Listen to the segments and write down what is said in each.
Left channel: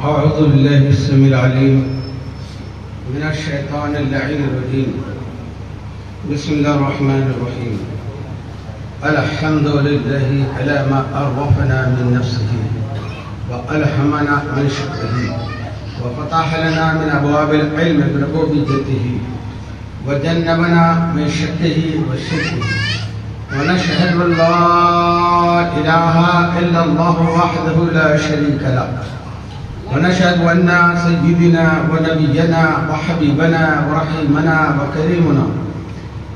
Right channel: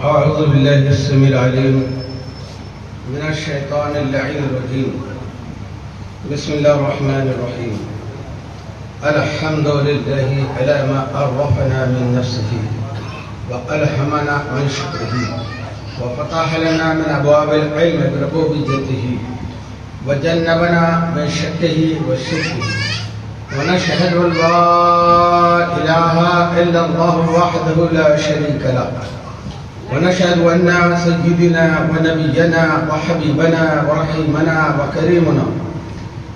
أعوذ بالله السميع العليم من الشيطان اللعين الرجيم. بسم الله الرحمن الرحيم. الحمد لله على ما عرفنا من نفسه وألهمنا من شكره وفتح لنا من أبواب العلم بربوبيته وجنبنا من شكه وشركه، ونشهد أن لا إله إلا الله وحده لا شريك له، ونشهد أن سيدنا ونبينا وحبيبنا ورحيمنا وكريمنا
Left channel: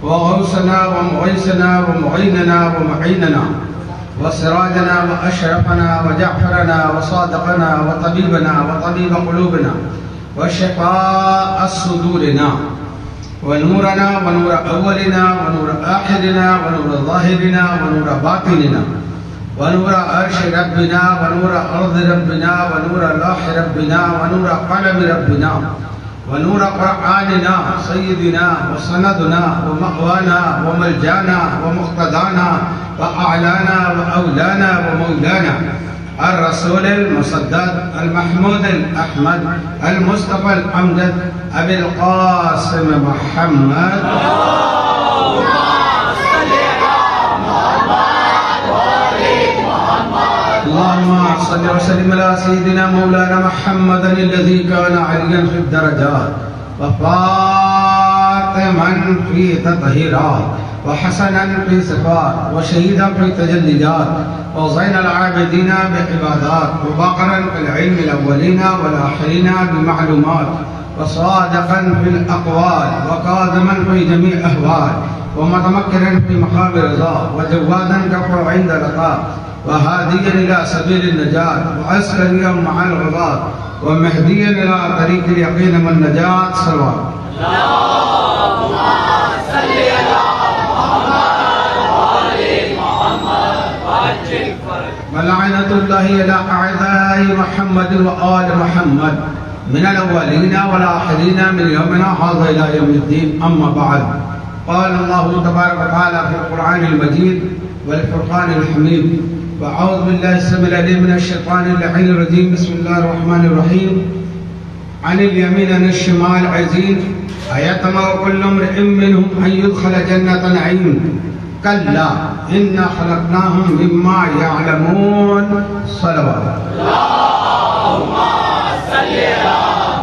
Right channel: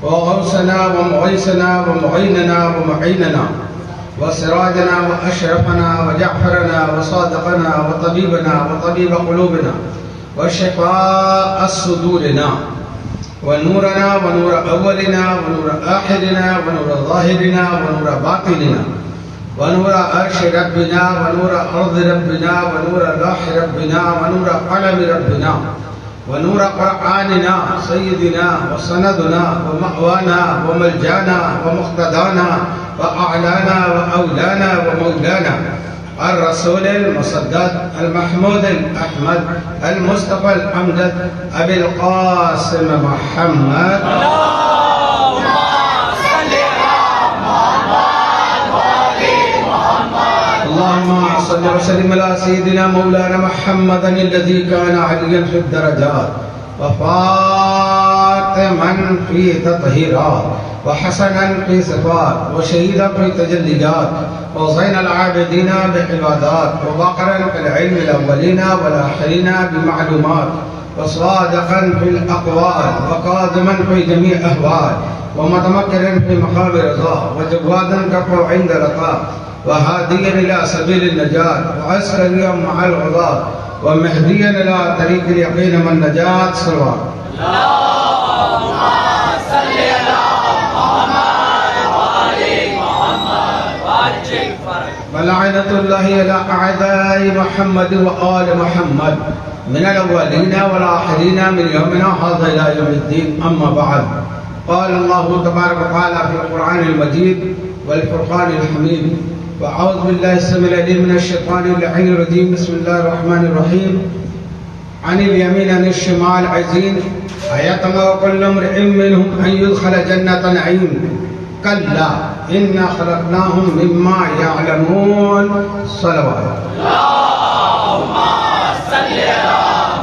وغوثنا ومغيثنا ومعيننا ومعيننا وسراجنا وأشرفنا وجعفرنا وصادقنا وطبيبنا وطبيب قلوبنا وشفاء صدورنا ونورنا ونور أولنا ونور آخرنا ونور ظاهرنا ونور باطننا ونور عرش ربنا ونور أرض ربنا ونور لوح ربنا ونور قلم ربنا ونور قرآننا سيدنا وسندنا ومأوانا وملجانا ومقتدانا وأعلانا وأولانا ومولانا الرسول المصدق المحمود الأحمد المصطفى الأمجد أبي القاسم محمد. اللهم صل وسلم على سيدنا مولانا محمد الذي كان عليا في الدرجات وفاطما في تطهيرات وحسنا في صفات وشهيدا في تجليات وزين العابدين بعبادات وبقرا في العلم الأولين والآخرين بمعلومات وصادقا في الأقوال وقادما في جميع أهوال ومتمكنا في مقام رضا وجوادا كفر عند لقاء وهاديا إلى سبيل النجاة وعسكريا مع الغضاة ومهديا إلى طريق اليقين والنجاة. صلوات اللهم صل على محمد وآل محمد وعجل فرج. ولعنة الله على أعداء محمد وآل محمد من الأولين والآخرين من يومنا هذا إلى يوم الدين. أما بعد، قال الله تبارك وتعالى في القرآن المجيد والفرقان الحميد: وأعوذ بالله السميع العليم من الشيطان اللعين الرجيم. بسم الله الرحمن الرحيم. عن اليمين عن الشمال عزين أيطمع كل امرئ منهم أن يدخل جنة نعيم كلا إنا خلقناهم مما يعلمون. صلوات اللهم صل على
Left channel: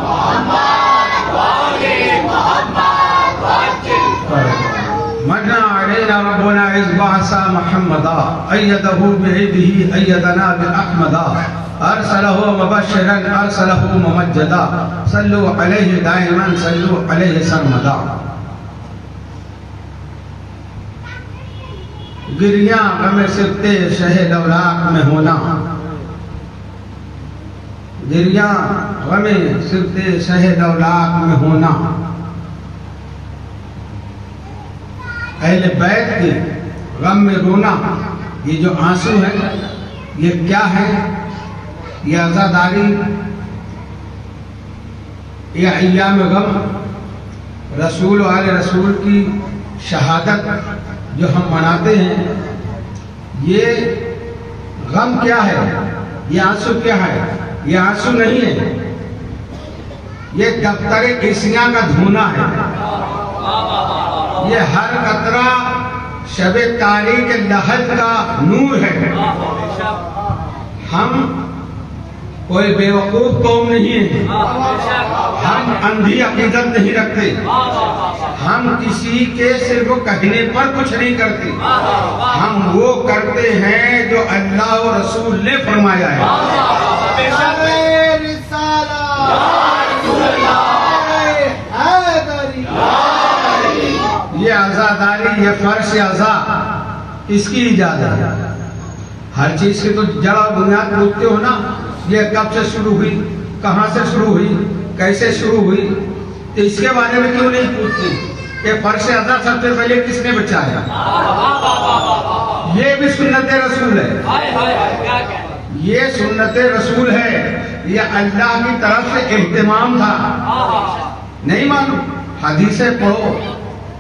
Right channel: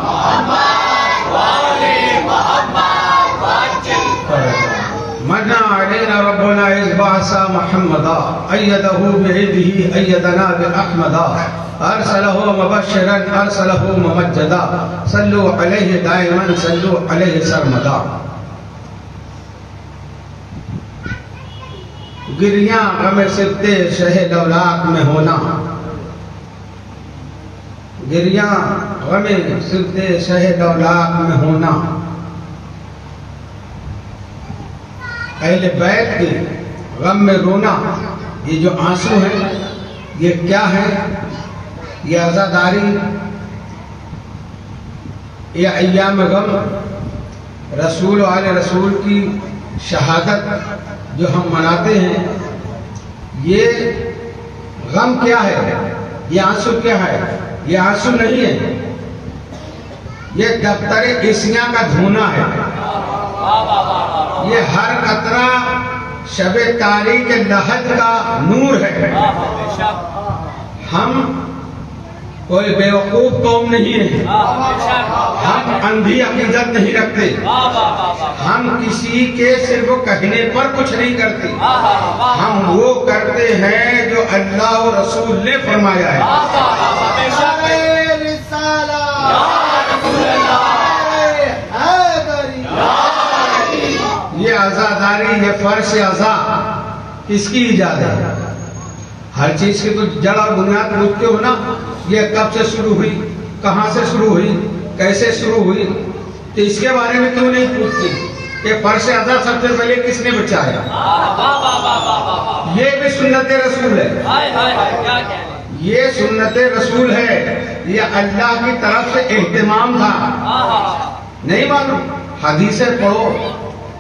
محمد وآل محمد وعجل فرج. من علينا ربنا إذ بعث محمدا أيده بعيده أيدنا بأحمدا أرسله مبشرا أرسله ممجدا صلوا عليه دائما صلوا عليه سرمدا. گریاں غم سبتے شہ دولاک میں ہونا، گریاں غم سبتے شہ دولاک میں ہونا. اہل بیت کے غم میں رونا، یہ جو آنسو ہے یہ کیا ہے؟ یہ عزاداری، یہ ایام غم، رسول و آل رسول کی شہادت جو ہم مناتے ہیں، یہ غم کیا ہے؟ یہ آنسو کیا ہے؟ یہ آنسو نہیں ہے، یہ دفتر عیسیاں کا دھونا ہے. یہ ہر قطرہ شب تاریک لحد کا نور ہے. ہم کوئی بیوقوف قوم نہیں ہے، ہم اندھی عقیدت نہیں رکھتے، ہم کسی کے صرف کہنے پر کچھ نہیں کرتے، ہم وہ کرتے ہیں جو اللہ و رسول نے فرمایا ہے. یہ عزاداری، یہ فرش عزا کس کی ایجاد ہے؟ ہر چیز کی تو جڑ اور بنیاد پوچھتے ہو نا، یہ کب سے شروع ہوئی؟ کہاں سے شروع ہوئی، کیسے شروع ہوئی، تو اس کے بارے میں کیوں نہیں پوچھتی کہ فرش ادا سب سے پہلے کس نے بچایا؟ یہ بھی سنت رسول ہے، یہ سنت رسول ہے، یہ اللہ کی طرف سے اہتمام تھا۔ نہیں معلوم، حدیثیں پڑھو،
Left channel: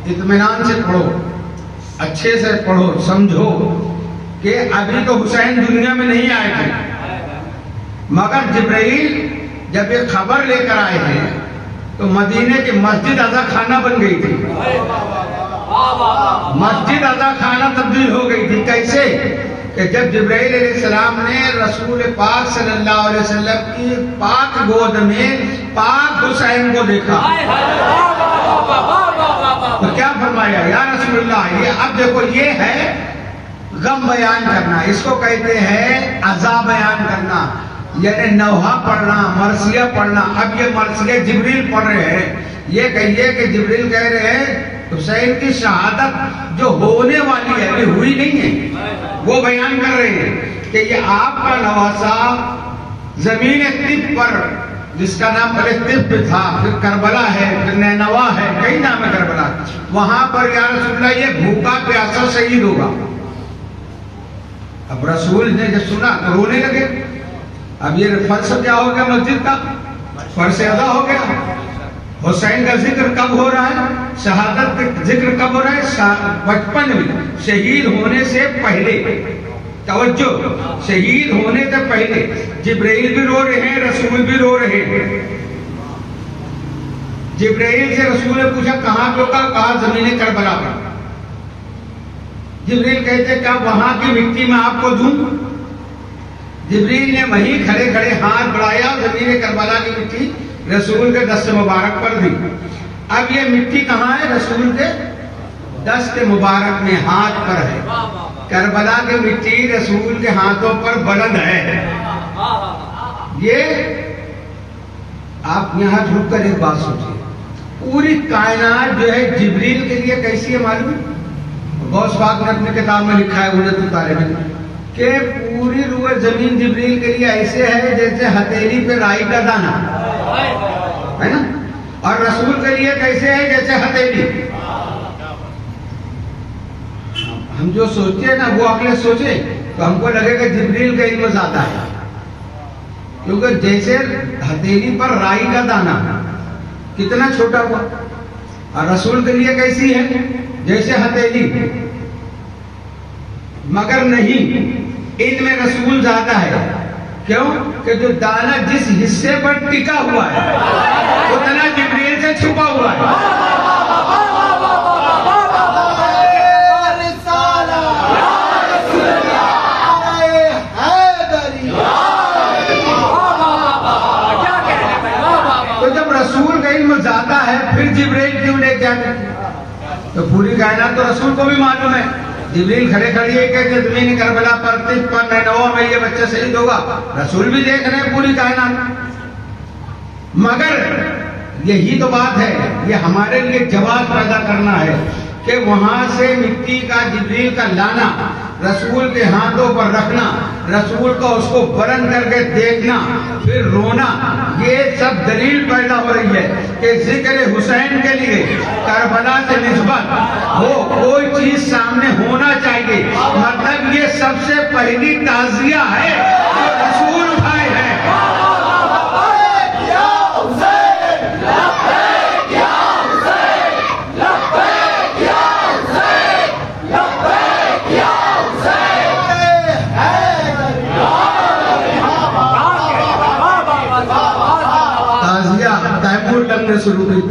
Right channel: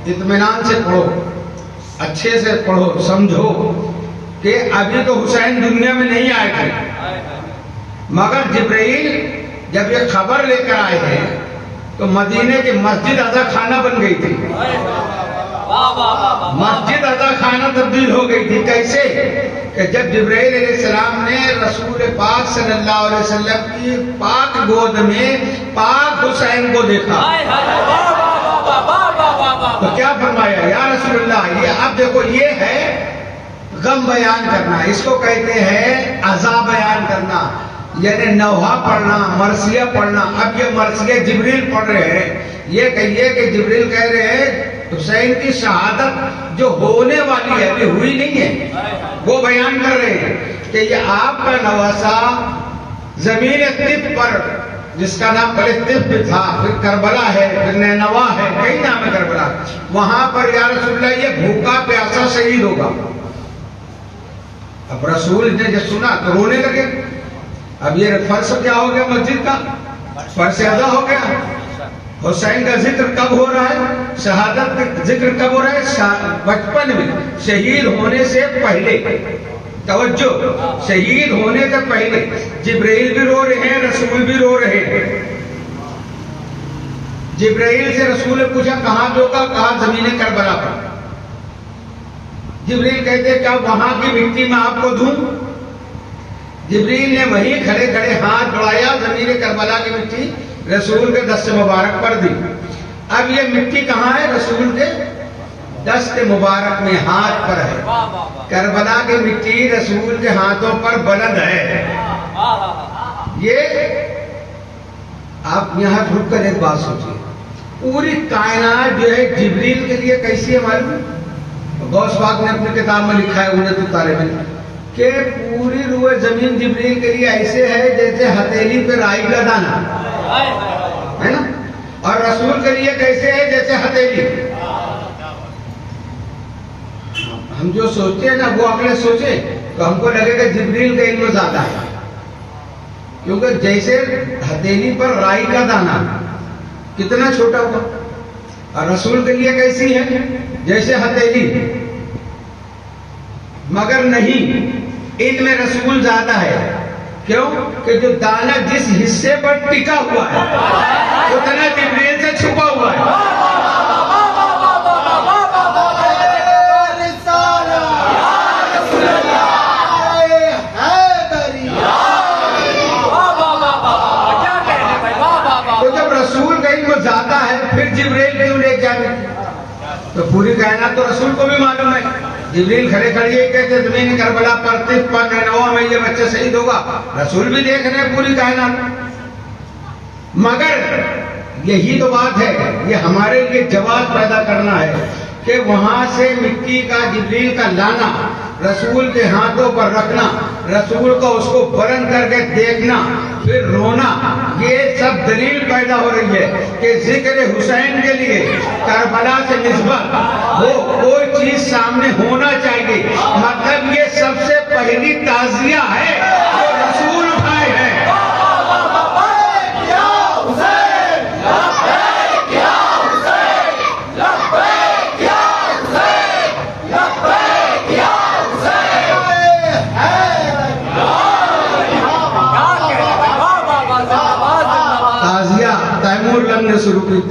اطمینان سے پڑھو، اچھے سے پڑھو، سمجھو کہ ابھی تو حسین دنیا میں نہیں آئے تھے، مگر جبرائیل جب یہ خبر لے کر آئے تھے تو مدینے کی مسجد ادا خانہ بن گئی تھی، مسجد ادا خانہ تبدیل ہو گئی تھی۔ کیسے کہ جب جبرائیل علیہ السلام نے رسول پاک صلی اللہ علیہ وسلم کی پاک گود میں پاک حسین کو دیکھا تو کیا فرمایا، یا رسول اللہ، یہ اب دیکھو یہ ہے غم بیان کرنا، اس کو کہتے ہیں عزا بیان کرنا، یعنی نوحہ پڑھنا، مرثیہ پڑھنا۔ اب یہ مرثیہ جبریل پڑھ رہے ہیں، یہ کہیے کہ جبریل کہہ رہے ہیں حسین کی شہادت جو ہونے والی ہے ابھی ہوئی نہیں ہے، وہ بیان کر رہے ہیں کہ یہ آپ کا نواسا زمین طب پر، جس کا نام پہلے طب تھا، پھر کربلا ہے، پھر نینوا ہے، کئی نام ہے کربلا، وہاں پر یا رسول اللہ یہ بھوکا پیاسا شہید ہوگا۔ اب رسول نے جب سنا تو رونے لگے۔ اب یہ فرض کیا ہو گیا، مسجد کا فرض ادا ہو گیا۔ حسین کا ذکر کب ہو رہا ہے، شہادت کا ذکر کب ہو رہا ہے؟ بچپن میں، شہید ہونے سے پہلے۔ توجہ، شہید ہونے سے پہلے جبرائیل بھی رو رہے ہیں، رسول بھی رو رہے ہیں۔ جبرائیل سے رسول نے پوچھا کہاں جو کہا زمین کربلا پر۔ جبرائیل کہتے کیا وہاں کی مٹی میں آپ کو دوں؟ جبرائیل نے وہیں کھڑے کھڑے ہاتھ بڑھایا، زمین کربلا کی مٹی رسول کے دست مبارک پر دی۔ اب یہ مٹی کہاں ہے؟ رسول کے دست مبارک میں، ہاتھ پر ہے۔ کربلا کی مٹی رسول کے ہاتھوں پر بلند ہے۔ یہ آپ یہاں رک کر ایک بات سوچیے، پوری کائنات جو ہے جبریل کے لیے کیسی ہے معلوم؟ غوث پاک نے اپنی کتاب میں لکھا ہے انت الطالب میں کہ پوری روح زمین جبریل کے لیے ایسے ہے جیسے ہتھیلی پہ رائی کا دانا ہے نا، اور رسول کے لیے کیسے ہے جیسے ہتھیلی۔ ہم جو سوچتے ہیں نا وہ اگلے سوچے تو ہم کو لگے گا جبریل کا علم زیادہ ہے، کیونکہ جیسے ہتھیلی پر رائی کا دانا کتنا چھوٹا ہوا، اور رسول کے لیے کیسی ہے جیسے ہتھیلی۔ مگر نہیں، علم رسول زیادہ ہے، کیوں کہ جو دانا جس حصے پر ٹکا ہوا ہے اتنا جبریل سے چھپا ہوا ہے۔ تو جب رسول کا علم زیادہ ہے پھر جبریل کیوں لے جاتے؟ تو پوری کائنات تو رسول کو بھی معلوم ہے۔ جبریل کھڑے کھڑے یہ کہتے زمین کربلا پر طب پر نینوا میں یہ بچہ شہید ہوگا، رسول بھی دیکھ رہے ہیں پوری کائنات۔ مگر یہی تو بات ہے، یہ ہمارے لیے جواب پیدا کرنا ہے کہ وہاں سے مٹی کا جبریل کا لانا، رسول کے ہاتھوں پر رکھنا، رسول کو اس کو بلند کر کے دیکھنا، پھر رونا، یہ سب دلیل پیدا ہو رہی ہے کہ ذکر حسین کے لیے کربلا سے نسبت وہ کوئی چیز سامنے ہونا چاہیے۔ مطلب یہ سب سے پہلی تعزیہ ہے جو رسول اٹھائے ہیں۔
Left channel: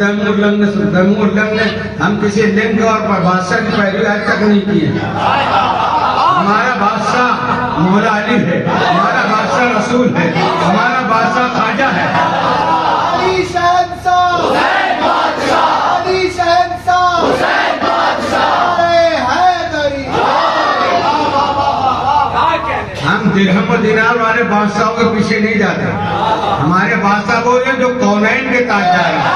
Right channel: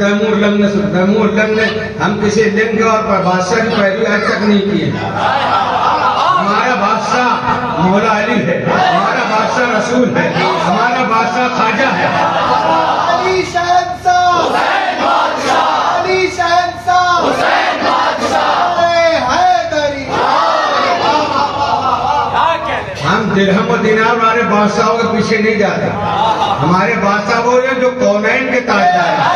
تیمور لنگ نے ہم کسی لنگ اور بادشاہ کی پیروی آج تک نہیں کی ہے۔ ہمارا بادشاہ مولا علی ہے، ہمارا بادشاہ رسول ہے، ہمارا بادشاہ خواجہ ہے۔ علی شہنشاہ، علی شہنشاہ، ہم درہم و دینار والے بادشاہوں کے پیچھے نہیں جاتے۔ ہمارے بادشاہ وہ ہیں جو کونین کے تاجدار ہیں،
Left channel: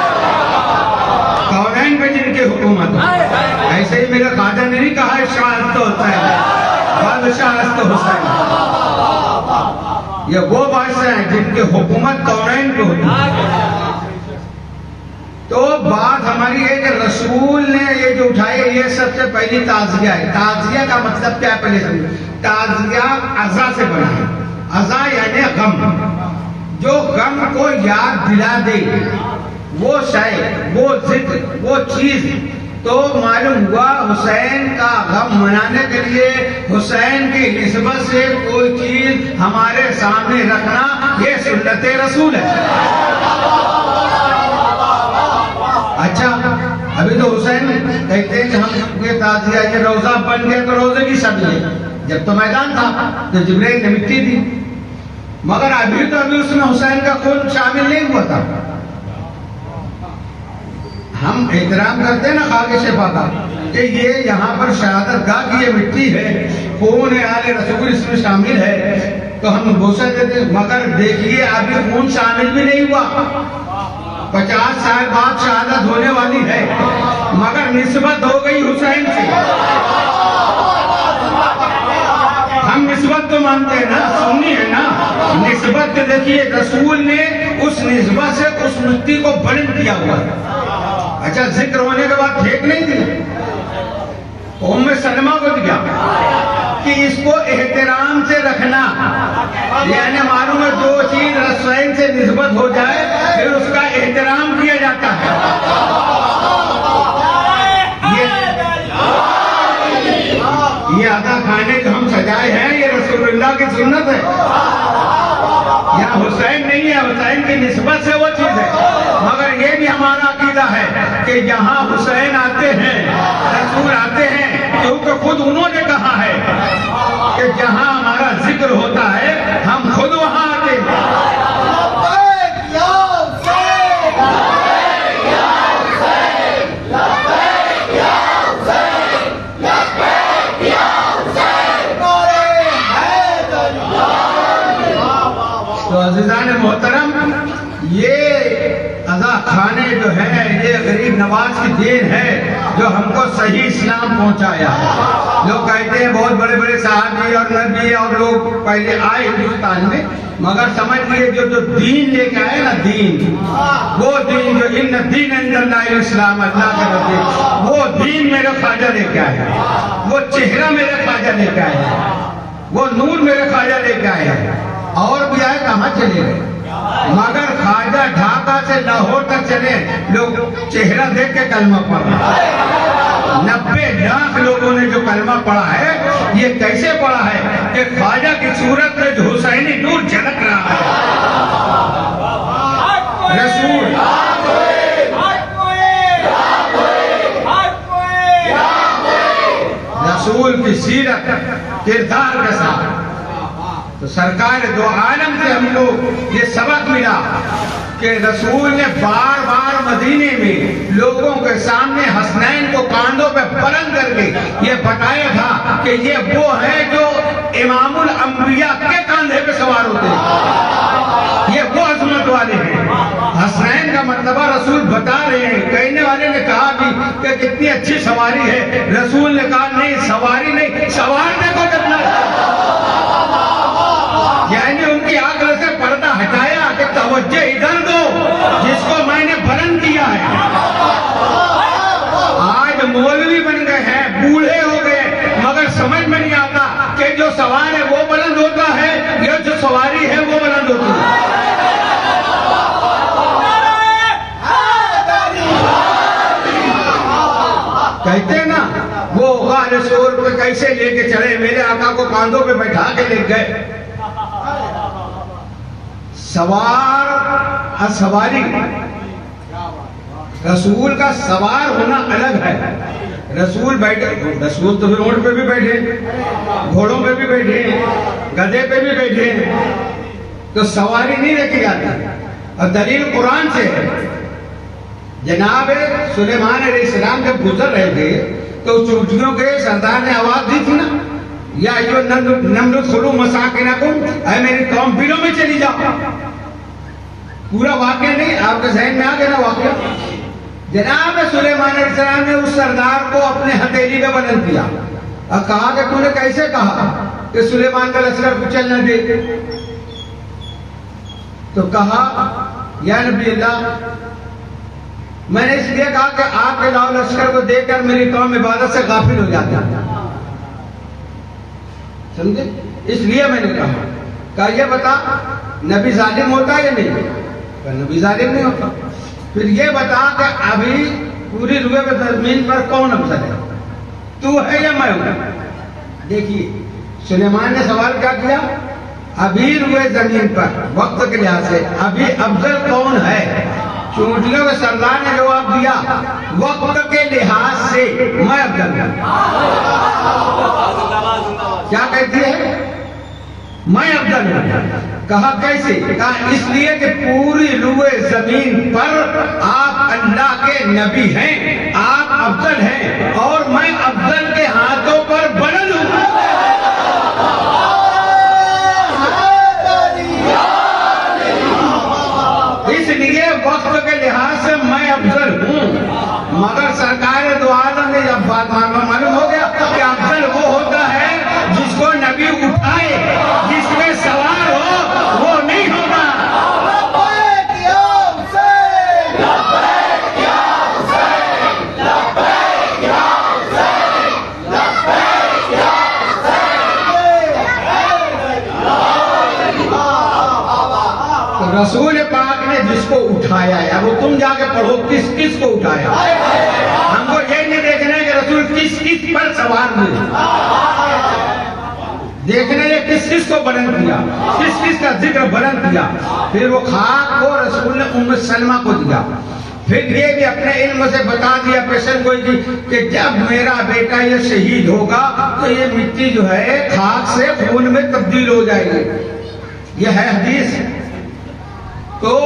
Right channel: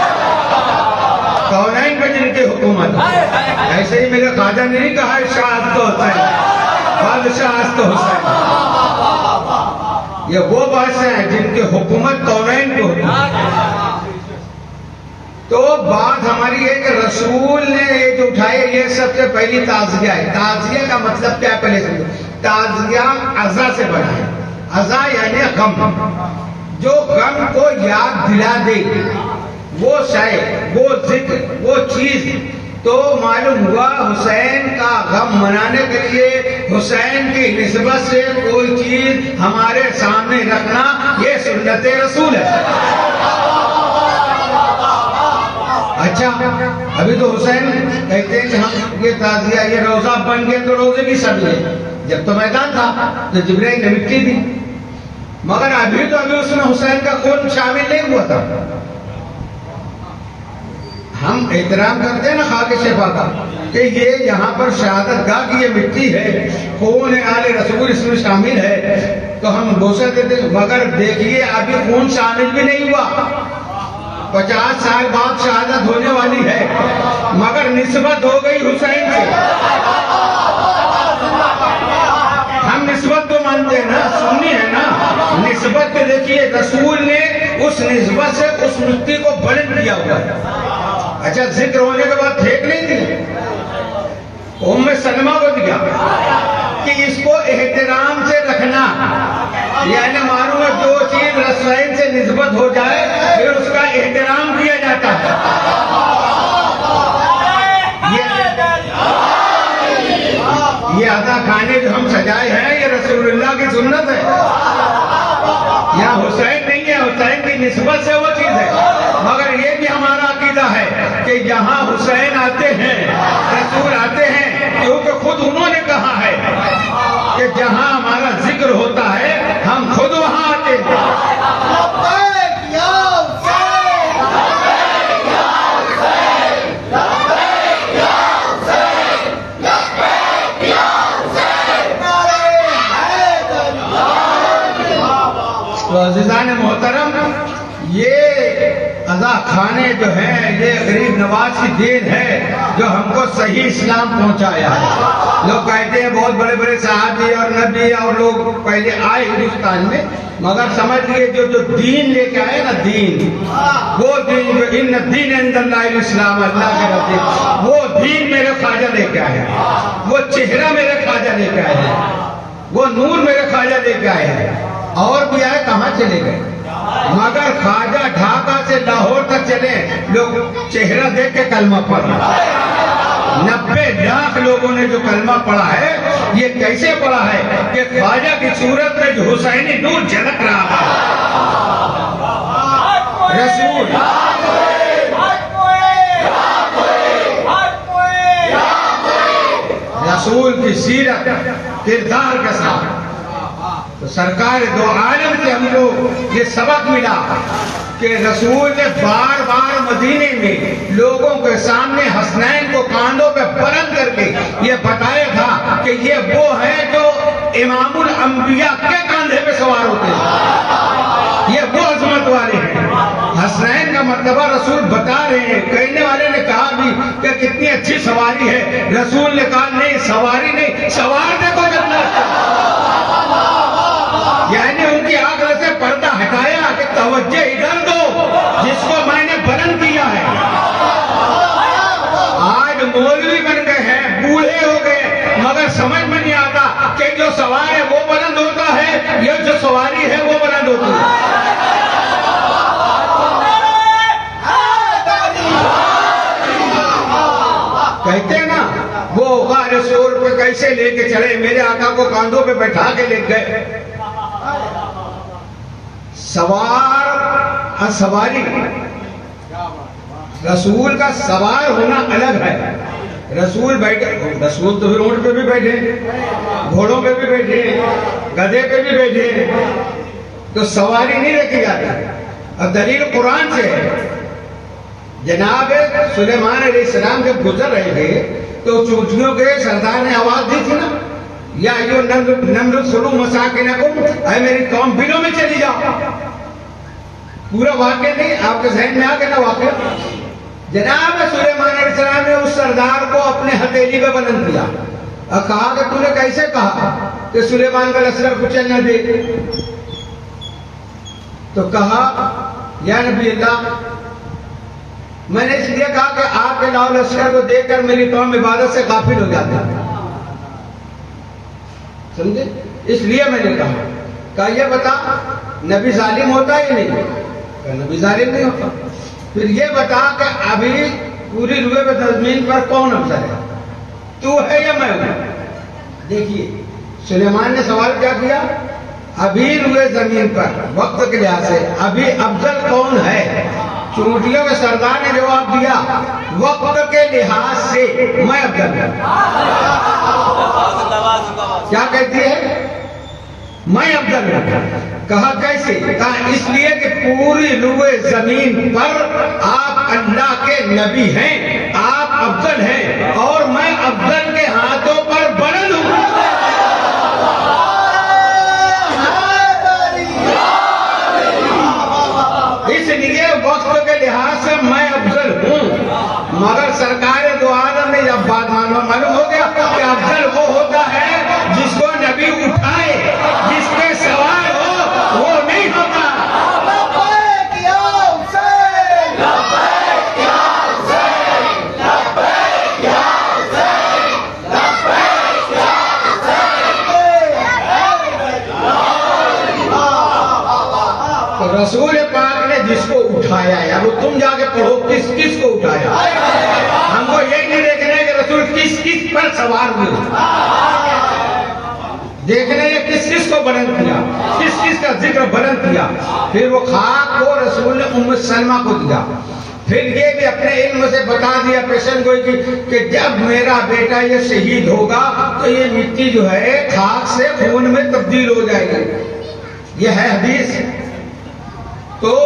کونین پہ جن کی حکومت ہے۔ ایسے ہی میرے خواجہ نے نہیں کہا شاہ تو ہوتا ہے، بادشاہ تو حسین۔ یہ وہ بادشاہ ہیں جن کی حکومت کونین پہ ہوتی ہے۔ تو بات ہماری ہے کہ رسول نے یہ جو اٹھائی یہ سب سے پہلی تعزیہ ہے۔ تعزیہ کا مطلب کیا ہے پہلے سمجھو۔ تعزیہ عزا سے بنا ہے۔ عزا یعنی غم، جو غم کو یاد دلا دے، وہ شے، وہ ذکر، وہ چیز۔ تو معلوم ہوا حسین کا غم منانے کے لیے حسین کی نسبت سے کوئی چیز ہمارے سامنے رکھنا یہ سنت رسول ہے۔ اچھا ابھی تو حسین کہتے ہیں کہ ہم یہ تعزیہ یہ روزہ بن گیا تو روزے کی شکل ہے، جب تو میدان تھا تو جبرائیل نے مٹی دی، مگر ابھی اس میں حسین کا خون شامل نہیں ہوا تھا۔ ہم احترام کرتے ہیں نا خاک شفا کا کہ یہ یہاں پر شہادت گاہ کی یہ مٹی ہے، خون آل رسول اس میں شامل ہے، تو ہم بوسہ دیتے ہیں، مگر دیکھیے ابھی خون شامل بھی نہیں ہوا۔ 50 سال بعد شہادت ہونے والی ہے، مگر نسبت ہو گئی حسین سے۔ ہم نسبت تو مانتے ہیں نا، سنی ہے نا، نسبت کے دیکھیے رسول نے اس نسبت سے اس مٹی کو بلند کیا ہوا ہے۔ اچھا ذکر ہونے کے بعد پھینک نہیں دیا، ام سلمہ کو دیا کہ اس کو احترام سے رکھنا، یعنی معلوم ہے جو چیز رسول سے نسبت ہو جائے پھر اس کا احترام کیا جاتا ہے۔ یہ آدھا کھانے جو ہم سجائے ہیں یہ رسول اللہ کی سنت ہے، یہاں حسین نہیں ہے، حسین کی نسبت سے وہ چیز ہے، مگر یہ بھی ہمارا عقیدہ ہے کہ یہاں حسین آتے ہیں، رسول آتے ہیں، کیونکہ خود انہوں نے کہا ہے کہ جہاں ہمارا ذکر ہوتا ہے ہم خود وہاں آتے ہیں۔ تو عزیزان محترم یہ عزا کھانے جو ہیں یہ غریب نواز کی دین ہے جو ہم کو صحیح اسلام پہنچایا ہے۔ لوگ کہتے ہیں بہت بڑے بڑے صحابی اور نبی اور لوگ پہلے آئے ہندوستان میں، مگر سمجھ لیے جو دین لے کے آئے نا، دین، وہ دین جو ان دین عند اللہ الاسلام، اللہ کے رسول، وہ دین میرے خواجہ لے کے آئے ہیں، وہ چہرہ میرے خواجہ لے کے آئے ہیں، وہ نور میرے خواجہ لے کے آئے ہیں۔ اور بھی آئے کہاں چلے گئے، مگر خواجہ ڈھاکہ سے لاہور تک چلے، لوگ چہرہ دیکھ کے کلمہ پڑھا۔ 90 لاکھ لوگوں نے جو کلمہ پڑھا ہے یہ کیسے پڑھا ہے کہ خواجہ کی صورت میں جو حسینی نور جھلک رہا ہے۔ رسول کی سیرت کردار کے ساتھ تو سرکار دو عالم سے ہم کو یہ سبق ملا کہ رسول نے بار بار مدینے میں لوگوں کے سامنے حسنین کو کاندھوں پہ بلند کر کے یہ بتایا تھا کہ یہ وہ ہیں جو امام الانبیاء کے کاندھے پہ سوار ہوتے ہیں، یہ وہ عظمت والے ہیں۔ حسنین کا مرتبہ رسول بتا رہے ہیں، کہنے والے نے کہا بھی کہ کتنی اچھی سواری ہے، رسول نے کہا نہیں سواری نہیں، سوار کا تو کرنا، یعنی ان کی آنکھ سے پردہ ہٹایا کہ توجہ ادھر دو جس کو میں نے بلند کیا ہے۔ آج مولوی بن گئے ہیں، بوڑھے ہو گئے، مگر سمجھ میں نہیں آتا کہ جو سوار ہے وہ بلند ہوتا ہے یا جو سواری ہے وہ بلند ہوتی ہے۔ کہتے ہیں نا وہ غار سور پہ کیسے لے کے چڑھے، میرے آقا کو کاندھوں پہ بیٹھا کے لے گئے۔ سوار اور سواری، رسول کا سوار ہونا الگ ہے۔ رسول بیٹھے، رسول تو روڈ پہ بھی بیٹھے، گھوڑوں پہ بھی بیٹھے، گدھے پہ بھی بیٹھے، تو سواری نہیں رکھی جاتی۔ اور دلیل قرآن سے ہے، جناب سلیمان علیہ السلام جب گزر رہے تھے تو چونٹیوں کے سردار نے آواز دی تھی نا، یا جو نمر خلو مساکنکم، اے میری قوم بلوں میں چلی جاؤ۔ پورا واقعہ نہیں آپ کے ذہن میں آ گیا نا واقعہ۔ جناب سلیمان علیہ السلام نے اس سردار کو اپنے ہتھیلی پہ بلند کیا اور کہا کہ تو نے کیسے کہا کہ سلیمان کا لشکر کچل نہ دے؟ تو کہا یا نبی اللہ میں نے اس لیے کہا کہ آپ کے لاؤ لشکر کو دیکھ کر میری قوم عبادت سے غافل ہو جاتے ہیں، سمجھے؟ اس لیے میں نے کہا یہ بتا نبی ظالم ہوتا ہے یا نہیں؟ نبی ظالم نہیں ہوتا۔ پھر یہ بتا کہ ابھی پوری روئے پہ زمین پر کون افضل ہے، تو ہے یا میں ہوں؟ دیکھیے سلیمان نے سوال کیا کیا، ابھی روئے زمین پر وقت کے لحاظ سے ابھی افضل کون ہے؟ چونٹیوں کے سردار نے جواب دیا وقت کے لحاظ سے میں افضل ہوں۔ کیا کہتی ہے؟ میں افضل ہوں۔ کہا کیسے؟ کہا اس لیے کہ پوری روئے زمین پر آپ اللہ کے نبی ہیں، آپ افضل ہیں، اور میں افضل کے ہاتھوں پر بلند ہوں۔ اس لیے وقت کے لحاظ سے میں افضل ہوں، مگر سرکار دو عالم نے جب بات معلوم ہو گیا کہ افضل وہ ہوتا ہے جس کو نبی اٹھائے، جس میں سوار ہو، وہ نہیں ہوتا۔ رسول پاک نے جس کو اٹھایا ہے، اب تم جا کے پڑھو کس کس کو اٹھایا۔ ہم کو یہ نہیں دیکھنا ہے کہ رسول کس کس پر سوار ہوئے، دیکھنا یہ کس کس کو بلند کیا، کس کس کا ذکر بلند کیا۔ پھر وہ خاک کو رسول نے ام سلمہ کو دیا، پھر یہ بھی اپنے علم سے بتا دیا پیشن گوئی کی کہ جب میرا بیٹا یہ شہید ہوگا تو یہ مٹی جو ہے خاک سے خون میں تبدیل ہو جائے گی، یہ ہے حدیث۔ تو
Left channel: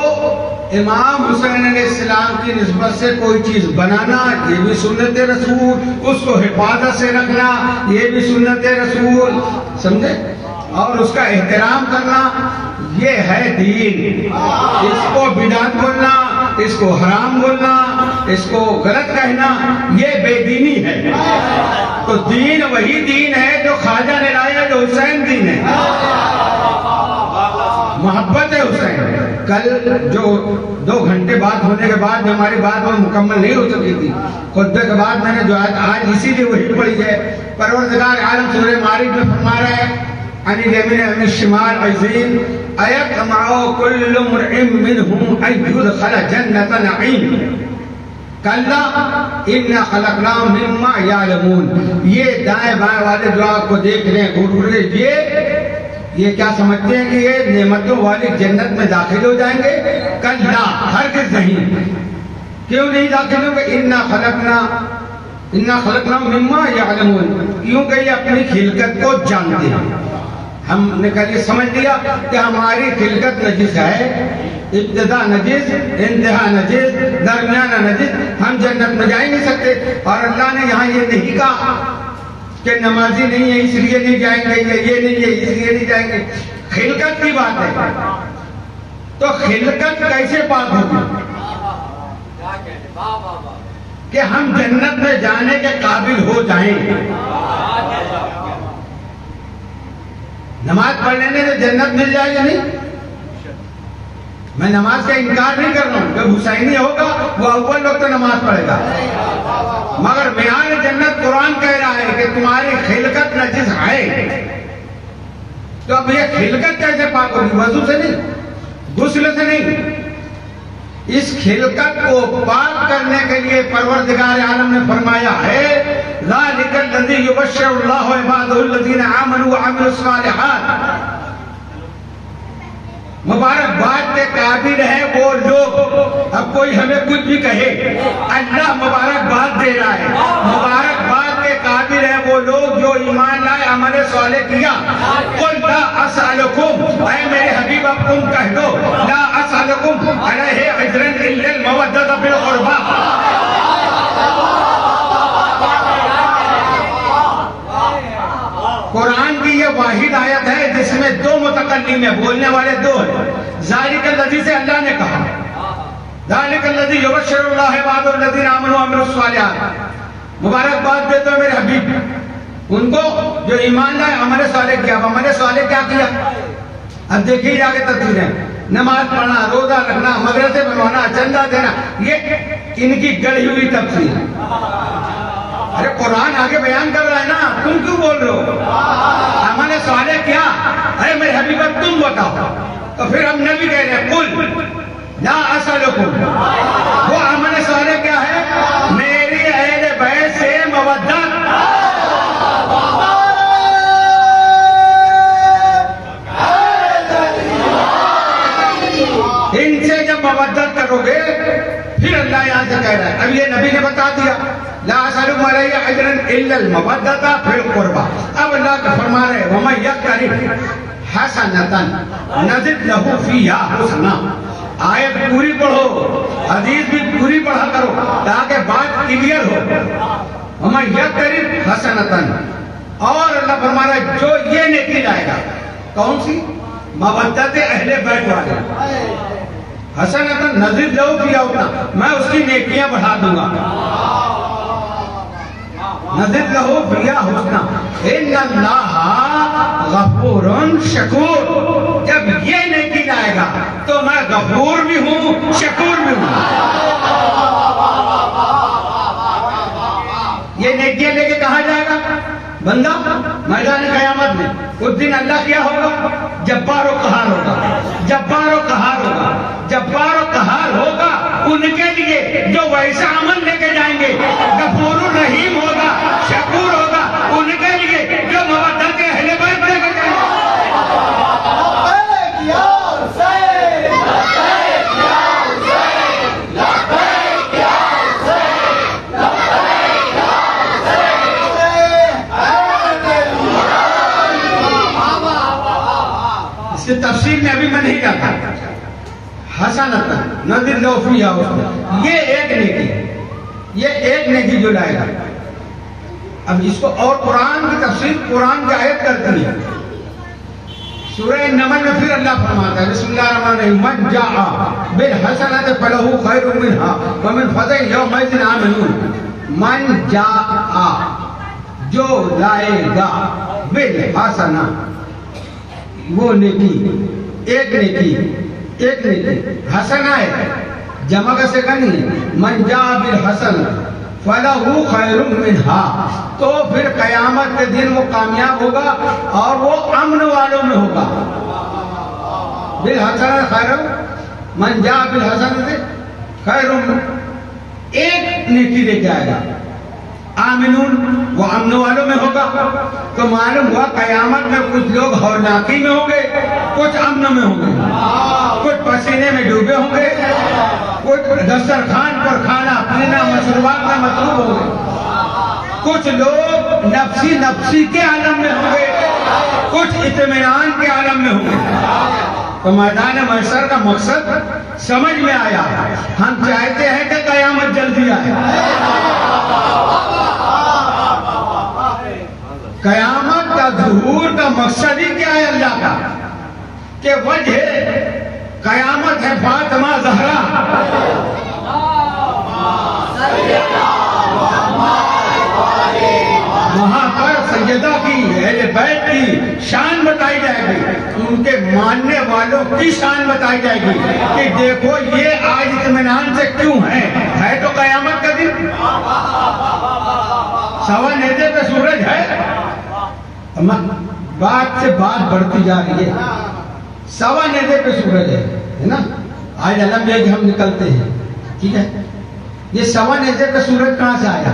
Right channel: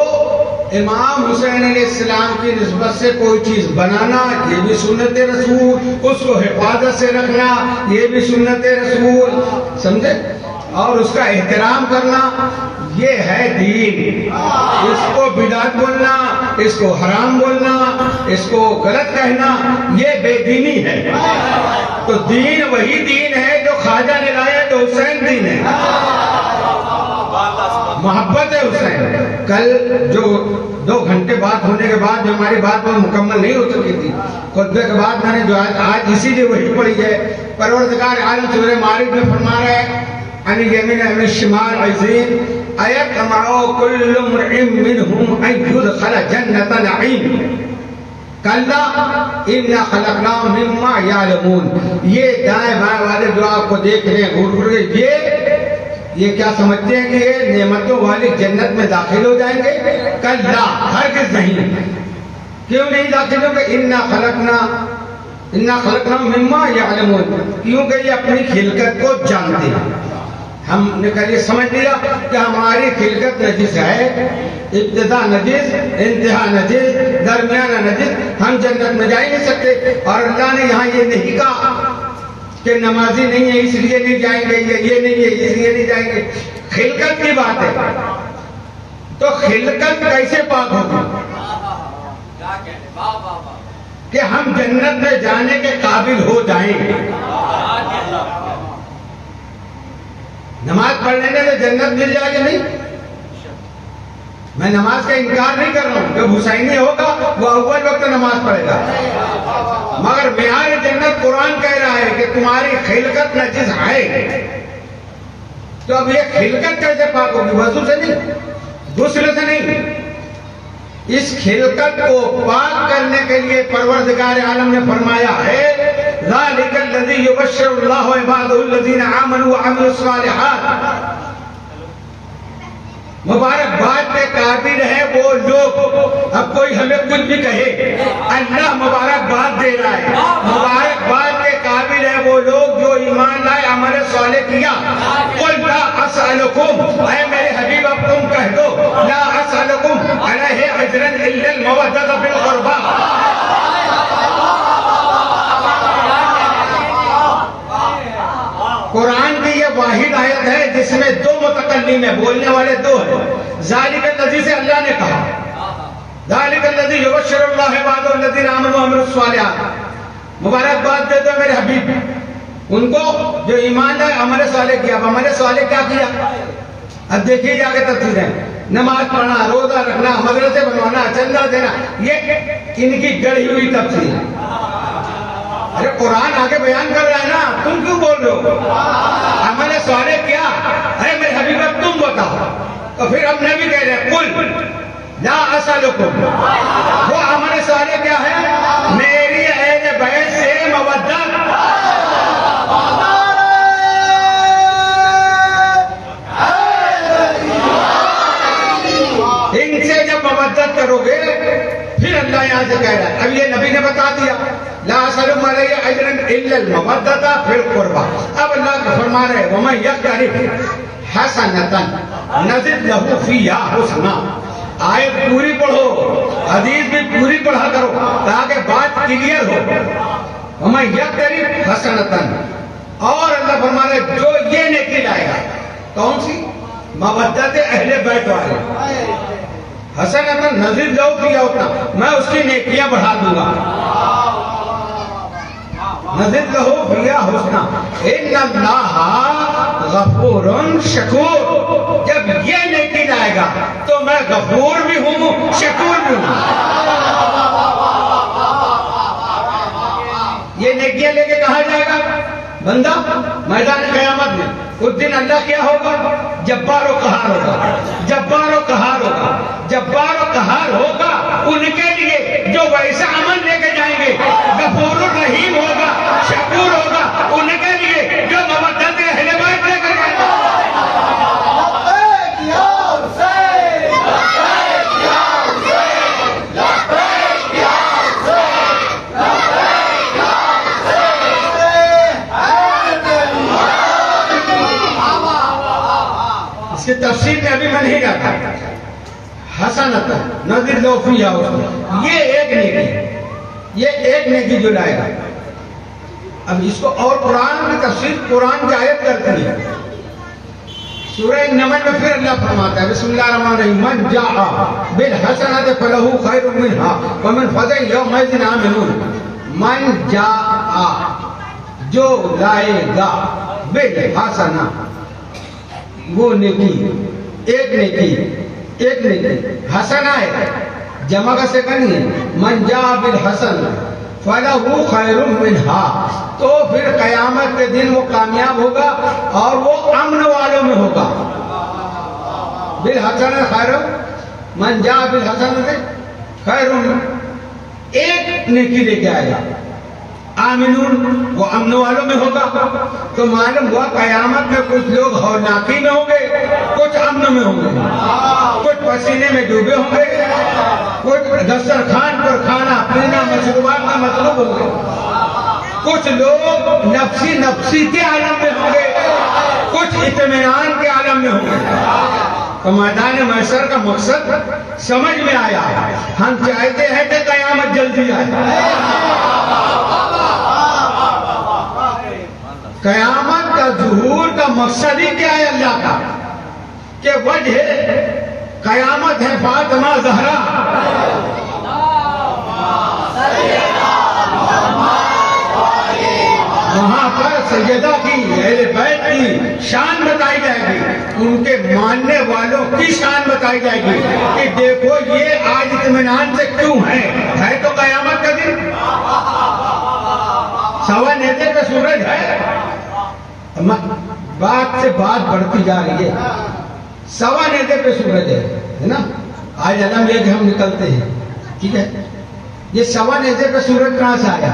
امام حسین علیہ السلام کی نسبت سے کوئی چیز بنانا یہ بھی سنت رسول، اس کو حفاظت سے رکھنا یہ بھی سنت رسول، سمجھے؟ اور اس کا احترام کرنا یہ ہے دین۔ اس کو بدعت بولنا، اس کو حرام بولنا، اس کو غلط کہنا یہ بے دینی ہے۔ تو دین وہی دین ہے جو خواجہ نے لایا، جو حسین دین ہے، محبت ہے حسین۔ کل جو 2 گھنٹے بات ہونے کے بعد جو ہماری بات وہ مکمل نہیں ہو سکی تھی، خطبے کے بعد میں نے جو آج اسی لیے وہی پڑھی ہے، پروردگار عالم سورہ معارج میں فرما رہا ہے عن الیمین عن الشمال عزین ایطمع کل امرئ منہم ان یدخل جنۃ نعیم کلا انا خلقناہم مما یعلمون۔ یہ دائیں بائیں والے جو آپ کو دیکھ رہے ہیں گھور گھور یہ کیا سمجھتے ہیں کہ یہ نعمتوں والی جنت میں داخل ہو جائیں گے؟ کلا ہرگز نہیں۔ کیوں نہیں داخل ہوں گے؟ انا خلقناہم مما یعلمون، کیونکہ یہ اپنی خلقت کو جانتے ہیں۔ ہم نے کل یہ سمجھ لیا کہ ہماری خلقت نجس ہے، ابتدا نجس، انتہا نجس، درمیانہ نجس، ہم جنت میں جا ہی نہیں سکتے۔ اور اللہ نے یہاں یہ نہیں کہا کہ نمازی نہیں ہے اس لیے نہیں جائیں گے، یہ نہیں ہے اس لیے نہیں جائیں گے، خلقت کی بات ہے۔ تو خلقت کیسے پاک ہوگی کہ ہم جنت میں جانے کے قابل ہو جائیں؟ نماز پڑھنے سے جنت مل جائے گا نہیں؟ میں نماز کا انکار نہیں کر رہا ہوں، جو حسینی ہوگا وہ اول وقت نماز پڑھے گا، مگر معیار جنت قرآن کہہ رہا ہے کہ تمہاری خلقت نجس ہے۔ تو اب یہ خلقت کیسے پاک ہوگی؟ وضو سے نہیں، غسل سے نہیں۔ اس خلقت کو پاک کرنے کے لیے پروردگار عالم نے فرمایا ہے ذالک الذی یبشر اللہ عبادہ الذین آمنوا وعملوا الصالحات۔ مبارکباد کے قابل ہے وہ لوگ، اب کوئی ہمیں کچھ بھی کہے اللہ مبارکباد دے رہا ہے، مبارکباد کے قابل ہے وہ لوگ جو ایمان لائے، عمل صالح کیا۔ قل لا اسألکم، اے میرے حبیب اب تم کہہ دو لا اسألکم علیہ اجرا الا المودۃ فی القربى۔ قرآن کی یہ واحد آیت ہے جس میں 2 متکلم ہیں، بولنے والے 2 ہیں۔ ذالک الذی سے اللہ نے کہا، ذالک الذی یبشر اللہ عبادہ الذین آمنوا وعملوا الصالحات، مبارکباد دے دو میرے حبیب ان کو جو ایمان لائے، عمل صالح کیا۔ اب عمل صالح کیا کیا؟ اب دیکھیے جا کے تفسیریں، نماز پڑھنا، روزہ رکھنا، مدرسے بنوانا، چندہ دینا، یہ ان کی گڑھی ہوئی تفسیر ہے۔ ارے قرآن آگے بیان کر رہا ہے نا، تم کیوں بول رہے ہو؟ ہم نے سوال کیا، ارے میرے حبیب تم بتاؤ، تو پھر ہم نے بھی کہہ رہے قل لا اسألکم، وہ ہم نے سوال کیا ہے، میری اہل بیت سے مودت، ان سے جب مودت کرو گے، پھر اللہ یہاں سے کہہ رہا ہے، اب یہ نبی نے بتا دیا لا اسألکم علیہ اجرا الا المودۃ فی القربى، اب اللہ کا فرما رہے ومن یقترف حسنۃ نزد لہ فیہا حسنا۔ آیت پوری پڑھو، حدیث بھی پوری پڑھا کرو تاکہ بات کلیئر ہو۔ ومن یقترف حسنۃ، اور اللہ فرما رہا ہے جو یہ نیکی لائے گا، کون سی؟ مودت اہل بیت والے، حسنۃ نزد لہ فیہا حسنا، میں اس کی نیکیاں بڑھا دوں گا، نزد لہ فیہا حسنا، ان اللہ غفور شکور، جب یہ نیکی لائے گا تو میں غفور بھی ہوں، شکور بھی ہوں۔ یہ نیکیاں لے کے کہاں جائے گا بندہ؟ میدان قیامت میں اس دن اللہ کیا ہوگا؟ جبار و قہار ہوگا، جبار و قہار ہوگا، جبار و قہار ہوگا ان کے لیے جو ویسا عمل لے کے جائیں گے، غفور الرحیم ہوگا، شکور ہوگا ان کے لیے جو مودت اہل بیت لے کے جائیں گے۔ اس کی تفصیل میں ابھی میں نہیں جاتا۔ حسنۃ نزد لہ فیہا حسنا، یہ ایک نیکی، یہ ایک نیکی جو لائے گا۔ اب اس کو اور قرآن کی تفسیر قرآن کی آیت کرتی ہے، سورہ نمل میں پھر اللہ فرماتا ہے بسم اللہ الرحمن الرحیم من جاء بالحسنۃ فلہ خیر منہا ومن فزع یومئذ آمنون۔ من جاء، جو لائے گا، بالحسنہ، وہ نیکی، ایک نیکی، ایک نیکی، حسنہ ہے، جمع کا سیکنڈ نہیں ہے، من جاء بالحسنہ فلہ خیر منہا، تو پھر قیامت کے دن وہ کامیاب ہوگا اور وہ امن والوں میں ہوگا۔ بالحسنہ خیر، من جاء بالحسنہ خیر، ایک نیکی لے کے آئے گا، آمنون، وہ امن والوں میں ہوگا۔ تو معلوم ہوا قیامت میں کچھ لوگ ہولناکی میں ہوں گے، کچھ امن میں ہوں گے، کچھ پسینے میں ڈوبے ہوں گے، کچھ دسترخوان پر کھانا پینا مشروبات میں مصروف ہوں گے، کچھ لوگ نفسی کے عالم میں ہوں گے، کچھ اطمینان کے عالم میں ہوں گے۔ تو میدان محشر کا مقصد سمجھ میں آیا، ہم چاہتے ہیں کہ قیامت جلدی آئے۔ قیامت کا ظہور کا مقصد ہی کیا ہے اللہ کا؟ کہ وجہ قیامت ہے فاطمہ زہرا، وہاں پر سیدہ کی اہل بیت کی شان بتائی جائے گی، ان کے ماننے والوں کی شان بتائی جائے گی کہ دیکھو یہ آج اطمینان سے کیوں ہے تو قیامت کا دن، سوا نیزے پہ سورج ہے، بات سے بات بڑھتی جا رہی ہے، سوا نیزے پہ سورج ہے نا، آج علم یہ کہ ہم نکلتے ہیں، ٹھیک ہے، یہ سوا نیزے پہ سورج کہاں سے آیا؟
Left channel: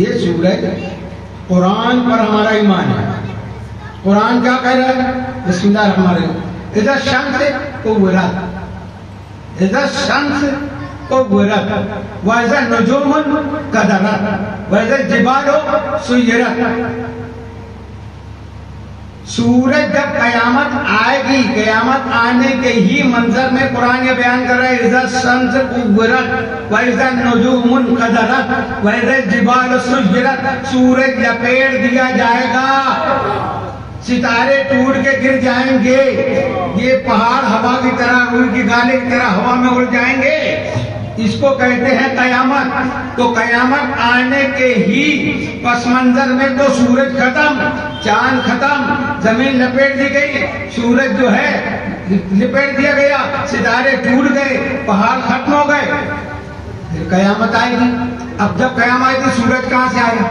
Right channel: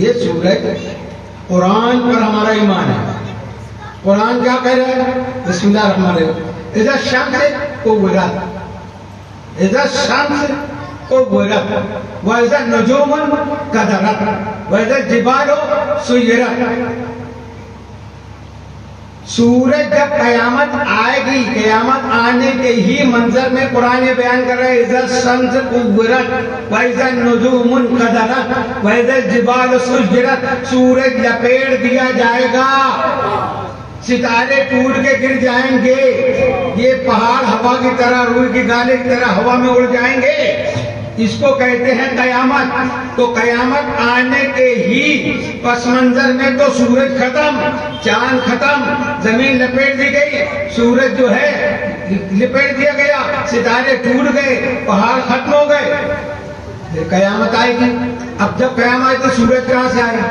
یہ سورج قرآن پر ہمارا ایمان ہے۔ قرآن کیا کہہ رہا ہے؟ بسم اللہ الرحمن الرحیم، اذا الشمس کورت، اذا الشمس کورت واذا النجوم انکدرت واذا الجبال سیرت۔ سورج جب قیامت آئے گی، قیامت آنے کے ہی منظر میں قرآن یہ بیان کر رہے ہیں اذا الشمس کورت واذا النجوم انکدرت واذا الجبال سیرت، سورج لپیٹ دیا جائے گا، ستارے ٹوٹ کے گر جائیں گے، یہ پہاڑ ہوا کی طرح، روئی کی گالے کی طرح ہوا میں اڑ جائیں گے، اس کو کہتے ہیں قیامت. تو قیامت آنے کے ہی پس منظر میں تو سورج ختم، چاند ختم، زمین لپیٹ دی گئی، سورج جو ہے لپیٹ دیا گیا، ستارے ٹوٹ گئے، پہاڑ ختم ہو گئے، پھر قیامت آئے گی. اب جب قیامت آئے تو سورج کہاں سے آئے گا؟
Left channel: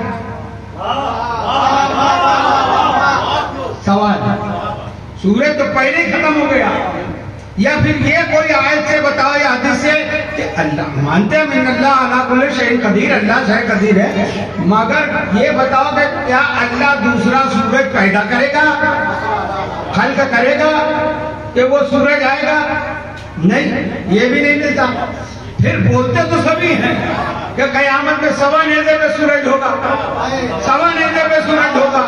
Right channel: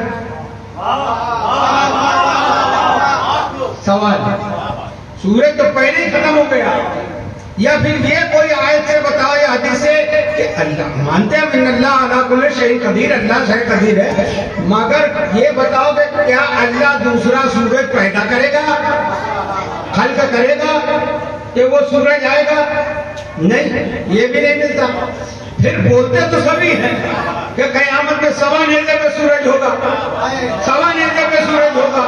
سوال. سورج تو پہلے ہی ختم ہو گیا. یا پھر یہ کوئی آیت سے بتاؤ یا حدیث سے کہ اللہ مانتے ہیں من اللہ علی کل شیء قدیر، اللہ شے قدیر ہے، مگر یہ بتاؤ کہ کیا اللہ دوسرا سورج پیدا کرے گا، خلق کرے گا کہ وہ سورج آئے گا؟ نہیں، یہ بھی نہیں ملتا. پھر بولتے تو سبھی ہیں کہ قیامت کے سوا نیزے پہ سورج ہوگا، سوا نیزے پہ سورج ہوگا،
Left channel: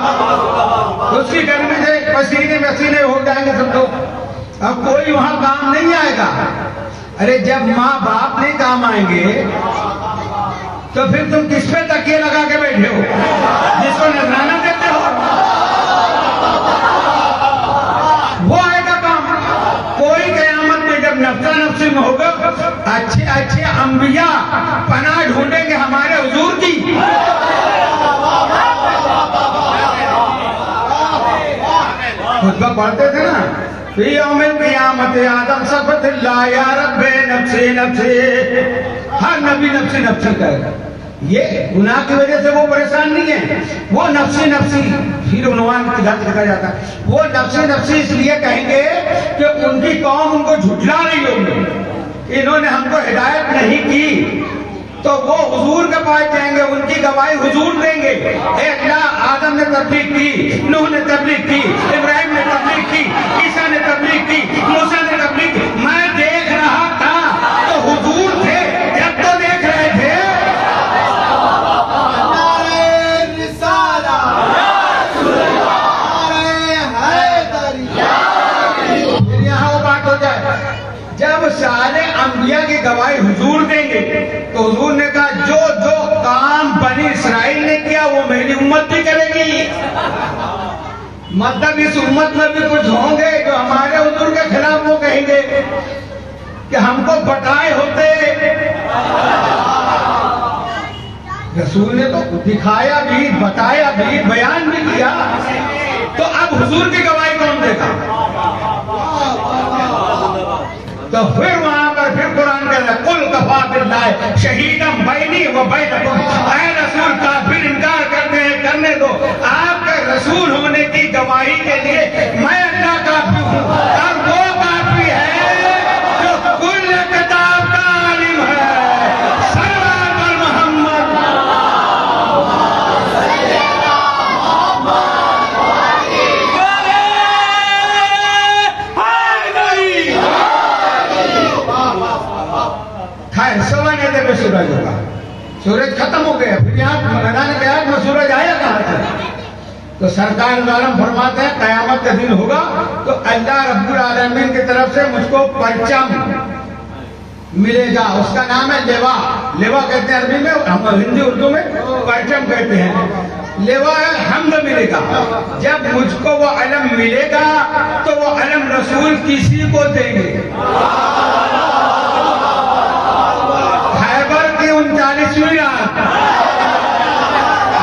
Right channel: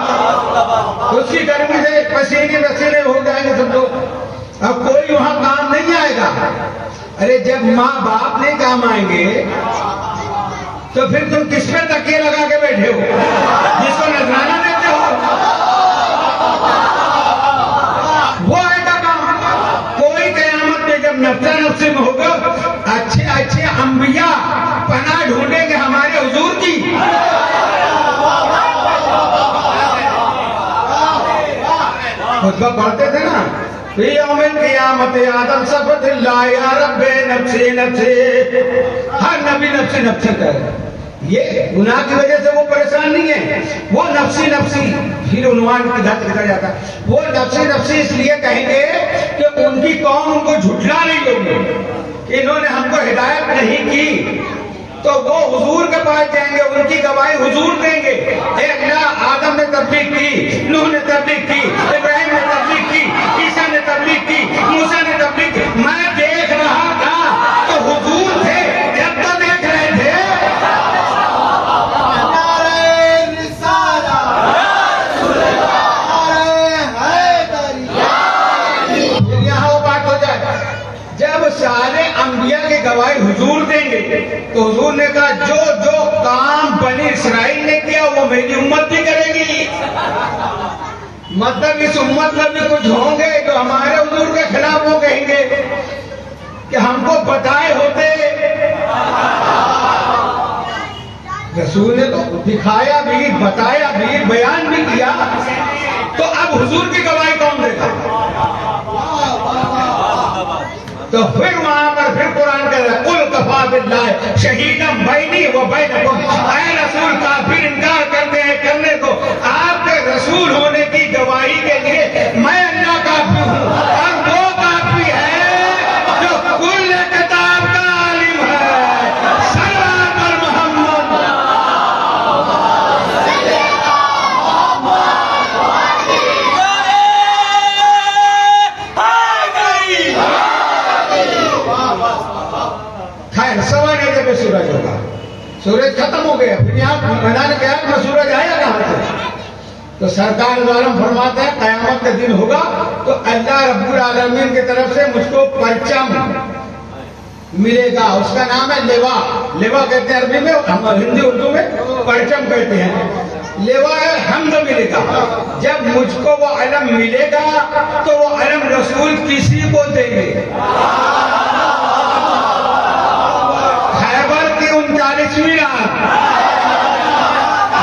اسی گرمی سے پسینے پسینے ہو جائیں گے سب لوگ. اب کوئی وہاں کام نہیں آئے گا. ارے جب ماں باپ نہیں کام آئیں گے تو پھر تم کس پہ تکیے لگا کے بیٹھے ہو جس کو نذرانہ دیتے ہو؟ وہ آئے گا کام. کوئی قیامت میں جب نفسا نفسی میں ہوگا، اچھے اچھے انبیاء پناہ ڈھونڈیں گے ہمارے حضور کی. خطبہ پڑھتے تھے نا، فی یوم القیامت آدم صفت اللہ یا رب نفسی نفسی، ہر نبی نفسی نفسی کہے. یہ گناہ کی وجہ سے وہ پریشان نہیں ہے، وہ نفسی نفسی پھر عنوان کی ذات لکھا جاتا ہے. وہ نفسی نفسی اس لیے کہیں گے کہ ان کی قوم ان کو جھٹلا رہی ہوگی، انہوں نے ہم کو ہدایت نہیں کی، تو وہ حضور کے پاس جائیں گے، ان کی گواہی حضور دیں گے. اے اللہ، آدم نے تبلیغ کی، نوح نے تبلیغ کی، ابراہیم نے تبلیغ کی، عیسیٰ نے تبلیغ کی، موسیٰ نے تبلیغ کی. میں دیکھ رہا تھا تو حضور تھے جب تو دیکھ رہے تھے. یہاں وہ بات ہو جائے جب سارے انبیاء کی گواہی حضور دیں گے تو حضور نے کہا جو جو کام بنی اسرائیل نے کیا وہ میری امت بھی کرے گی. مطلب اس امت میں بھی کچھ ہوں گے جو ہمارے حضور کے خلاف وہ کہیں گے کہ ہم کو بتائے ہوتے. رسول نے تو دکھایا بھی، بتایا بھی، بیان بھی کیا، تو اب حضور کی گواہی کون دے گا؟ تو پھر وہاں پر پھر قرآن کہتا ہے قل کفا باللہ شہیدا بینی و بینکم. اے رسول کا پھر انکار کرنے کو آپ کے رسول ہونے کی گواہی کے لیے میں اللہ کافی ہوں، اور وہ کافی ہے جو کل کتاب کا عالم ہے. سلام محمد. خیر، سوا نیزے پہ سورج ہوگا، سورج ختم ہو گیا. پھر یہاں میدان قیامت میں سورج آیا کہاں سے؟ تو سرکار عالم فرماتے ہیں قیامت کا دن ہوگا تو اللہ رب العالمین کی طرف سے مجھ کو پرچم ملے گا. اس کا نام ہے لیوا. لیوا کہتے ہیں عربی میں، ہم ہندی اردو میں پرچم کہتے ہیں. لیوا حمد ملے گا. جب مجھ کو وہ علم ملے گا تو وہ علم رسول کسی کو دیں گے. خیبر کی 39ویں رات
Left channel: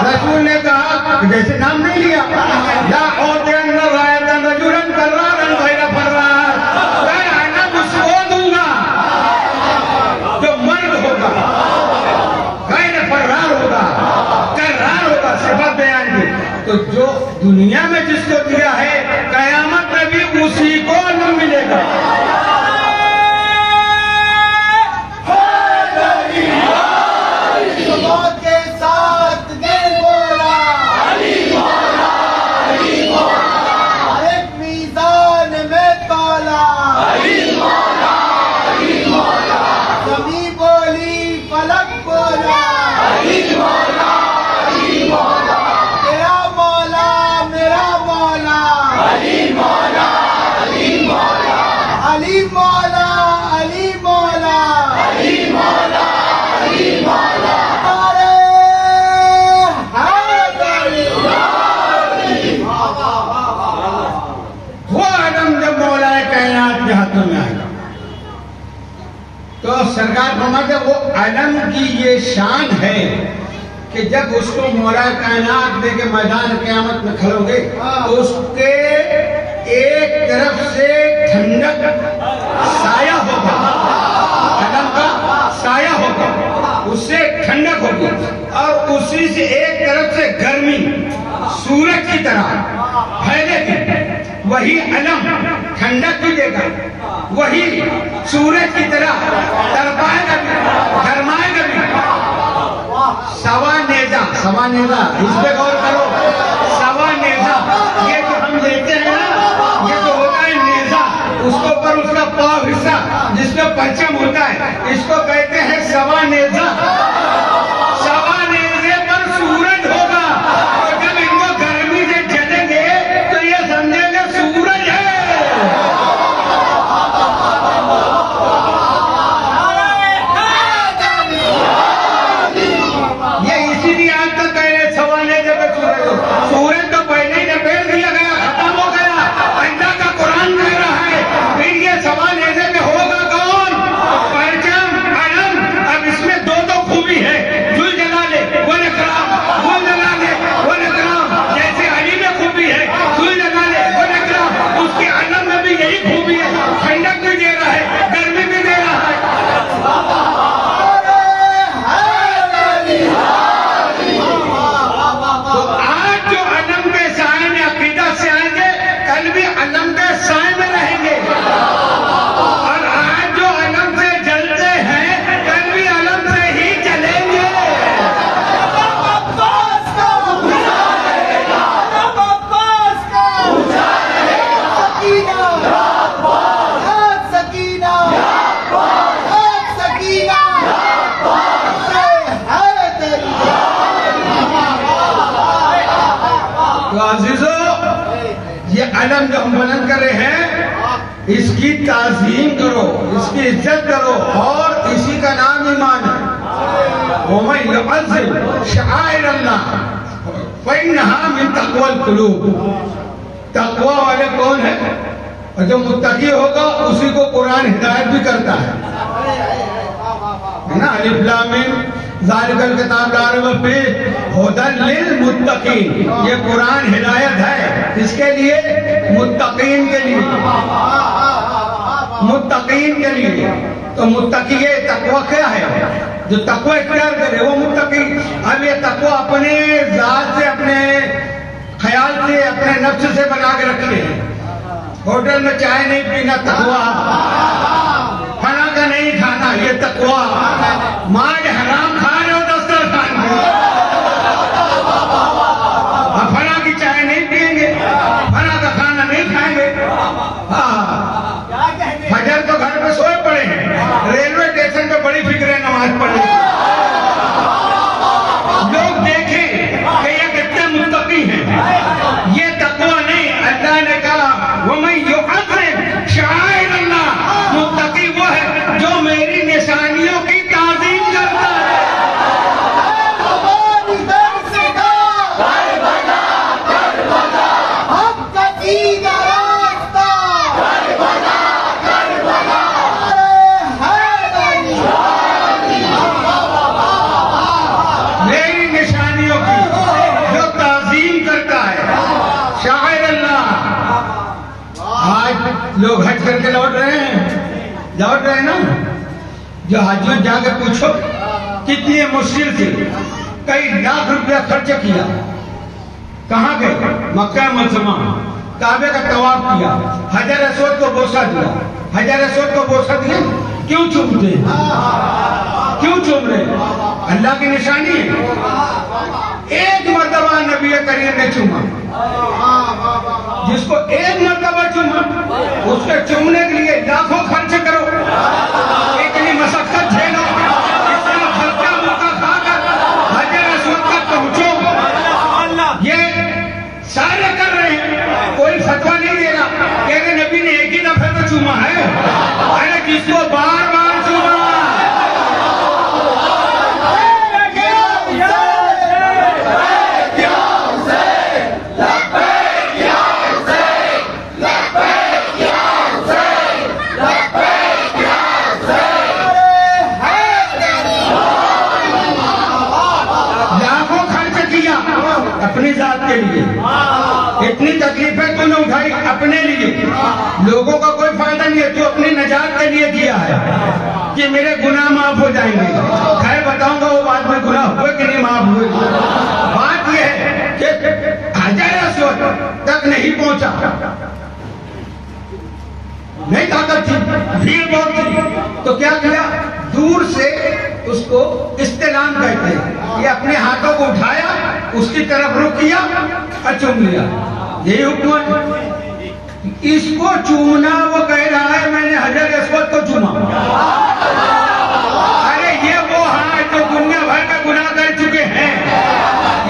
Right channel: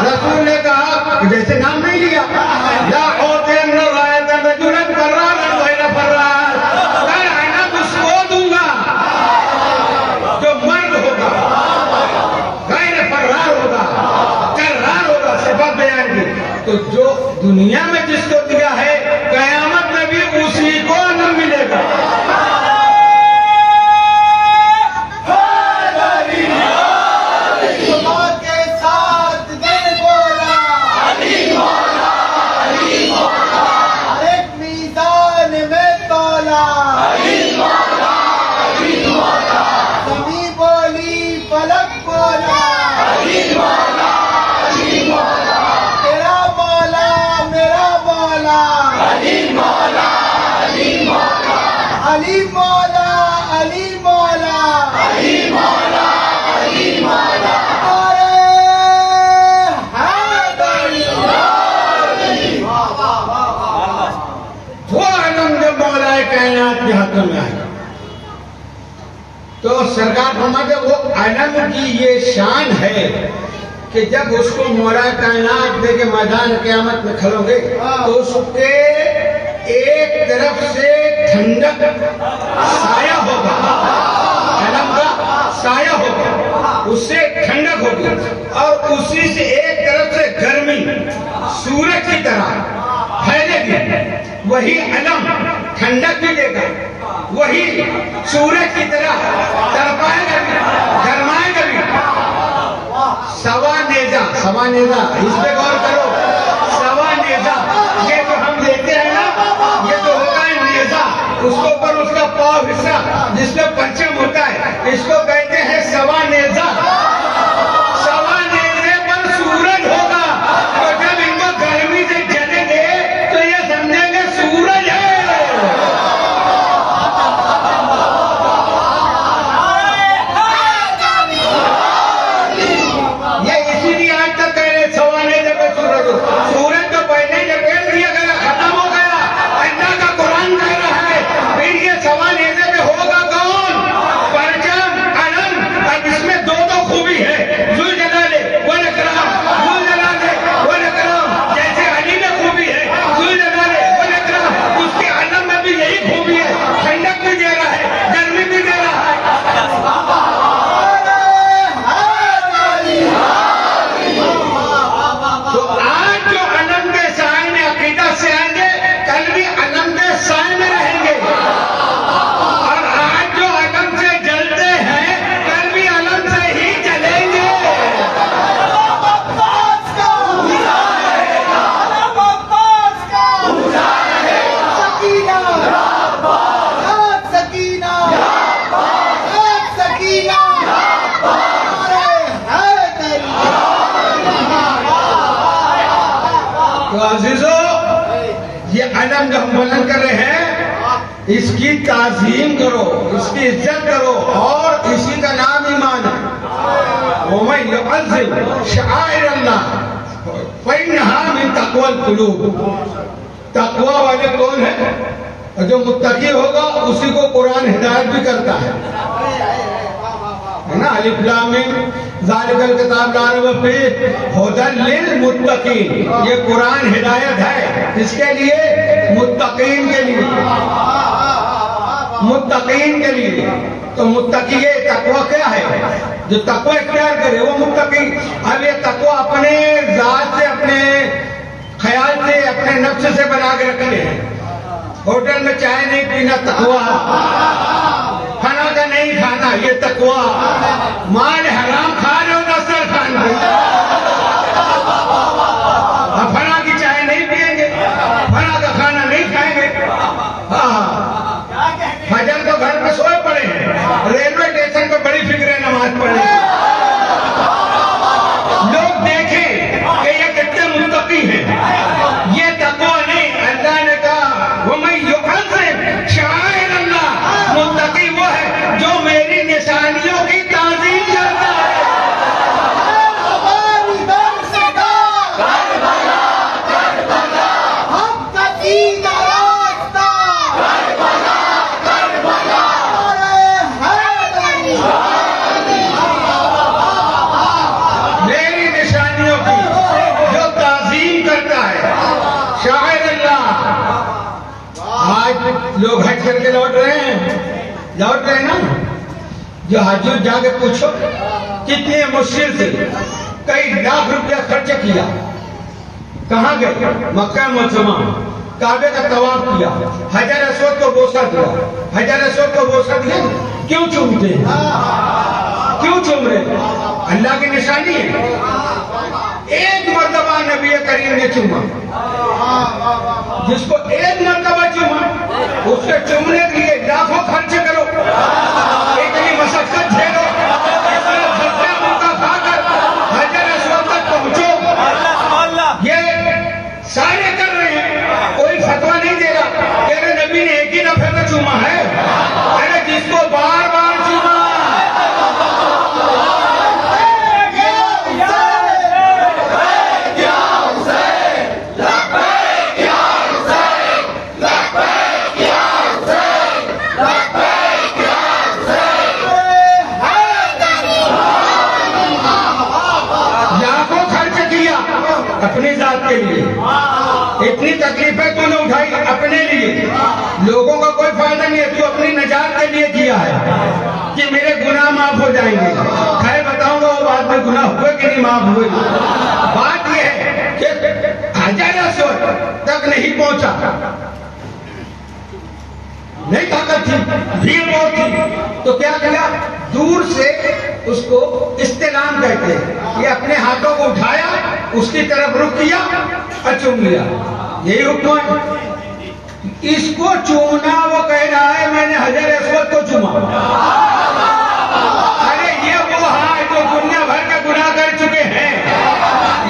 رسول نے کہا، جیسے نام نہیں لیا، لا اعطین رایۃ رجلا فرارا غیر فرار، میں اس کو دوں گا جو مرد ہوگا، غیر فرار ہوگا، کرار ہوگا. صفت بیان کی تو جو دنیا میں جس کو دیا ہے قیامت میں بھی اسی کو علم ملے گا. علی مولا، علی مولا، علی مولا، علی مولا، ارے حیدری. وہ علم جو مولا کائنات کے ہاتھوں میں آئے گا تو سرکار فرماتے وہ علم کی یہ شان ہے کہ جب اس کو مولا کائنات میں کے میدان قیامت میں کھلو گے تو اس کے ایک طرف سے ٹھنڈک سایہ ہوگا، علم کا سایہ ہوگا، اس سے ٹھنڈک ہوگی، اور اسی سے ایک طرف سے گرمی سورج کی طرح پھیلے گی۔ وہی علم ٹھنڈک بھی دے گا، وہی سورج کی طرح تڑپائے گا بھی، گرمائے گا بھی۔ سوا نیزہ اس پہ غور کرو، سوا نیزہ یہ جو ہم لیتے ہیں نا، یہ جو ہوتا ہے نیزہ، اس کے اوپر اس کا پاؤ حصہ جس پہ پرچم ہوتا ہے، اس کو کہتے ہیں سوا نیزہ۔ سوا نیزے پر سورج ہوگا، اور جب ان کو گرمی سے جلیں گے تو یہ سمجھیں گے سورج ہے۔ سورج تو پہلے ہی لپیٹ دیا گیا، ختم ہو گیا۔ اللہ کا قرآن کہہ رہا ہے پھر یہ سوا نیزے میں ہوگا کون؟ پرچم، علم۔ اب اس میں دو خوبی ہے، ذو الجلال والاکرام، ذو الجلال والاکرام۔ جیسے علی میں خوبی ہے ذو الجلال والاکرام، اس کے علم میں بھی یہی خوبی ہے، ٹھنڈک بھی دے رہا ہے، گرمی بھی دے رہا ہے۔ تو آج جو علم کے سائے میں عقیدہ سے آئیں گے، کل بھی علم کے سائے میں رہیں گے، اور آج جو علم سے جلتے ہیں کل بھی علم سے ہی جلیں گے۔ تو عزیزو، یہ علم جو ہم بلند کر رہے ہیں اس کی تعظیم کرو، اس کی عزت کرو، اور اسی کا نام ایمان ہے۔ وَمَن يُعَظِّمْ شَعَائِرَ اللَّهِ فَإِنَّهَا مِن تَقْوَى الْقُلُوبِ۔ تقوی والے کون ہیں؟ اور جو متقی ہوگا اسی کو قرآن ہدایت بھی کرتا ہے نا۔ الف لام میم ذالک الکتاب لا ریب فیہ ھدی للمتقین، یہ قرآن ہدایت ہے اس کے لیے، متقین کے لیے، متقین کے لیے۔ تو متقی تقوی کیا ہے؟ جو تقوی اختیار کرے وہ متقی۔ اب یہ تقوی اپنے ذات سے، اپنے خیال سے، اپنے نفس سے بنا کے رکھے ہیں۔ ہوٹل میں چائے نہیں پینا تقوی، کھانا کا نہیں کھانا یہ تقوی، مال حرام کھا رہے ہو دسترخوان پہ، فلاں کی چائے نہیں پیئیں گے، فلاں کا کھانا نہیں کھائیں گے۔ فجر کو گھر میں سوئے پڑے ہیں، ریلوے اسٹیشن پہ بڑی فکر ہے نماز پڑھنے۔ لوگ دیکھیں کہ یہ کتنے متقی ہیں، یہ تقوی نہیں۔ اللہ نے کہا وَمَن يُعَظِّمْ شَعَائِرَ اللَّهِ، متقی وہ ہے جو میری نشانیوں کی تعظیم کرتا ہے۔ میری نشانیوں کی جو تعظیم کرتا ہے، شاعر اللہ۔ آج لوگ حج کر کے لوٹ رہے ہیں نا، جو حجوں جا کے پوچھو کتنی مشکل سے کئی لاکھ روپیہ خرچ کیا، کہاں گئے؟ مکہ معظمہ، کعبے کا طواف کیا، حجر اسود کو بوسہ دیا۔ حجر اسود کو بوسہ دیا کیوں چومتے ہیں؟ کیوں چوم رہے؟ اللہ کی نشانی ہے۔ ایک مرتبہ نبی کریم نے چوما، جس کو ایک مرتبہ چوما اس کے چومنے کے لیے لاکھوں خرچ کرو، اتنی مشقت جھیلو، اتنا خرچہ موقع کھا کر حجر اسود تک پہنچو۔ یہ سارے کر رہے ہیں، کوئی فتویٰ نہیں دے رہا کہ ارے نبی نے ایک ہی دفعہ تو چوما ہے، ارے جس کو بار بار چوما کے لیے. اتنی تکلیفیں تو نے اٹھائی اپنے لیے, لوگوں کا کوئی فائدہ نہیں ہے, تو اپنی نجات کے لیے کیا ہے کہ میرے گناہ معاف ہو جائیں گے. خیر بتاؤں گا وہ بعد میں گناہ ہوئے کہ نہیں معاف ہوئے. بات یہ ہے کہ حجر اسود تک نہیں پہنچا, نہیں طاقت تھی, بھیڑ بہت تھی, تو کیا کیا, دور سے اس کو استلام کہتے ہیں, یہ اپنے ہاتھوں کو اٹھایا, اس کی طرف رخ کیا اور چوم لیا. یہی حکم ہے. اس کو چومنا وہ کہہ رہا ہے میں نے حجر اسود کو چوما. ارے یہ وہ ہاتھ جو دنیا بھر کے گناہ کر چکے ہیں,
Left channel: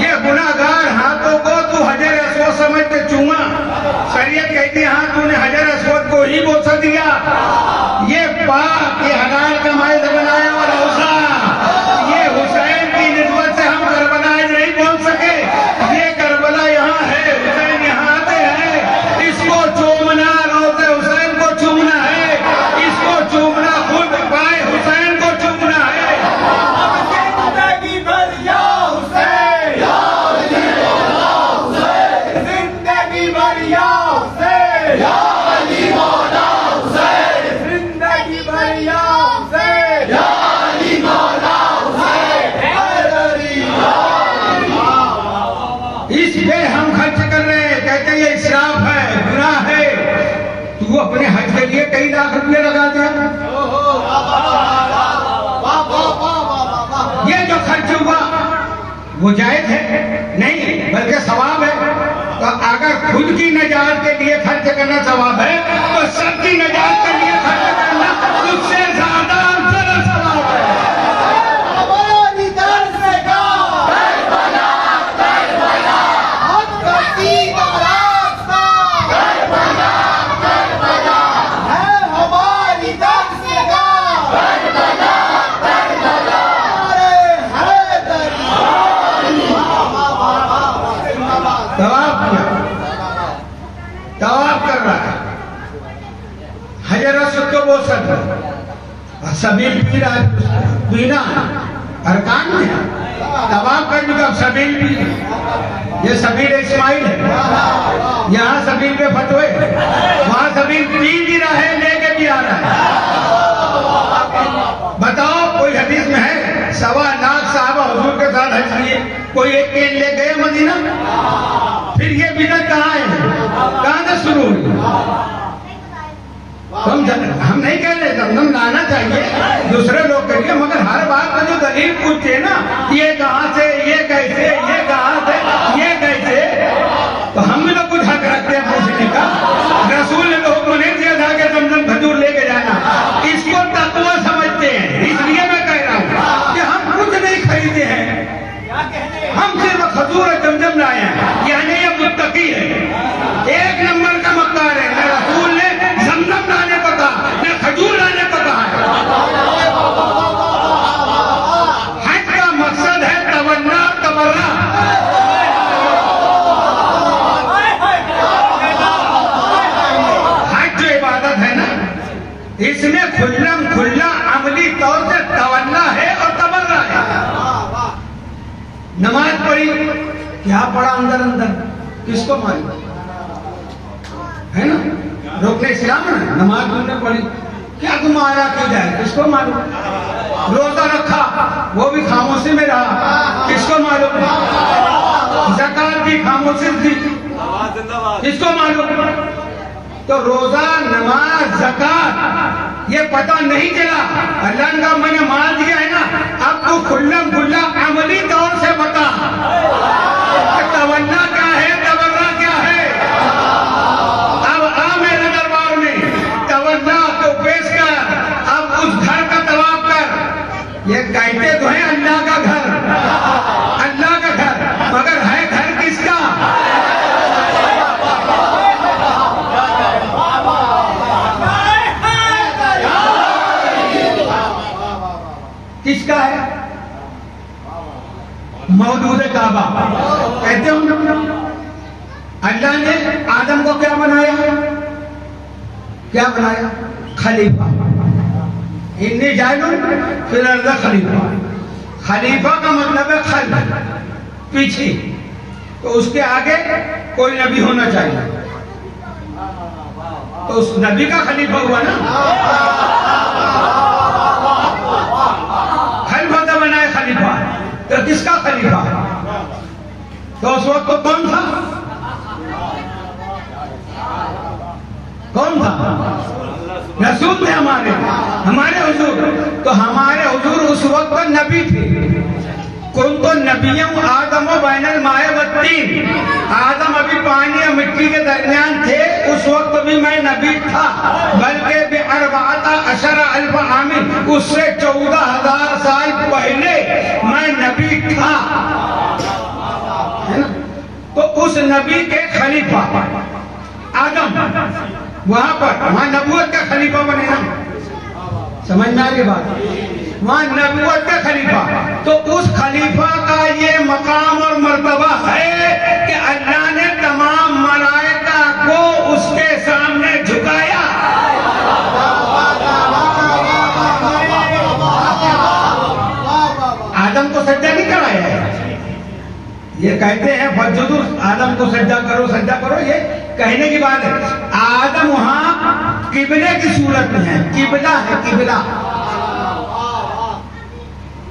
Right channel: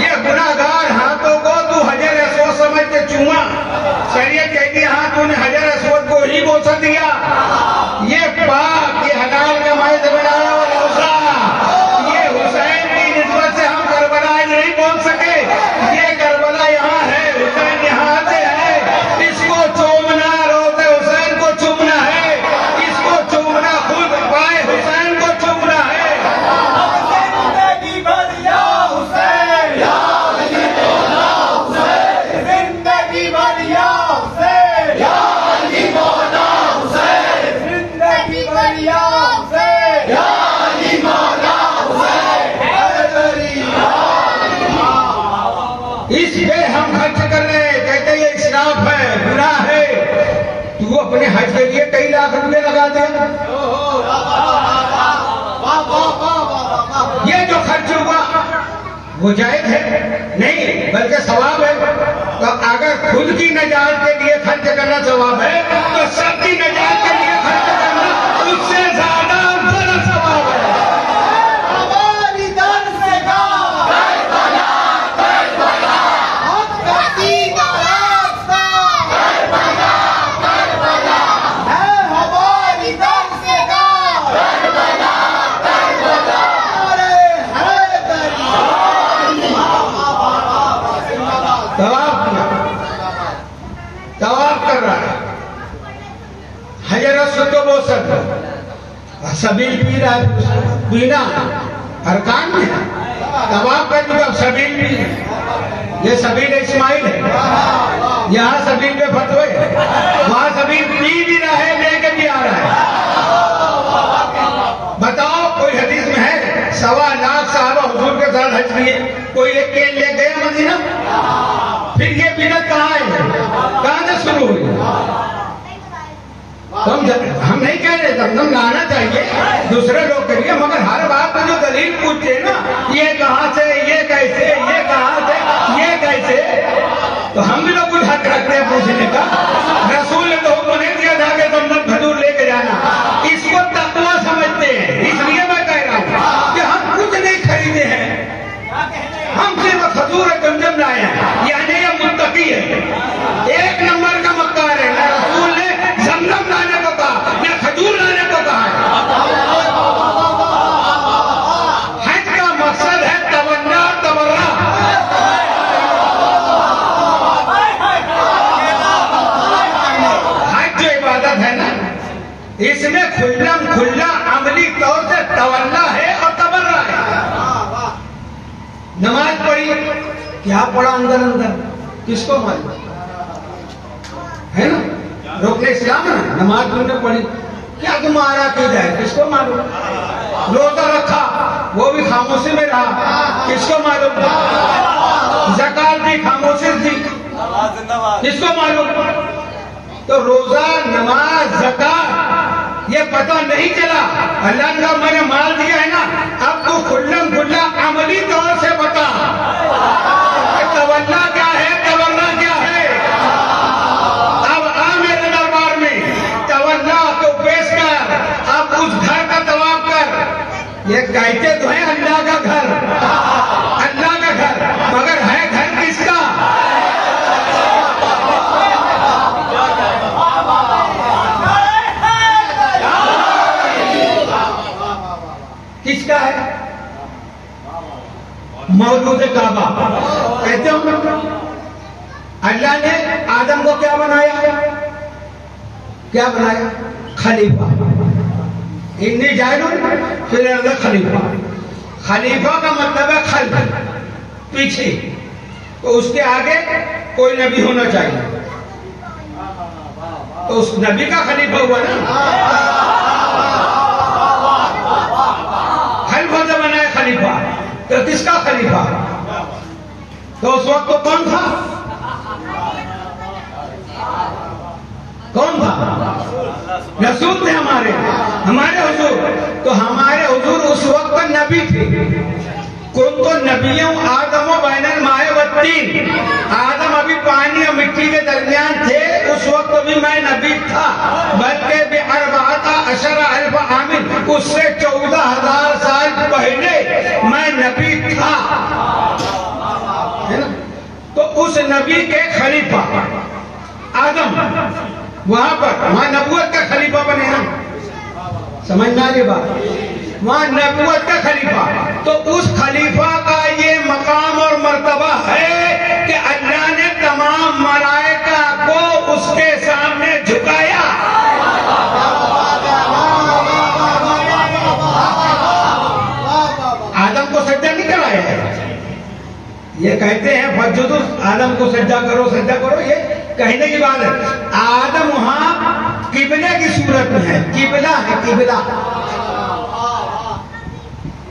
یہ گناہ گار ہاتھوں کو تو حجر اسود سمجھ کے چوما. شریعت کہتی ہے ہاں تو نے حجر اسود کو ہی بوسا دیا. یہ پاک, یہ حلال کمائی سے بنایا ہوا روزہ, یہ حسین کی نسبت سے ہم کربلا نہیں پہنچ سکے. یہ کربلا یہاں ہے, حسین یہاں سے ہے. اس کو چومنا روزے حسین کو چومنا ہے, اس کو چومنا خود پائے حسین کو چومنا ہے. زندگی بھر یا حسین, زندگی بھر یا حسین, زندگی بھر یا حسین, اس پہ ہم خرچ کر رہے ہیں. کہتے یہ اسراف ہے, گناہ ہے. تو اپنے حج کے لیے کئی لاکھ روپے لگا دے. یہ جو خرچ ہوا وہ جائز ہے نہیں, بلکہ ثواب ہے. تو اگر خود کی نجات کے لیے خرچ کرنا ثواب ہے تو سب کی نجات کے لیے خرچ کرنا اس سے زیادہ افضل ثواب ہے. طواف کر رہا ہے, حجر اسود کو بوسا اور سبیل پی رہا ہے. پینا ارکان میں طواف کر چکا, اب سبیل پی. یہ سبیل اسماعیل ہے, یہاں سبیل پہ فتوے, وہاں سبیل پی بھی رہا ہے, لے کے بھی آ رہا ہے. بتاؤ کوئی حدیث میں ہے 1.25 لاکھ صحابہ حضور کے ساتھ حج کیے, کوئی ایک کین لے گئے مدینہ؟ پھر یہ بدعت کہاں ہے, کہاں سے شروع ہوئی؟ ہم نہیں کہہ رہے زمزم لانا چاہیے, دوسرے لوگ کریے, مگر ہر بات کا جو دلیل پوچھتے نا, یہ کہاں سے, یہ کیسے, یہ کہاں سے, یہ کیسے, تو ہم بھی لوگ کچھ حق رکھتے ہیں پوچھنے کا. رسول نے تو حکم نہیں دیا تھا کہ زمزم کھجور لے کے جانا, اس کو تقویٰ سمجھتے ہیں. اس لیے میں کہہ رہا ہوں کہ ہم کچھ نہیں خریدے ہیں, ہم صرف کھجور زمزم لائے ہیں. یعنی یہ متقی ہے, 1 نمبر کا مکار ہے. نہ رسول نے زمزم لانے کو کہا, نہ کھجور لانے کو کہا ہے. حج کا مقصد ہے تمنا, تبرہ. حج جو عبادت ہے نا, اس میں کھلم کھلا عملی طور سے تمنا ہے اور تبرہ ہے. نماز پڑھی, کیا پڑھا اندر اندر کس کو معلوم ہے نا. رکن اسلام ہے, نماز تم نے پڑھی, کیا تمہارا عقیدہ ہے کس کو معلوم. روزہ رکھا, وہ بھی خاموشی میں رہا, کس کو معلوم. زکات بھی خاموشی تھی, کس کو معلوم. تو روزہ, نماز, زکات یہ پتہ نہیں چلا. اللہ نے کہا میں نے مال دیا ہے نا, اب تو کھلم کھلا عملی طور سے بتا تمنا کیا ہے, تمنا کیا ہے. اب آ میرے دربار میں, تمنا کو پیش کر, اب اس گھر کا طواف کر. یہ کہتے تو ہیں اللہ کا گھر, اللہ کا گھر, مگر ہے گھر کس کا. کس کا ہے؟ موجود کعبہ. کہتے ہوں اللہ نے آدم کو کیا بنایا, کیا بنایا, خلیفہ. انی جاعل فی الارض خلیفہ. خلیفہ کا مطلب ہے خلف, پیچھے. تو اس کے آگے کوئی نبی ہونا چاہیے، تو اس نبی کا خلیفہ ہوا نا، خلیفہ سے بنا ہے خلیفہ، تو کس کا خلیفہ؟ تو اس وقت تو کون تھا؟ کون تھا؟ رسول تھے ہمارے حضور، تو ہمارے حضور اس وقت نبی تھے۔ کنت نبیوں آدم و بین الماء والطین، آدم ابھی پانی اور مٹی کے درمیان تھے، اس وقت بھی میں نبی تھا، بلکہ باربعۃ عشر الف عام، اس سے 14,000 سال پہلے میں نبی تھا، تو اس نبی کے خلیفہ آدم وہاں نبوت کا خلیفہ بنے نا، سمجھنا یہ بات، وہاں نبوت کا خلیفہ، تو اس خلیفہ کا یہ مقام اور مرتبہ ہے کہ اللہ نے تمام ملائکہ کو اس کے سامنے جھکایا۔ آدم کو سجدہ نہیں کرایا ہے، یہ کہتے ہیں فسجدوا، آدم کو سجدہ کرو سجدہ کرو، یہ کہنے کی بات ہے۔ آدم وہاں قبلے کی صورت میں ہے، قبلہ ہے قبلہ،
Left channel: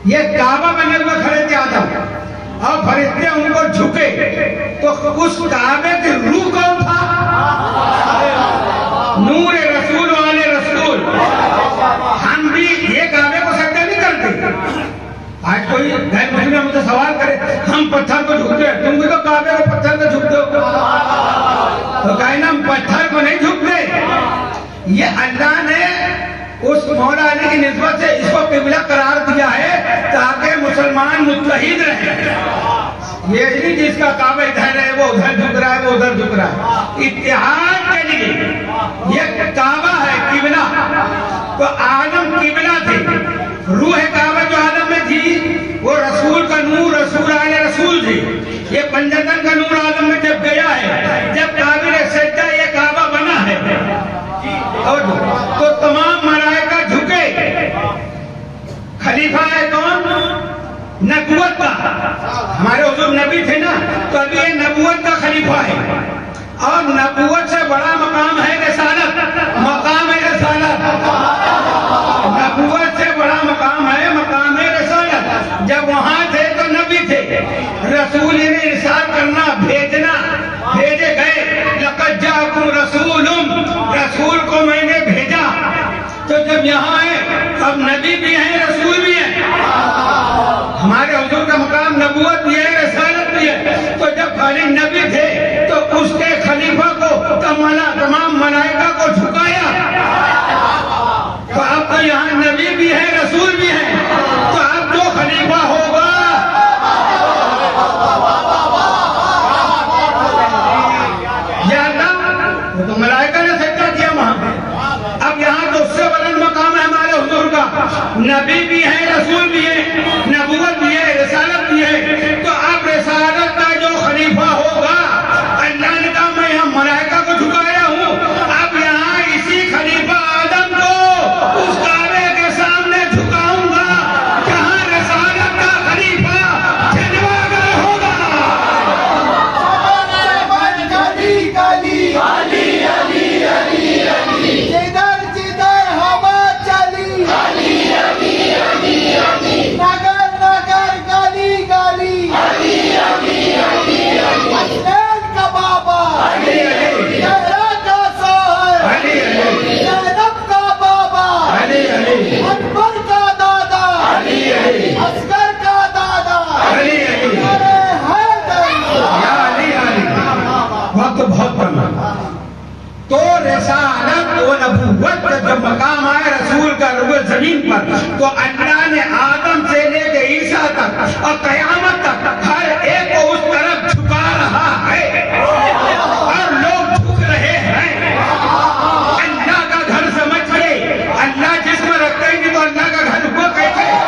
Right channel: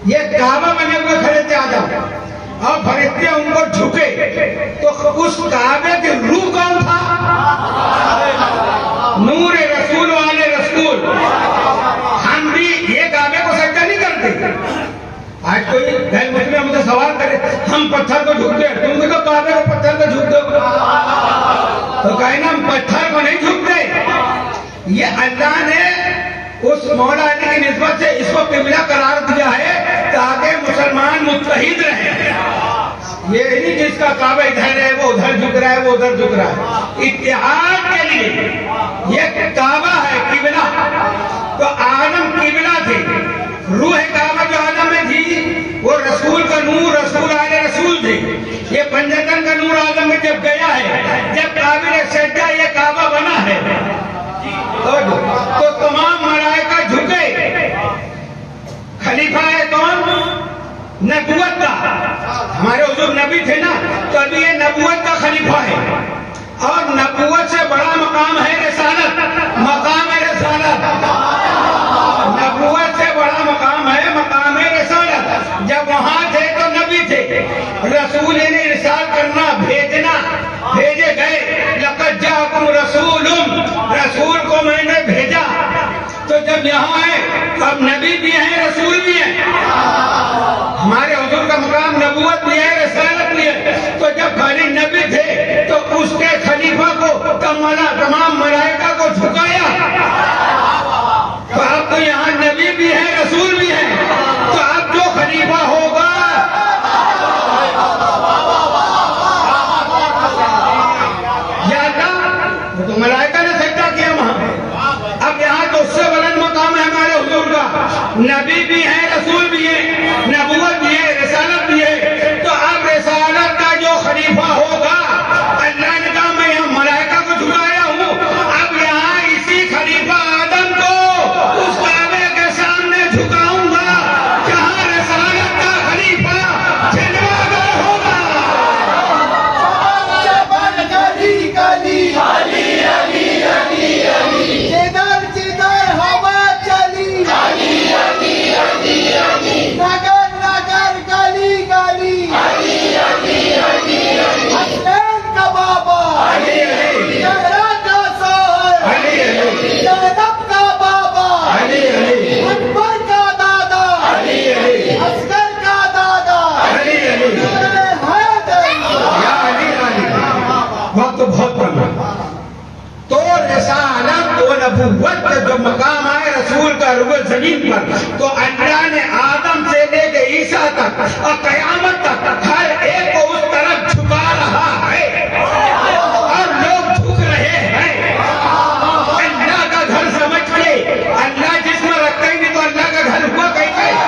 یہ کعبہ بنے ہوئے کھڑے تھے آدم، اور فرشتے ان کو جھکے، تو اس کعبے کی روح کون تھا؟ نور رسول والے رسول۔ ہم بھی یہ کعبے کو سجدہ نہیں کرتے۔ آج کوئی غیر مسلم ہم سے سوال کرے ہم پتھر کو جھکتے ہیں، تم بھی تو کعبے کو پتھر کو جھکتے ہو، تو کہیں ہم پتھر کو نہیں جھکتے۔ یہ اللہ نے اس مولا علی کی نسبت سے اس کو قبلہ قرار دیا ہے تاکہ مسلمان متحد رہیں، یہ نہیں جس کا کعبہ ادھر ہے وہ ادھر جھک رہا ہے وہ ادھر جھک رہا ہے، اتحاد کے لیے یہ کعبہ ہے قبلہ۔ تو آدم قبلہ تھے، روح کعبہ جو آدم میں تھی وہ رسول کا نور، رسول آلے رسول تھے۔ یہ پنجتن کا نور آدم میں جب گیا ہے، جب قابل سجدہ یہ کعبہ بنا ہے، تو تمام ملائکہ جھکے۔ خلیفہ ہے کون؟ نبوت کا، ہمارے حضور نبی تھے نا، تو ابھی یہ نبوت کا خلیفہ ہے، اور نبوت سے بڑا مقام ہے رسالت، مقام رسالت، نبوت سے بڑا مقام ہے مقام رسالت۔ جب وہاں تھے تو نبی تھے، رسول نے ارسال کرنا، بھیجنا، بھیجے گئے، لقد جاءکم رسول، رسول کو میں نے بھیجا۔ تو جب یہاں ہے اب نبی بھی ہیں رسول بھی ہیں، ہمارے حضور کا مقام نبوت بھی ہے رسالت بھی ہے، تو جب خالی نبی تھے تو اس کے خلیفہ کو تمام ملائکہ کو جھکایا، تو اب تو یہاں نبی بھی ہے رسول بھی ہے، تو اب جو خلیفہ ہوگا یا اللہ، تو ملائکہ نے سجدہ کیا وہاں، اب یہاں تو اس سے بلند مقام ہے ہمارے حضور کا، نبی بھی ہے رسول بھی ہے، نبوت بھی ہے رسالت بھی ہے، تو اب رسالت کا جو خلیفہ ہوگا، اللہ نے کہا میں یہاں ملائکہ کو جھکایا ہوں، اب یہاں اسی خلیفہ آدم کو اس کعبے کے سامنے جھکاؤں گا جہاں رسالت کا خلیفہ جلوہ ہوگا۔ علی علی علی علی علی علی، جدھر جدھر ہوا چلی، علی علی علی علی، نگر نگر گلی گلی، علی علی علی علی، حسنین کا بابا، علی علی، زہرا کا شوہر، علی علی، زینب کا بابا، علی علی، اکبر کا دادا، علی علی، اصغر کا دادا، علی علی، وقت بہت بڑا، تو رسالت و نبوت کا جو مقام آئے رسول کا روح زمین پر، تو اللہ نے آدم سے لے کے عیسیٰ تک اور قیامت تک ہر ایک کو اس طرف جھکا رہا ہے، اور لوگ جھک رہے ہیں۔ اللہ کا گھر سمجھ کے، اللہ جس میں رکھتے ہی نہیں تو اللہ کا گھر کو کہتے ہیں،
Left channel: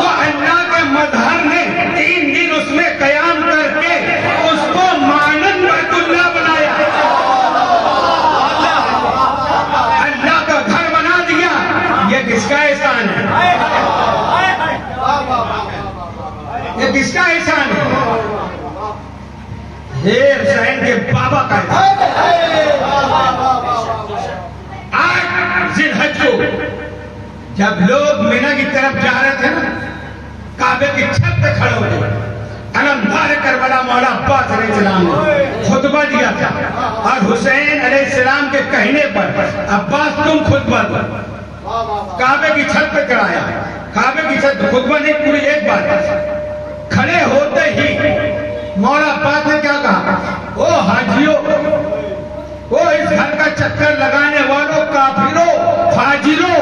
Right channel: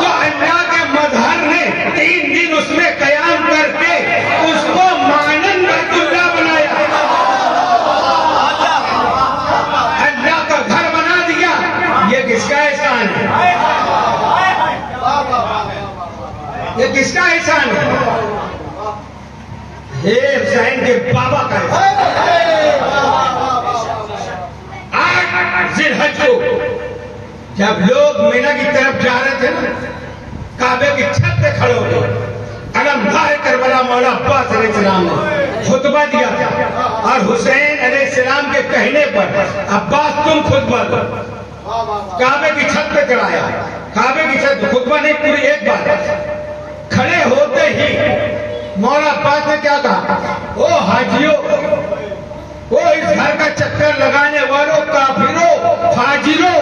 تو اللہ کے مظہر نے 3 دن اس میں قیام کر کے اس کو مانند بیت اللہ بنایا، اللہ کا گھر بنا دیا۔ یہ کس کا احسان ہے؟ یہ کس کا احسان ہے؟ ہے. 8 ذی الحج کو جب لوگ مینا کی طرف جا رہے تھے نا، کعبے کی چھت پہ کھڑے ہو گئے. علمدار کربلا مولا عباس علیہ السلام نے خطبہ دیا تھا، اور حسین علیہ السلام کے کہنے پر عباس تم خطبہ دو. کعبے کی چھت پہ چڑھایا. کعبے کی چھت خطبہ نہیں، پوری ایک بات. کھڑے ہوتے ہی مولا عباس نے کیا کہا؟ او حاجیوں، وہ اس گھر کا چکر لگانے والوں، کافروں، فاجروں.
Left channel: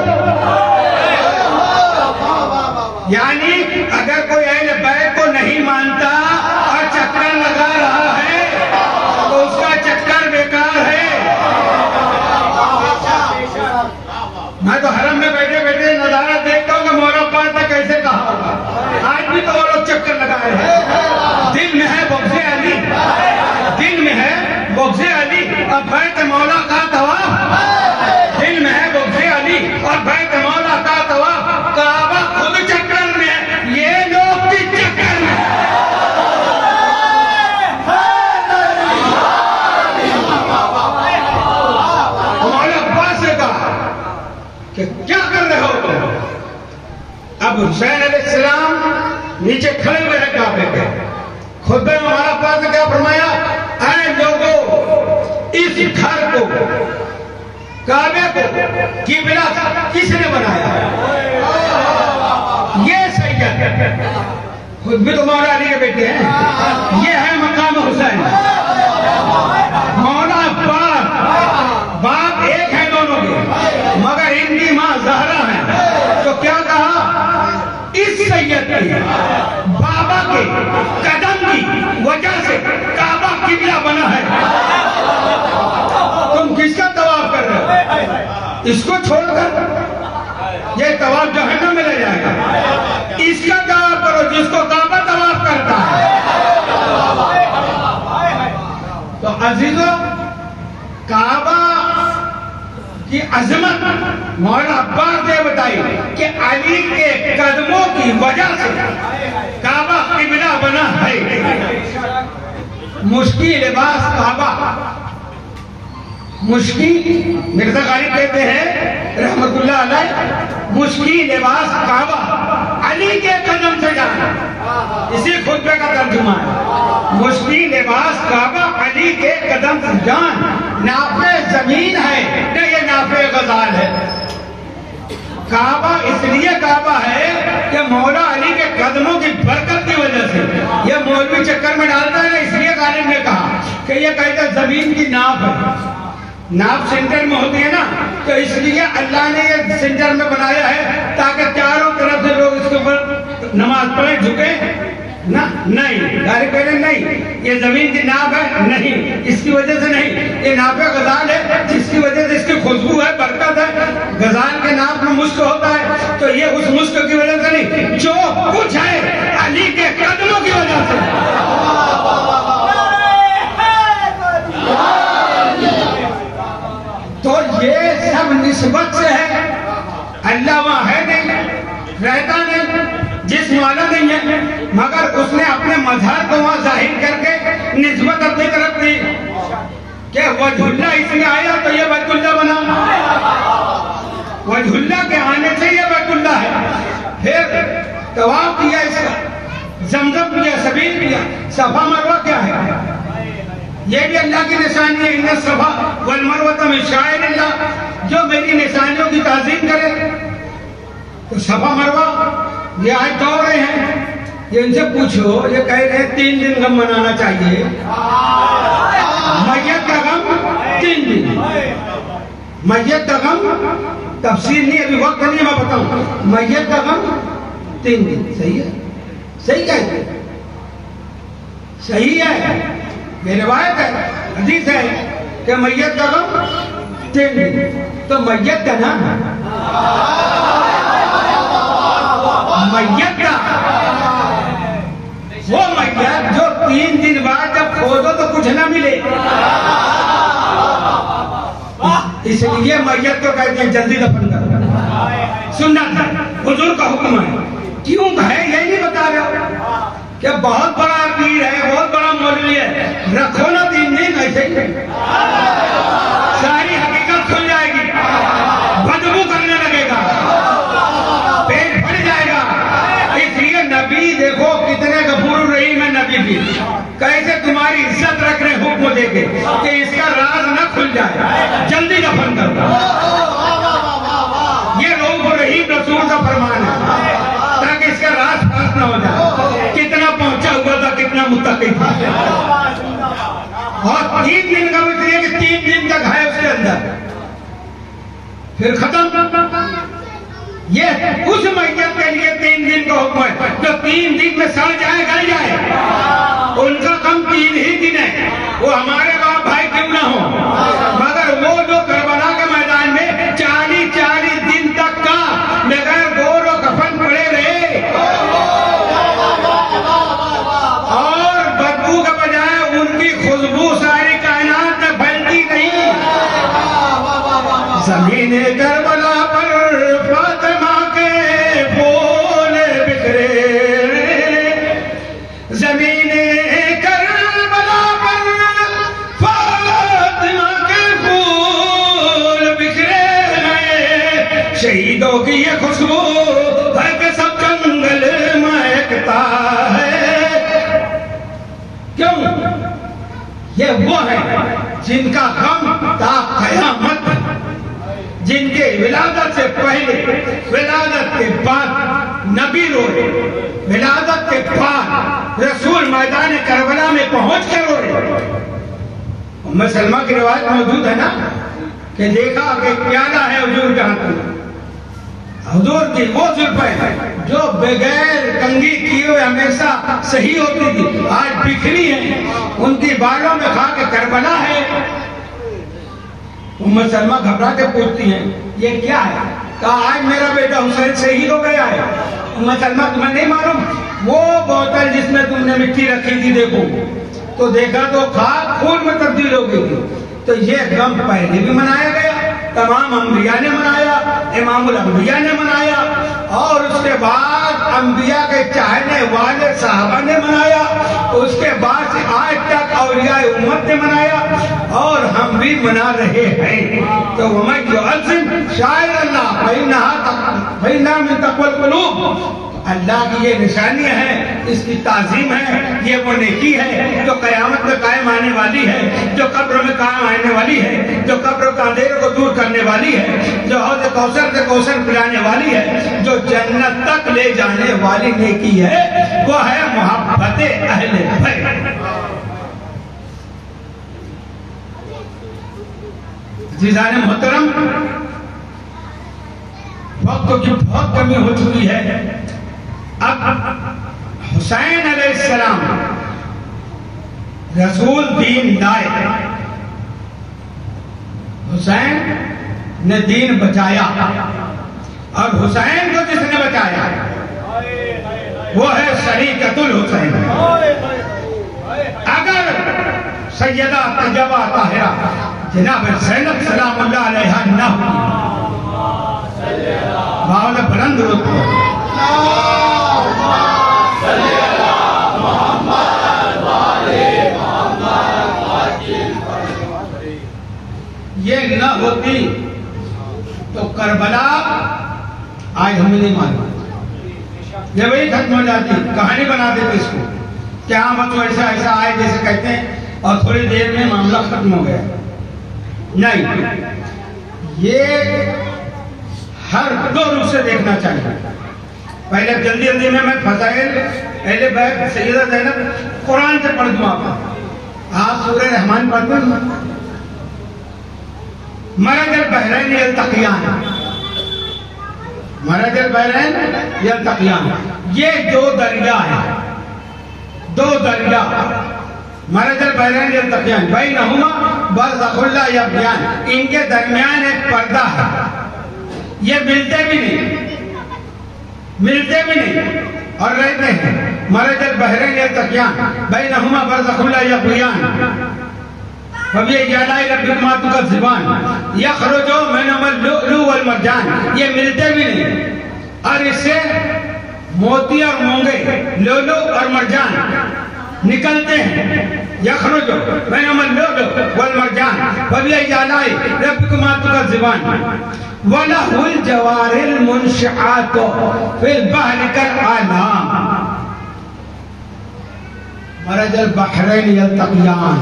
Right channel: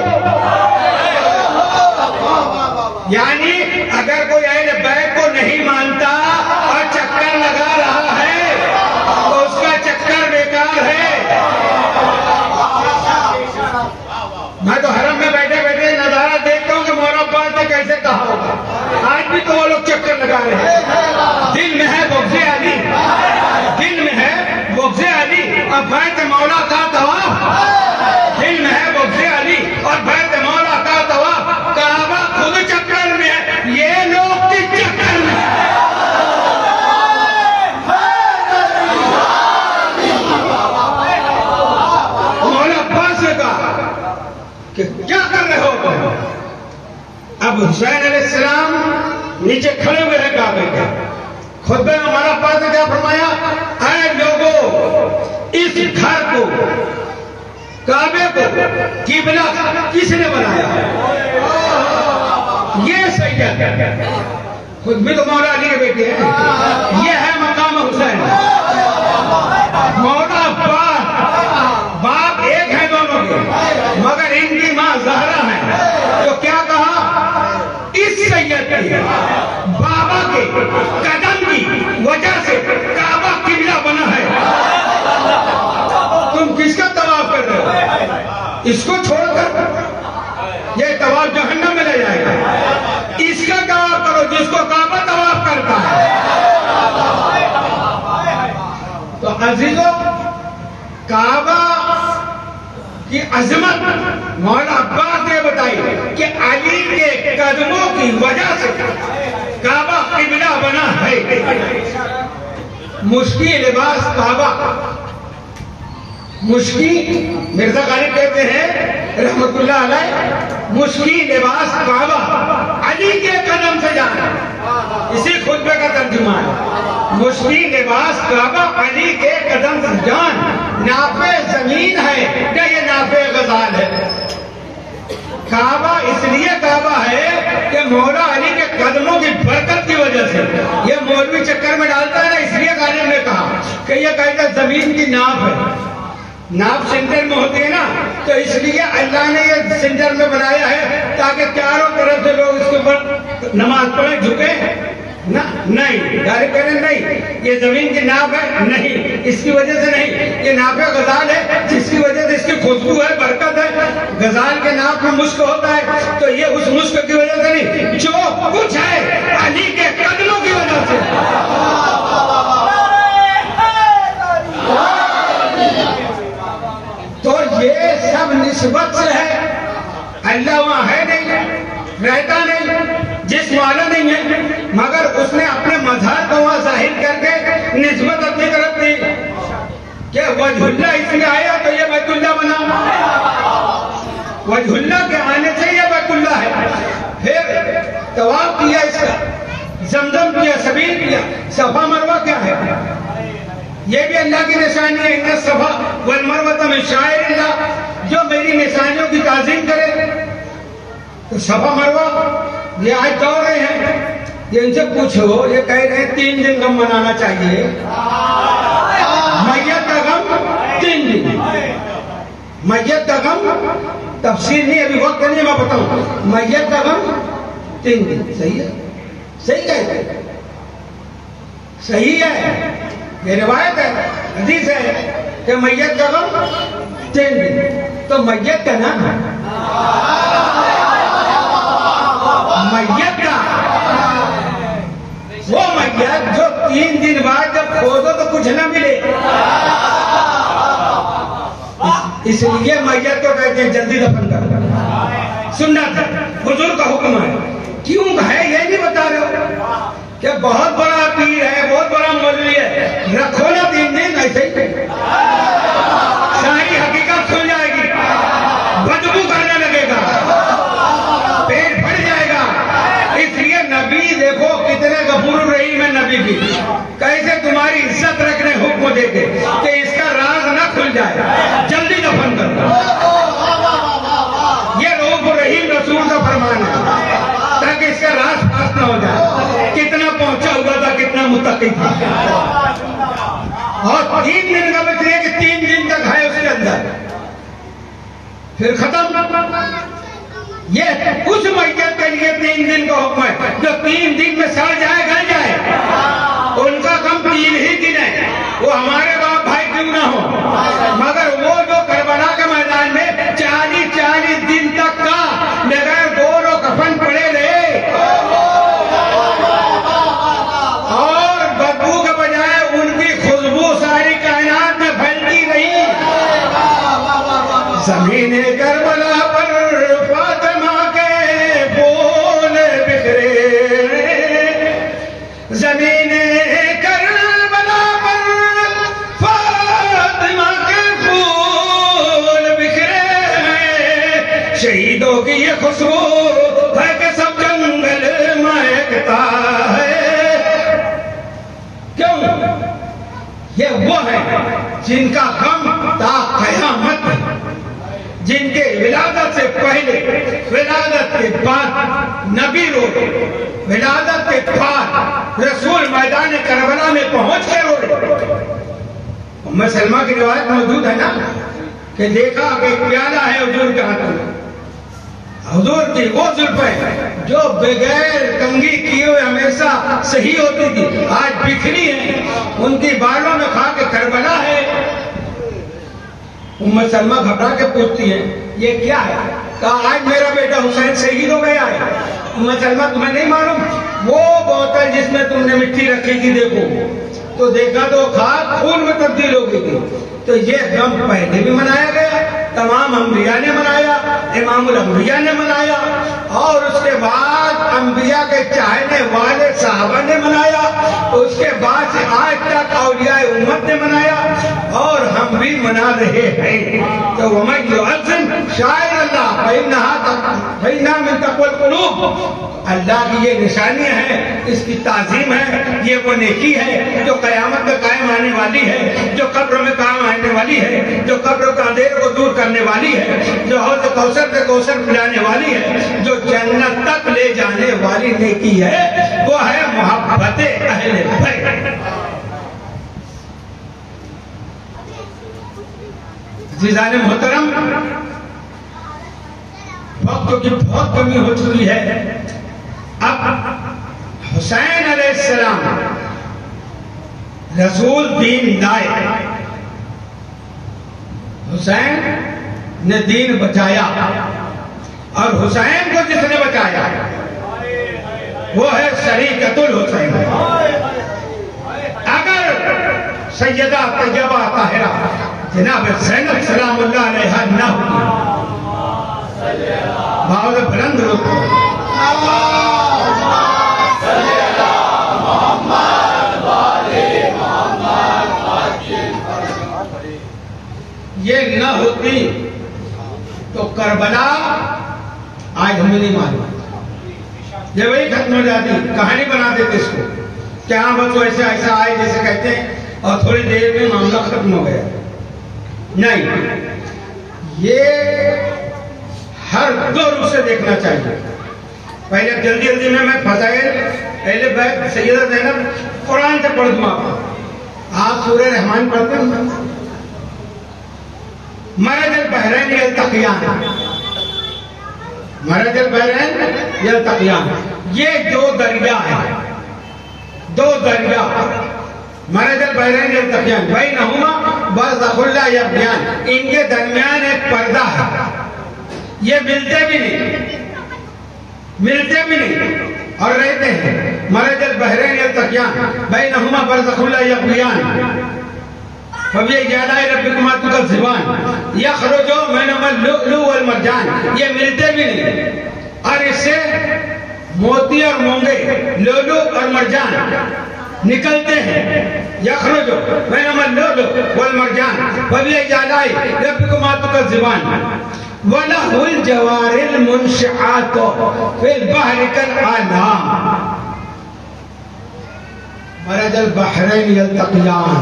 یعنی اگر کوئی اہل بیت کو نہیں مانتا اور چکر لگا رہا ہے تو اس کا چکر بیکار ہے. میں تو حرم میں بیٹھے بیٹھے نظارہ دیکھتا ہوں کہ مولا عباس نے کیسے کہا ہوگا. آج بھی تو وہ لوگ چکر لگا رہے ہیں. دل میں ہے بغض علی، دل میں ہے بغض علی اور بیت مولا کا طواف. دل میں ہے بغض علی اور بیت مولا کا طواف. کعبہ خود چکر میں ہے، یہ لوگ بھی چکر میں ہے. مولا عباس نے کہا کہ کیا کر رہے ہو تم؟ اب حسین علیہ السلام نیچے کھڑے ہوئے ہیں کعبے کے. خطبے میں مولا عباس نے کیا فرمایا؟ اے لوگوں، اس گھر کو، کعبے کو قبلہ کس نے بنایا ہے؟ یہ سید ہے. خود بھی تو مولا علی کے بیٹے ہیں. یہ ہے مقام حسین. مولا عباس باپ ایک ہے دونوں کے، مگر ان کی ماں زہرا ہے. تو کیا کہا؟ اس سید کے بابا کے قدم کی وجہ سے کعبہ قبلہ بنا ہے. تم کس کا طواف کر رہے ہو؟ اس کو چھوڑ کر یہ طواف جہنم میں لے جائے گا. اس کا طواف کرو جس کو کعبہ طواف کرتا ہے. تو عزیزو، کعبہ کی عظمت مولا عباس نے بتائی کہ علی کے قدموں کی وجہ سے کعبہ قبلہ بنا ہے. مشکی لباس کعبہ، مشکی مرزا غالب کہتے ہیں رحمت اللہ علیہ، مشکی لباس کعبہ علی کے قدم سے جانا. اسی خطبے کا ترجمہ ہے. مشکی لباس کعبہ علی کے قدم سے جان. نافع زمین ہے کہ یہ نافع غزال ہے؟ کعبہ اس لیے کعبہ ہے کہ مولا علی کے قدموں کی برکت کی وجہ سے. یہ مولوی چکر میں ڈالتا ہے نا، اس لیے غالب نے کہا کہ یہ کہتے زمین کی ناف ہے. ناف سینٹر میں ہوتی ہے نا، تو اس لیے اللہ نے یہ سینٹر میں بنایا ہے تاکہ چاروں طرف سے لوگ اس کے اوپر نماز پڑھیں، جھکیں. نہیں، ڈائریکٹ کہنا نہیں یہ زمین کی ناف ہے، نہیں، اس کی وجہ سے نہیں. یہ ناف غزال ہے جس کی وجہ سے اس کی خوشبو ہے، برکت ہے. غزال کے ناف میں مشک ہوتا ہے، تو یہ اس مشک کی وجہ سے نہیں، جو کچھ ہے علی کے قدموں کی وجہ سے. تو یہ سب نسبت سے ہے. اللہ وہاں ہے نہیں، رہتا نہیں، جسم والا نہیں ہے، مگر اس نے اپنے مظہر کو وہاں ظاہر کر کے نسبت اپنی طرف دی کہ وجہ اللہ اس لیے آیا تو یہ بیت اللہ بنا. وجہ اللہ کے آنے سے یہ بیت اللہ ہے. پھر طواف کیا، اس کا زمزم کیا، سبیل کیا. صفا مروہ کیا ہے؟ یہ بھی اللہ کی نشانی ہے. ان الصفا والمروہ من شعائر اللہ. جو میری نشانیوں کی تعظیم کرے. تو صفا مروہ یہ آج دوڑ رہے ہیں. یہ ان سے پوچھو، یہ کہہ رہے ہیں 3 دن غم منانا چاہیے. میت کا غم 3 دن. میت کا غم تفسیر نہیں، ابھی وقت نہیں، میں بتاؤں. میت کا غم 3 دن. صحیح ہے؟ صحیح کہتے ہیں؟ صحیح ہے. یہ روایت ہے، حدیث ہے کہ میت کا غم 3 دن. تو میت کا نام ہے میت کا وہ میت جو 3 دن بعد جب کھودو تو کچھ نہ ملے. اس لیے میت کو کہتے ہیں جلدی دفن کر. سنت ہے، حضور کا حکم ہے. کیوں ہے یہ نہیں بتا رہے کہ بہت بڑا پیر ہے، بہت بڑا مولوی ہے، رکھو نا 3 دن. ایسے ہی ساری حقیقت کھل جائے گی، بدبو کرنے لگے گا، پیٹ بھر جائے گا۔ اس لیے نبی دیکھو کتنے غفور الرحیم ہے نبی بھی، کیسے تمہاری عزت رکھنے حکم دے گے کہ اس کا راز نہ کھل جائے، جلدی دفن کر دو۔ یہ رؤوف الرحیم رسول کا فرمان ہے تاکہ اس کا راز پاس نہ ہو جائے، کتنا پہنچا ہوا تھا، کتنا متقی تھا۔ اور 3 دن کا مطلب ہے کہ 3 دن تک ہے اس کے اندر، پھر ختم۔ یہ اس میت کے لیے 3 دن کا حکم ہے جو 3 دن میں سڑ جائے گل جائے، ان کا کم 3 ہی دن ہے، وہ ہمارے باپ بھائی کیوں نہ ہو، مگر وہ جو کربلا کے میدان میں 40 دن تک کا بغیر گور و کفن پڑے رہے اور بدبو کے بجائے ان کی خوشبو ساری کائنات میں پھیلتی رہی۔ زمین کربلا پر فاطمہ کے پھول بکھرے، زمین کربلا پر فاطمہ کے پھول بکھرے ہیں، شہیدوں کی یہ خوشبو ہے کہ سب جنگل مہکتا ہے۔ کیوں؟ یہ وہ ہے جن کا غم تا قیامت ہے، جن کے ولادت سے پہلے، ولادت کے بعد نبی روئے، ولادت کے بعد رسول میدان کربلا میں پہنچ کے روئے۔ ام سلمہ کی روایت موجود ہے نا کہ دیکھا کہ پیالہ ہے حضور کے ہاتھ میں، حضور کی وہ زلفیں جو بغیر کنگھی کیے ہوئے ہمیشہ صحیح ہوتی تھی، آج بکھری ہیں، ان کی بالوں میں کھا کے کربلا ہے۔ ام سلمہ گھبرا کے پوچھتی ہیں یہ کیا ہے؟ کہا آج میرا بیٹا حسین شہید ہو گیا ہے۔ ام سلمہ تمہیں نہیں معلوم وہ بوتل جس میں تم نے مٹی رکھی تھی دیکھو، تو دیکھا تو خاک خون میں تبدیل ہو گئی تھی۔ تو یہ غم پہلے بھی منایا گیا، تمام انبیاء نے منایا، امام الانبیاء نے منایا، اور اس کے بعد انبیاء کے چاہنے والے صحابہ نے منایا، اس کے بعد سے آج تک اولیاء امت نے منایا، اور ہم بھی منا رہے ہیں۔ تو وَمَن يُعَظِّمْ شَعَائِرَ اللَّهِ فَإِنَّهَا مِن تَقْوَى الْقُلُوبِ، اللہ کی یہ نشانیاں ہیں، اس کی تعظیم ہے، یہ وہ نیکی ہے جو قیامت میں قائم آنے والی ہے، جو قبر میں قائم آنے والی ہے، جو قبر کے اندھیرے کو دور کرنے والی ہے، جو حوض کوثر سے کوثر پلانے والی ہے، جو جنت تک لے جانے والی نیکی ہے، وہ ہے محبت اہل بیت۔ عزیزان محترم، وقت کی بہت کمی ہو چکی ہے، اب حسین علیہ السلام رسول دین لائے، حسین نے دین بچایا، اور حسین کو جس نے بچایا وہ ہے شریکت الحسین۔ اگر سیدہ طیبہ طاہرہ جناب زینب سلام اللہ علیہا نہ ہوتی، باول بلند ہوتے یہ نہ ہوتی تو کربلا آج ہمیں نہیں معلوم، یہ وہی ختم ہو جاتی، کہانی بنا دیتے اس کو، کیا بس ایسا ایسا آئے جیسے کہتے ہیں اور تھوڑی دیر میں معاملہ ختم ہو گیا۔ نہیں، یہ ہر دور اسے دیکھنا چاہیے۔ پہلے جلدی جلدی میں فضائل پہلے بیت سیدہ زینب قرآن سے پڑھ دوں آپ سورہ رحمان پڑھتے ہیں، مرج البحرین یلتقیان، مرج البحرین یلتقیان، یہ دو دریا ہیں، دو دریا، مرج البحرین یلتقیان بینہما برزخ لا یبغیان، ان کے درمیان ایک پردہ ہے، یہ ملتے بھی نہیں، ملتے بھی نہیں اور رہتے ہیں۔ مرج البحرین یلتقیان بینہما برزخ لا یبغیان فَبِأَيِّ رَبِّكُمَا تُكَذِّبَانِ يَخْرُجُ مِنْهُمَا اللُّؤْلُؤُ وَالْمَرْجَانُ، یہ ملتے بھی نہیں، اور اس سے موتی اور مونگے، لؤلؤ اور مرجان نکلتے ہیں۔ يخرج بينهما اللؤلؤ والمرجان فبأي آلاء ربكما تكذبان وله الجوار المنشآت في البحر كالأعلام مرج البحرين يلتقيان.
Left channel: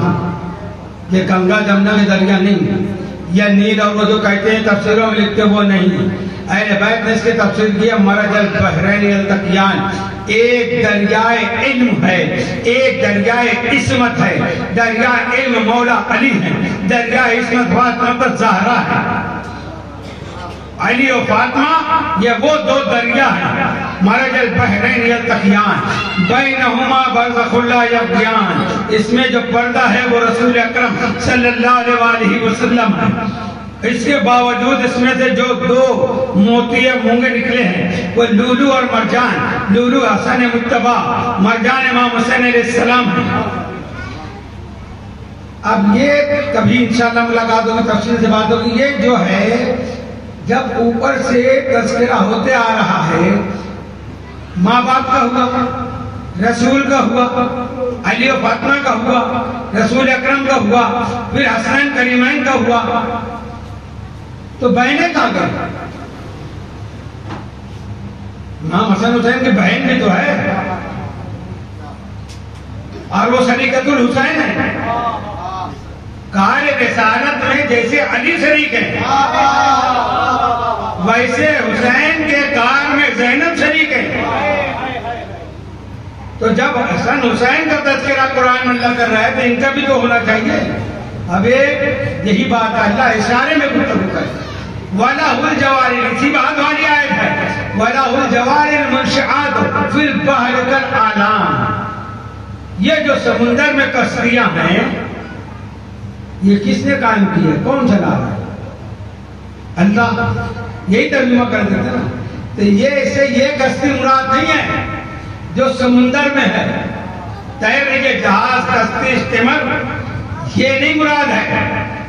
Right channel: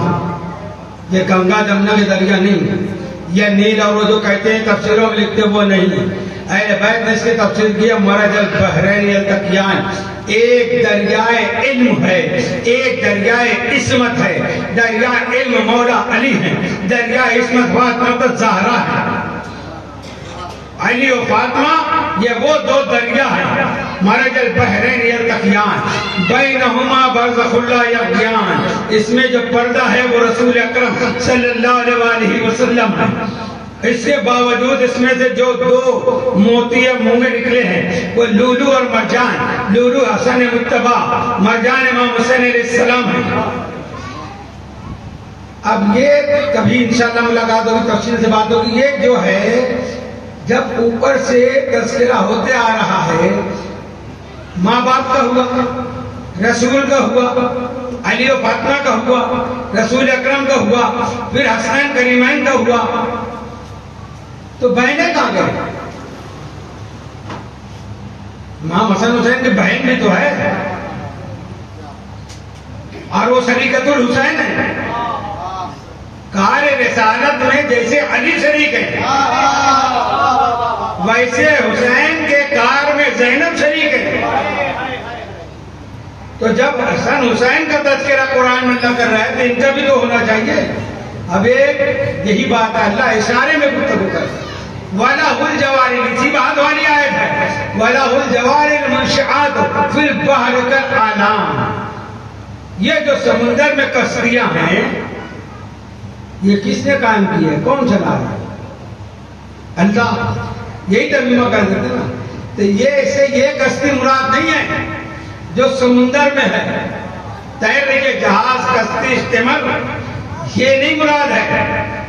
یہ گنگا جمنا کے دریا نہیں، یہ نیل اور وہ جو کہتے ہیں تفسیروں میں لکھتے وہ نہیں. اہل بیت نے اس کی تفسیر کیا مرج البحرین یلتقیان، ایک دریائے علم ہے، ایک دریائے عصمت ہے. دریائے علم مولا علی ہے، دریائے عصمت فاطمہ الزہرا ہے. علی و فاطمہ یہ وہ دو دریا ہیں. مرج البحرین یلتقیان بینہما برزخ لا یبغیان، اس میں جو پردہ ہے وہ رسول اکرم صلی اللہ علیہ وسلم ہے. اس کے باوجود اس میں سے جو دو موتی مونگے نکلے ہیں وہ لولو اور مرجان. لولو حسن مجتبی، مرجان امام حسین علیہ السلام ہے. اب یہ کبھی انشاءاللہ ملاقات ہوگی، تفصیل سے بات ہوگی. یہ جو ہے جب اوپر سے تذکرہ ہوتے آ رہا ہے، ماں باپ کا ہوا، رسول کا ہوا، علی و فاطمہ کا ہوا، رسول اکرم کا ہوا، پھر حسنین کریمین کا ہوا، تو بہنیں کہاں گئے؟ امام حسن حسین کی بہن بھی تو ہے اور وہ شریکت الحسین ہے. کار رسالت میں جیسے علی شریک ہے ویسے حسین کے کار میں زینب شریک ہے. تو جب حسن حسین کا تذکرہ قرآن میں اللہ کر رہا ہے تو ان کا بھی تو ہونا چاہیے. اب یہی بات ہے، اللہ اشارے میں گفتگو کرتا ہے. وَلَهُ الْجَوَارِ، اسی بات والی آیت ہے، وَلَهُ الْجَوَارِ الْمُنشِآتُ فِي الْبَحْرِ كَالْأَعْلَامِ. یہ جو سمندر میں کشتیاں ہیں یہ کس نے قائم کی ہے؟ کون چلا رہا ہے؟ اللہ. یہی ترجمہ کر دیتے نا. تو یہ کشتی مراد نہیں ہے جو سمندر میں ہے. تیرنے کے جہاز، کشتی، اسٹیمر، یہ نہیں مراد ہے.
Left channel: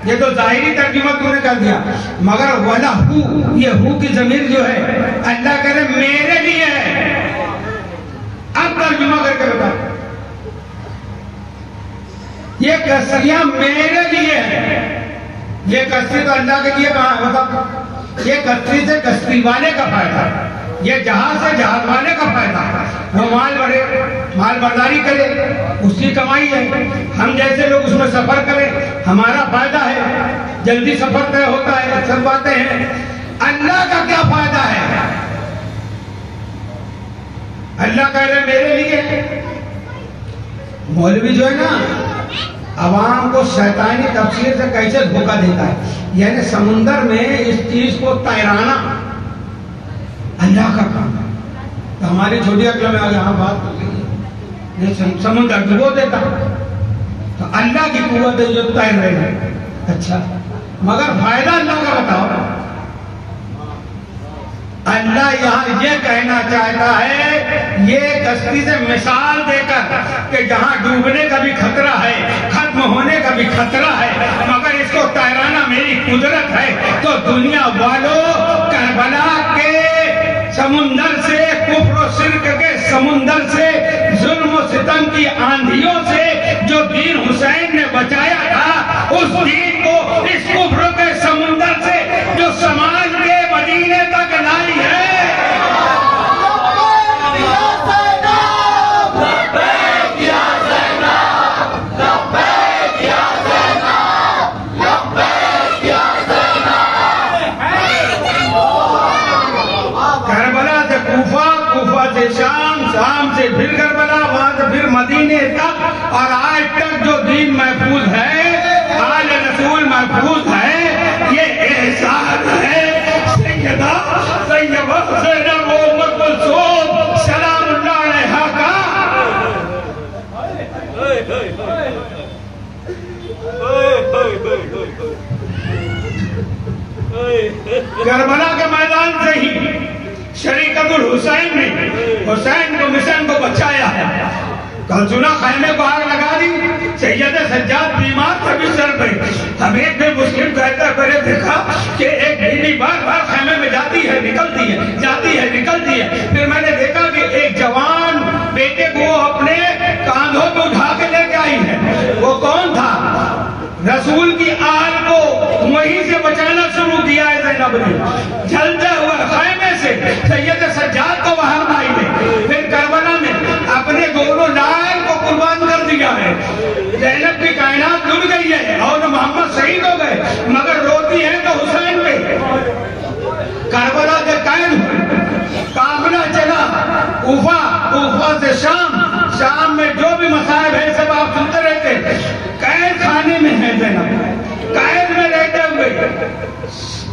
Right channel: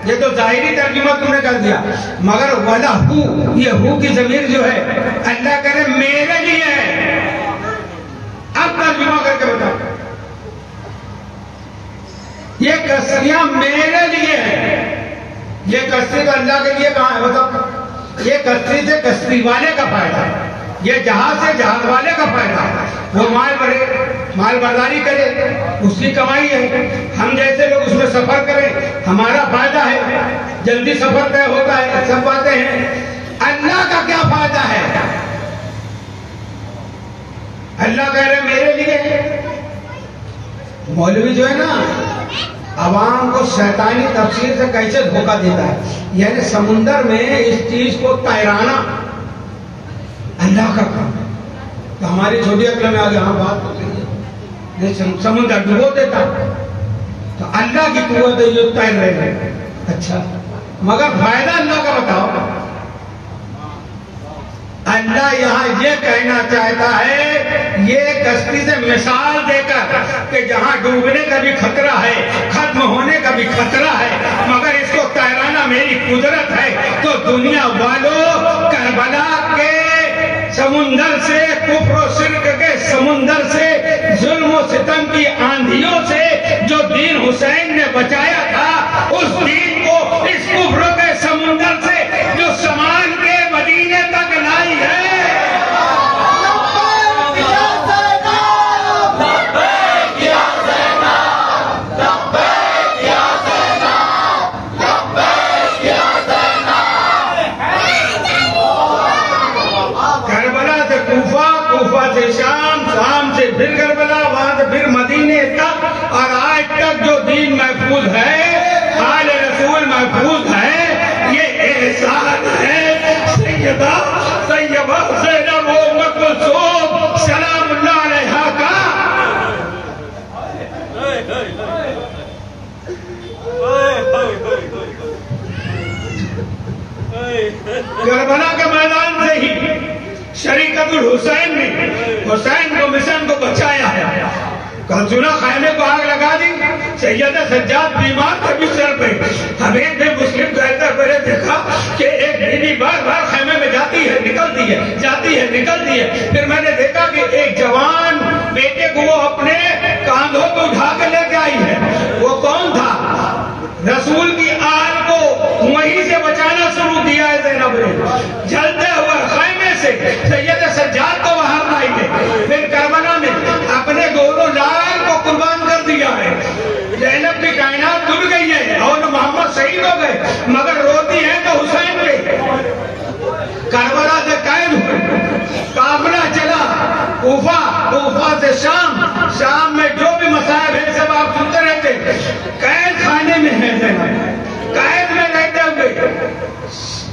یہ تو ظاہری ترجمہ تو نے کر دیا، مگر وَلَهُ، یہ ہو کی ضمیر جو ہے اللہ کہہ رہے میرے لیے ہے. اب ترجمہ کر کے بتاؤ، یہ کشتیاں میرے لیے ہیں. یہ کشتی تو اللہ کے لیے کہاں ہے؟ بتاؤ. یہ کشتی سے کشتی والے کا فائدہ، یہ جہاز سے جہاز والے کا فائدہ. وہ مال برداری کرے، اس کی کمائی ہے. ہم جیسے لوگ اس میں سفر کریں، ہمارا فائدہ ہے، جلدی سفر طے ہوتا ہے، سب باتیں ہیں. اللہ کا کیا فائدہ ہے؟ اللہ کہہ رہے میرے لیے. مولوی جو ہے نا عوام کو شیطانی تفسیر سے کیسے دھوکہ دیتا ہے. یعنی سمندر میں اس چیز کو تیرانا اللہ کا کام ہے. تو ہماری چھوٹی عقل میں آگے بات ہو گئی ہے، یہ سمندر ڈبو دیتا تو اللہ کی قوت ہے جو تیر رہے ہیں. اچھا، مگر فائدہ اللہ کا بتاؤ. اللہ یہاں یہ کہنا چاہتا ہے، یہ کشتی سے مثال دے کر کہ جہاں ڈوبنے کا بھی خطرہ ہے، ختم ہونے کا بھی خطرہ ہے، مگر اس کو تیرانا میری قدرت ہے. تو دنیا والوں، کربلا کے سمندر سے، کفر و شرک کے سمندر سے، ظلم و ستم کی آندھیوں سے جو دین حسین نے بچایا تھا، اس دین کو اس کفر کے سمندر سے جو سماج کے مدینے تک لائی ہے. شام سے پھر کربلا، وہاں سے پھر مدینے تک، اور آج تک جو دین محفوظ ہے، آل رسول محفوظ ہے. یہ احسان ہے سیدہ طیبہ زینب ام کلثوم سلام اللہ علیہا کا. کربلا کے میدان سے ہی شریکت الحسین نے حسین کو مشن کو بچایا ہے. کل سنا خیمے کو آگ لگا دی، سید سجاد بیمار تھا بستر پہ. حبیب بن مسلم کہتا ہے دیکھا کہ ایک بیوی بار بار خیمے میں جاتی ہے نکلتی ہے، جاتی ہے نکلتی ہے. پھر میں نے دیکھا کہ ایک جوان بیٹے کو وہ اپنے کاندھوں کو اٹھا کے لے کے آئی ہے. رسول کی آل کو وہیں سے بچانا شروع کیا ہے زینب نے. جلتے ہوئے خیمے سے سید سجاد کو وہاں لائی ہے. پھر کربلا میں اپنے دونوں لال کو قربان کر دیا ہے. زینب کی کائنات ڈوب گئی ہے اور محمد شہید ہو گئے، مگر روتی ہے تو حسین پہ. کربلا سے قید ہوئے، قافلہ چلا کوفہ، کوفہ سے شام، شام میں جو بھی مصائب ہے سب آپ سنتے رہتے. قید خانے میں ہے زینب، قید میں رہتے ہوئے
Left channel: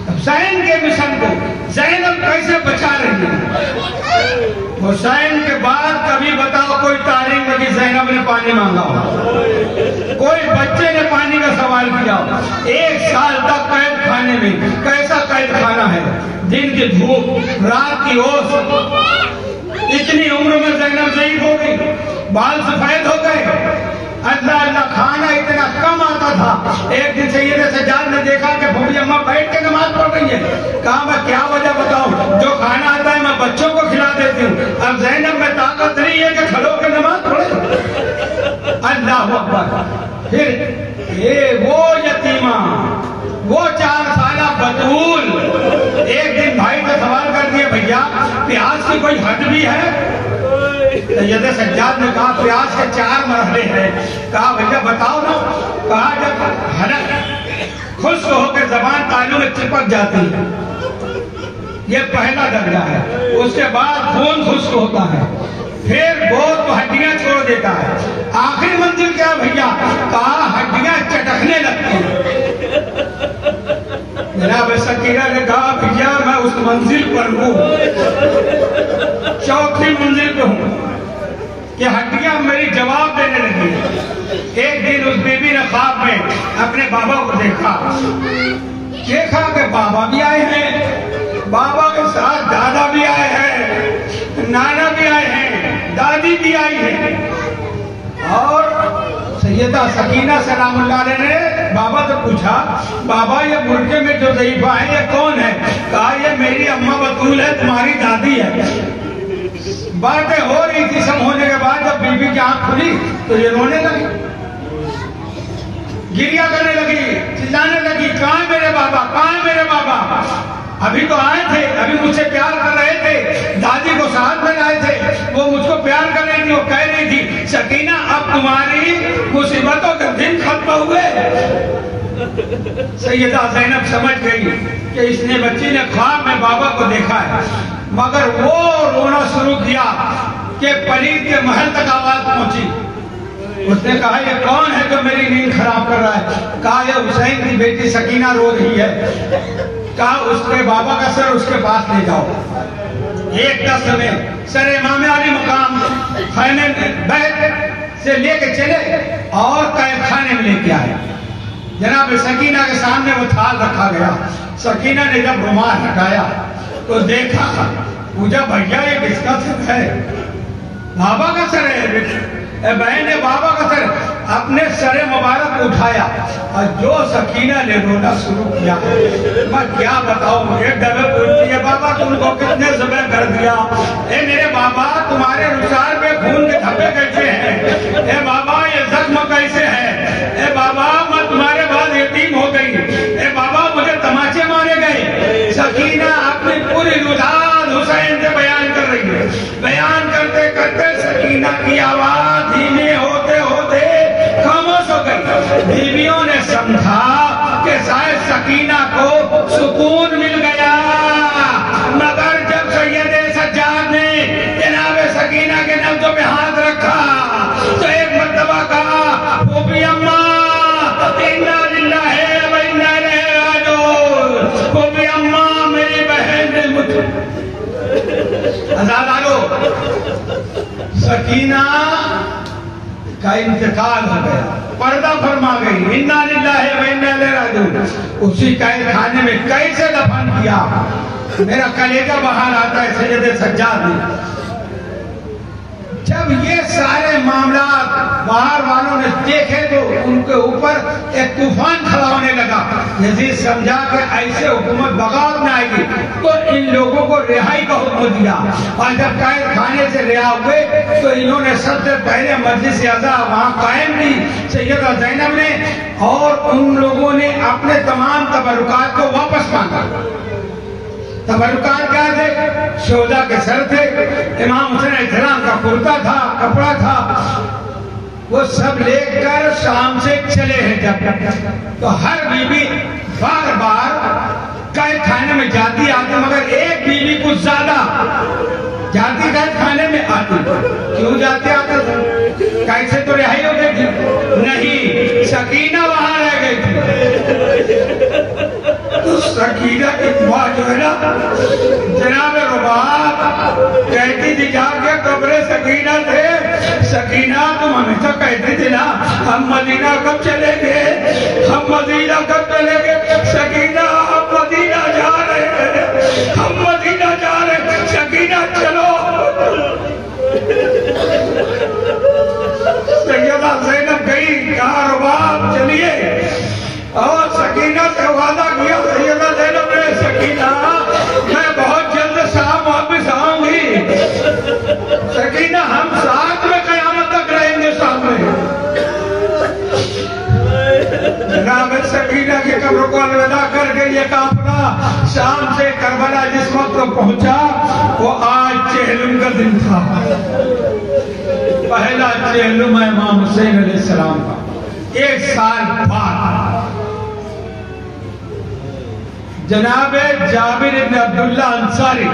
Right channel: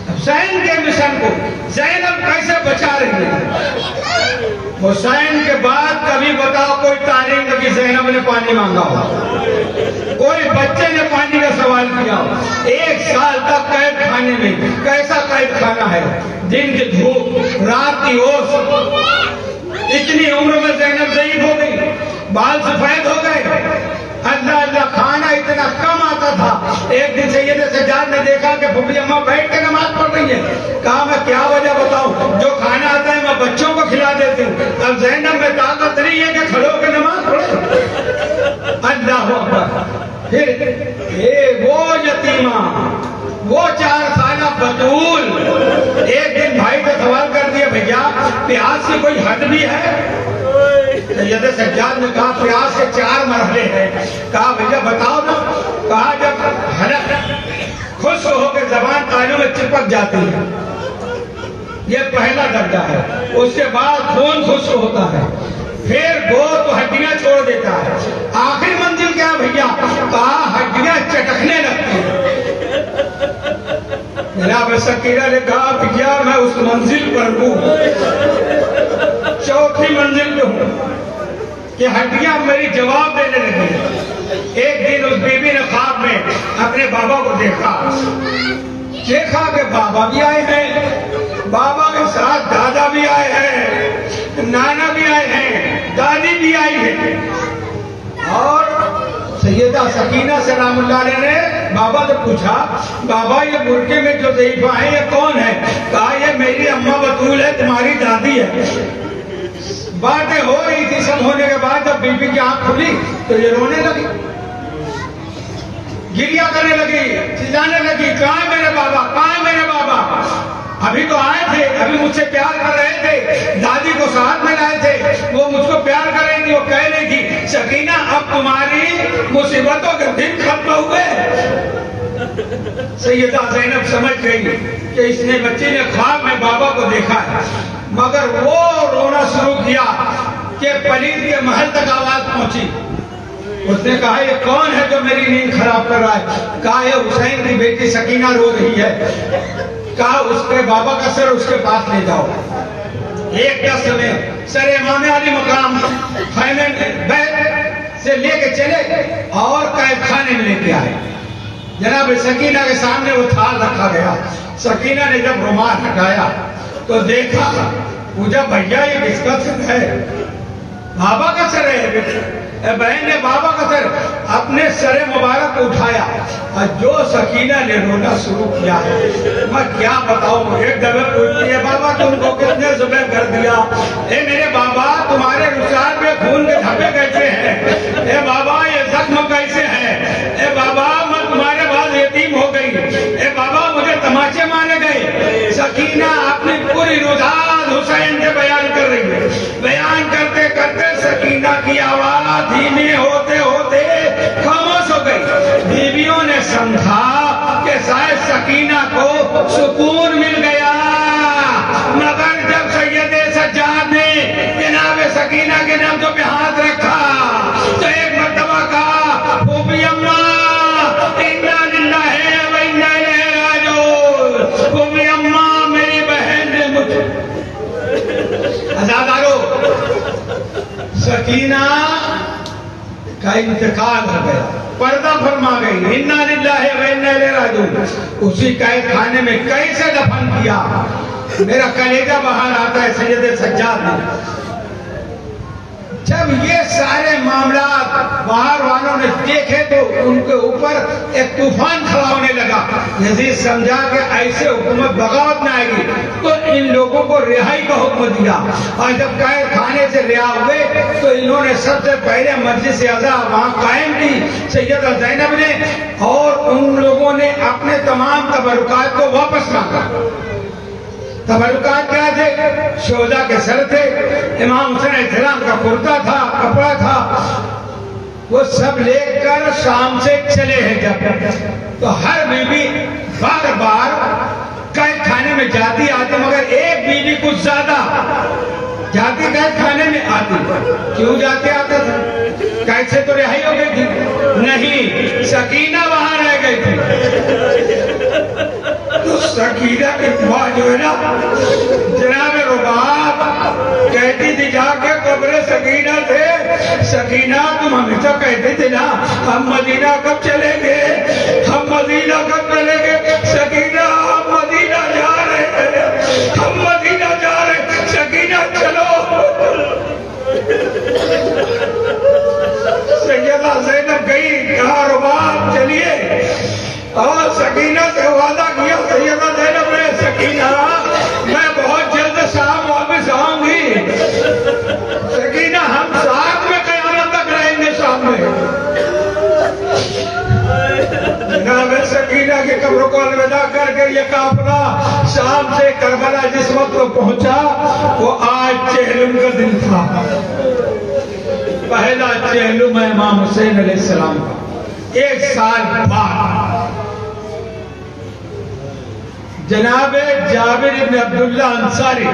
حسین کے مشن کو زینب کیسے بچا رہی ہے. حسین کے بعد کبھی بتاؤ کوئی تاریخ میں کہ زینب نے پانی مانگا ہو، کوئی بچے نے پانی کا سوال کیا ہو. 1 سال تک قید خانے میں. کیسا قید خانہ ہے؟ دن کی دھوپ، رات کی اوس. اتنی عمر میں زینب ضعیف ہو گئی، بال سفید ہو گئے. اللہ اللہ کھانا اتنا کم آتا تھا. ایک دن سید سجاد نے دیکھا کہ پھوپھی اماں بیٹھ کے نماز پڑھ رہی ہے. کہا میں کیا وجہ بتاؤں، جو کھانا آتا ہے میں بچوں کو کھلا دیتی ہوں. اب زینب میں طاقت نہیں ہے کہ کھڑو کے نماز پڑھے. اللہ اکبر. پھر وہ یتیمہ، وہ 4 سالہ بطول ایک دن بھائی کا سوال کر دیا، بھیا پیاس کی کوئی حد بھی ہے؟ سید سجاد نے کہا پیاس کے 4 مرحلے ہیں. کہا بھیا بتاؤ نا. کہا جب خشک ہو کے زبان تالیوں میں چپک جاتی ہے، یہ پہلا درجہ ہے. اس کے بعد خون خشک ہوتا ہے، پھر گوشت ہڈیاں چھوڑ دیتا ہے. آخری منزل کیا بھیا؟ کہا ہڈیاں چٹکنے لگتی ہیں. جناب سکینہ نے کہا بھیا میں اس منزل پر ہوں، 4تھی منزل پہ ہوں کہ ہڈیاں میری جواب دینے لگی. ایک دن اس بی بی نے خواب میں اپنے بابا کو دیکھا کہ بابا بھی آئے ہیں، بابا کے ساتھ دادا بھی آئے ہیں، نانا بھی آئے ہیں، دادی بھی آئی ہے. اور سیدہ سکینہ سلام اللہ علیہ نے بابا سے پوچھا بابا یہ برقعے میں جو ضعیفہ ہے یہ کون ہے؟ کہا یہ میری اماں بطول ہے، تمہاری دادی ہے. باتیں ہو رہی تھی. سب ہونے کے بعد جب بی بی کی آنکھ کھلی تو یہ رونے لگی، گریا کرنے لگی، چلانے لگی، کہاں میرے بابا، کہاں میرے بابا؟ ابھی تو آئے تھے، ابھی مجھ سے پیار کر رہے تھے، دادی کو ساتھ میں لائے تھے، وہ مجھ کو پیار کر رہی تھی. وہ کہہ رہی تھی سکینہ اب تمہاری مصیبتوں کے دن ختم ہوئے. سیدہ زینب سمجھ گئی کہ اس نے بچی نے خواب میں بابا کو دیکھا ہے، مگر وہ رونا شروع کیا کہ پلید کے محل تک آواز پہنچی. اس نے کہا یہ کون ہے جو میری نیند خراب کر رہا ہے؟ کہا یہ حسین کی بیٹی سکینہ رو رہی ہے. کہا اس کے بابا کا سر اس کے پاس لے جاؤ. ایک دست میں سر امام علی مقام خیمے میں بیت سے لے کے چلے اور قید خانے میں لے کے آئے. جناب سکینہ کے سامنے وہ تھال رکھا گیا. سکینہ نے جب رومال ہٹایا تو دیکھا، پوچھا بھیا یہ کس کا سر ہے؟ بابا کا سر ہے. بہن نے بابا کا سر اپنے سر مبارک کو اٹھایا اور جو سکینہ نے رونا شروع کیا میں کیا بتاؤں. ایک دفعہ پوچھتی ہے بابا تم کو کتنے ذبح کر دیا؟ اے میرے بابا تمہارے رخسار میں خون کے دھبے کیسے ہیں؟ اے بابا یہ زخم کیسے ہے؟ اے بابا میں تمہارے بعد یتیم ہو گئی. اے بابا مجھے تماچے مارے گئے. سکینہ اپنی پوری روداد حسین سے بیان کر رہی ہے. بیان کرتے کرتے سکینہ کی آواز دھیمی ہوتے ہوتے خاموش ہو گئی. بیویوں نے سمجھا کہ شاید سکینہ کو سکون مل گیا، مگر جب سید سجاد نے جناب سکینہ کے نبضوں پہ ہاتھ رکھا تو ایک مرتبہ کہا پھوپھی اماں انا للہ و انا الیہ راجعون. پھوپھی اماں میری بہن نے مجھے عزادارو سکینہ کا انتقال ہو گیا، پردہ فرما گئی. انا للہ و انا الیہ راجعون. اسی قید خانے میں کیسے دفن کیا؟ میرا کلیجہ باہر آتا ہے. سید سجاد نے جب یہ سارے معاملات باہر والوں نے دیکھے تو ان کے اوپر ایک طوفان کھڑا ہونے لگا. یزید سمجھا کہ ایسے حکومت بغاوت میں آئے گی تو ان لوگوں کو رہائی کا حکم دیا. اور جب قید خانے سے رہا ہوئے تو انہوں نے سب سے پہلے مجلس اعضا وہاں قائم کی سیدہ زینب نے, اور ان لوگوں نے اپنے تمام تبرکات کو واپس مانگا. تبرکات کیا تھے؟ شہداء کے سر تھے, امام حسین علیہ السلام کا کرتا تھا, کپڑا تھا, وہ سب لے کر شام سے چلے ہیں. جب تو ہر بیوی بار بار قید خانے میں جاتی آتی, مگر ایک بیوی کچھ زیادہ جاتی قید خانے میں آتی. کیوں جاتی آتا تھا؟ قید سے تو رہائی ہو گئی تھی. نہیں, سکینہ وہاں رہ گئی تھی. تو سکینہ کی ماں جو ہے نا جناب رباب کہتی تھی جا کے قبر سکینہ تھے, سکینہ تم ہمیشہ کہتی تھی نا ہم مدینہ کب چلیں گے, ہم مدینہ کب چلیں گے. سکینہ ہم مدینہ جا رہے ہیں, ہم مدینہ جا رہے ہیں. سکینہ چلو. سیدہ زینب گئی, کہا رباب چلیے, اور سکینہ سے وعدہ کیا. سیدہ زینب نے, سکینہ میں بہت جلد شام واپس آؤں گی. سکینہ ہم ساتھ میں قیامت تک رہیں گے شام میں. جناب سکینہ کی قبر کو الوداع کر کے یہ قافلہ شام سے کربلا جس وقت پہنچا وہ آج چہلم کا دن تھا. پہلا چہلم ہے امام حسین علیہ السلام کا. 1 سال بعد جناب جابر بن عبداللہ انصاری